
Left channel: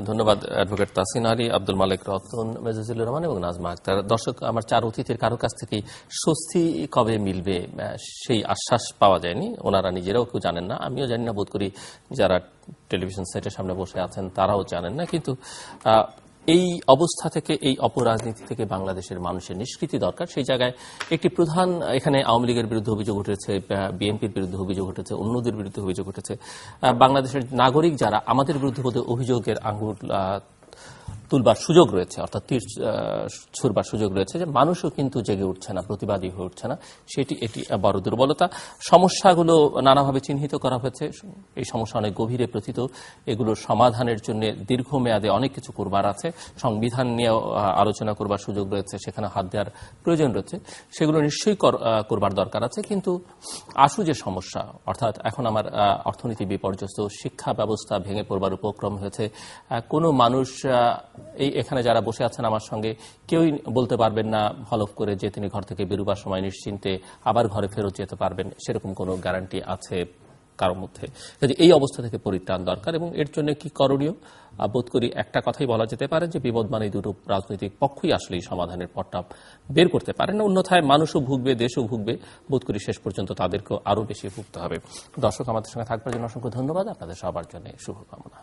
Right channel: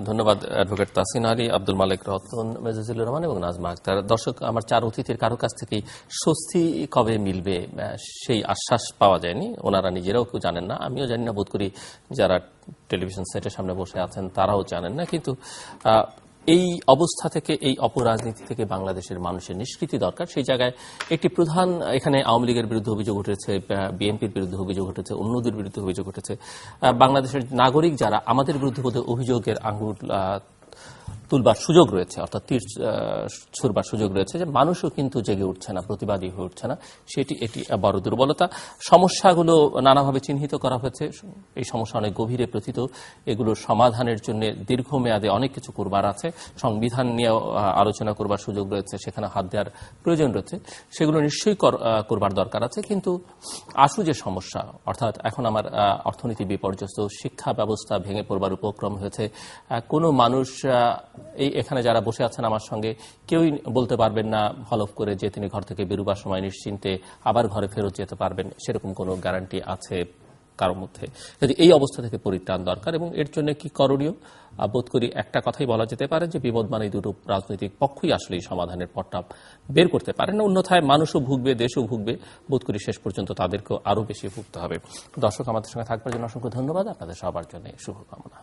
ধন্যবাদ অ্যাডভোকেট তাসিন আলী, আব্দুল মালিক রতন, মেজজুল রহমান এবং নাজমা আক্তার। দর্শক, আমার 4 অতিথির কারো কাছ থেকেই স্বস্তি কবে মিলবে সেই আশ্বাস পাওয়া যায়নি। ওনারা নিজেরাও কেউ জানেন না, আমিও জানি না, বোধ করি যারা টেলিভিশন সেটের সামনে বসে আছেন তারাও জানেন না। কিন্তু এই অবস্থা থেকে, এই অপরাজনীতি থেকে বাংলাদেশের মানুষের নিষ্কৃতি দরকার। সেই জায়গায় একটি প্রধান, এখানে আওয়ামী লীগের বিরুদ্ধে অভিযোগ উঠেছে, বিএনপির বিরুদ্ধে অভিযোগ উঠেছে, অন্যদের বিরুদ্ধে অভিযোগ উঠেছে। বাংলাদেশের নাগরিক যারা আমাদের বিরুদ্ধে বোধহয় অভিযোগের আঙুল তুলবার সুযোগ রয়েছে, অর্থাৎ তীর ছুড়বার সুযোগ রয়েছে, যে মানুষও কিন্তু জেগে উঠছে না, প্রতিবাদী হয়ে উঠছে না। এটি বড় দুর্বলতা। সমস্যাগুলো নানাভাবে চিহ্নিত করা হয়েছে, এই সমস্যা অনেক গভীরে প্রথিত। এগুলোর সমাধানের জন্য দীর্ঘমেয়াদে অনেক কিছু করবার আছে। সংবিধান নিয়েও আলোচনা করবার সুযোগ রয়েছে, সেখানে হাত দেওয়ার প্রয়োজন রয়েছে, সেগুলো নিশ্চয়ই করবার দরকার আছে। কিন্তু আশু যে সমস্যা, অর্থাৎ এখন আমার অর্থনীতি বিপর্যস্ত, শিক্ষা ব্যবস্থা ভেঙে পড়বার উপক্রম হয়েছে। কোনো মানুষ, এখানে যারা বসে আছেন আমার সঙ্গে, কেউই বলতে পারবেন না হলফ করে যে তিনি ঘর থেকে বেরোবার সময় নিশ্চিন্তে আবার ঘরে ফেরত যেতে পারবেন, সেরকম কোনো গ্যারান্টি আছে কারোর মধ্যে। এই অবস্থা থেকে পরিত্রাণ দরকার। এবং এর জন্য কি করণীয়? বোধ করি একটা কথাই বলা যেতে পারে যে বিবদমান এই দুটো রাজনৈতিক পক্ষই আসলে এই সমাধানের পথটা বের করতে পারে না। অন্যথায় মানুষও ভুগবে, দেশও ভুগবে। বোধ করি শেষ পর্যন্ত তাদেরকেও আরো বেশি ভুগতে হবে। দর্শক, আমাদের সঙ্গে থাকবার জন্য অসংখ্য ধন্যবাদ। আপনাদের সবার জন্য শুভকামনা।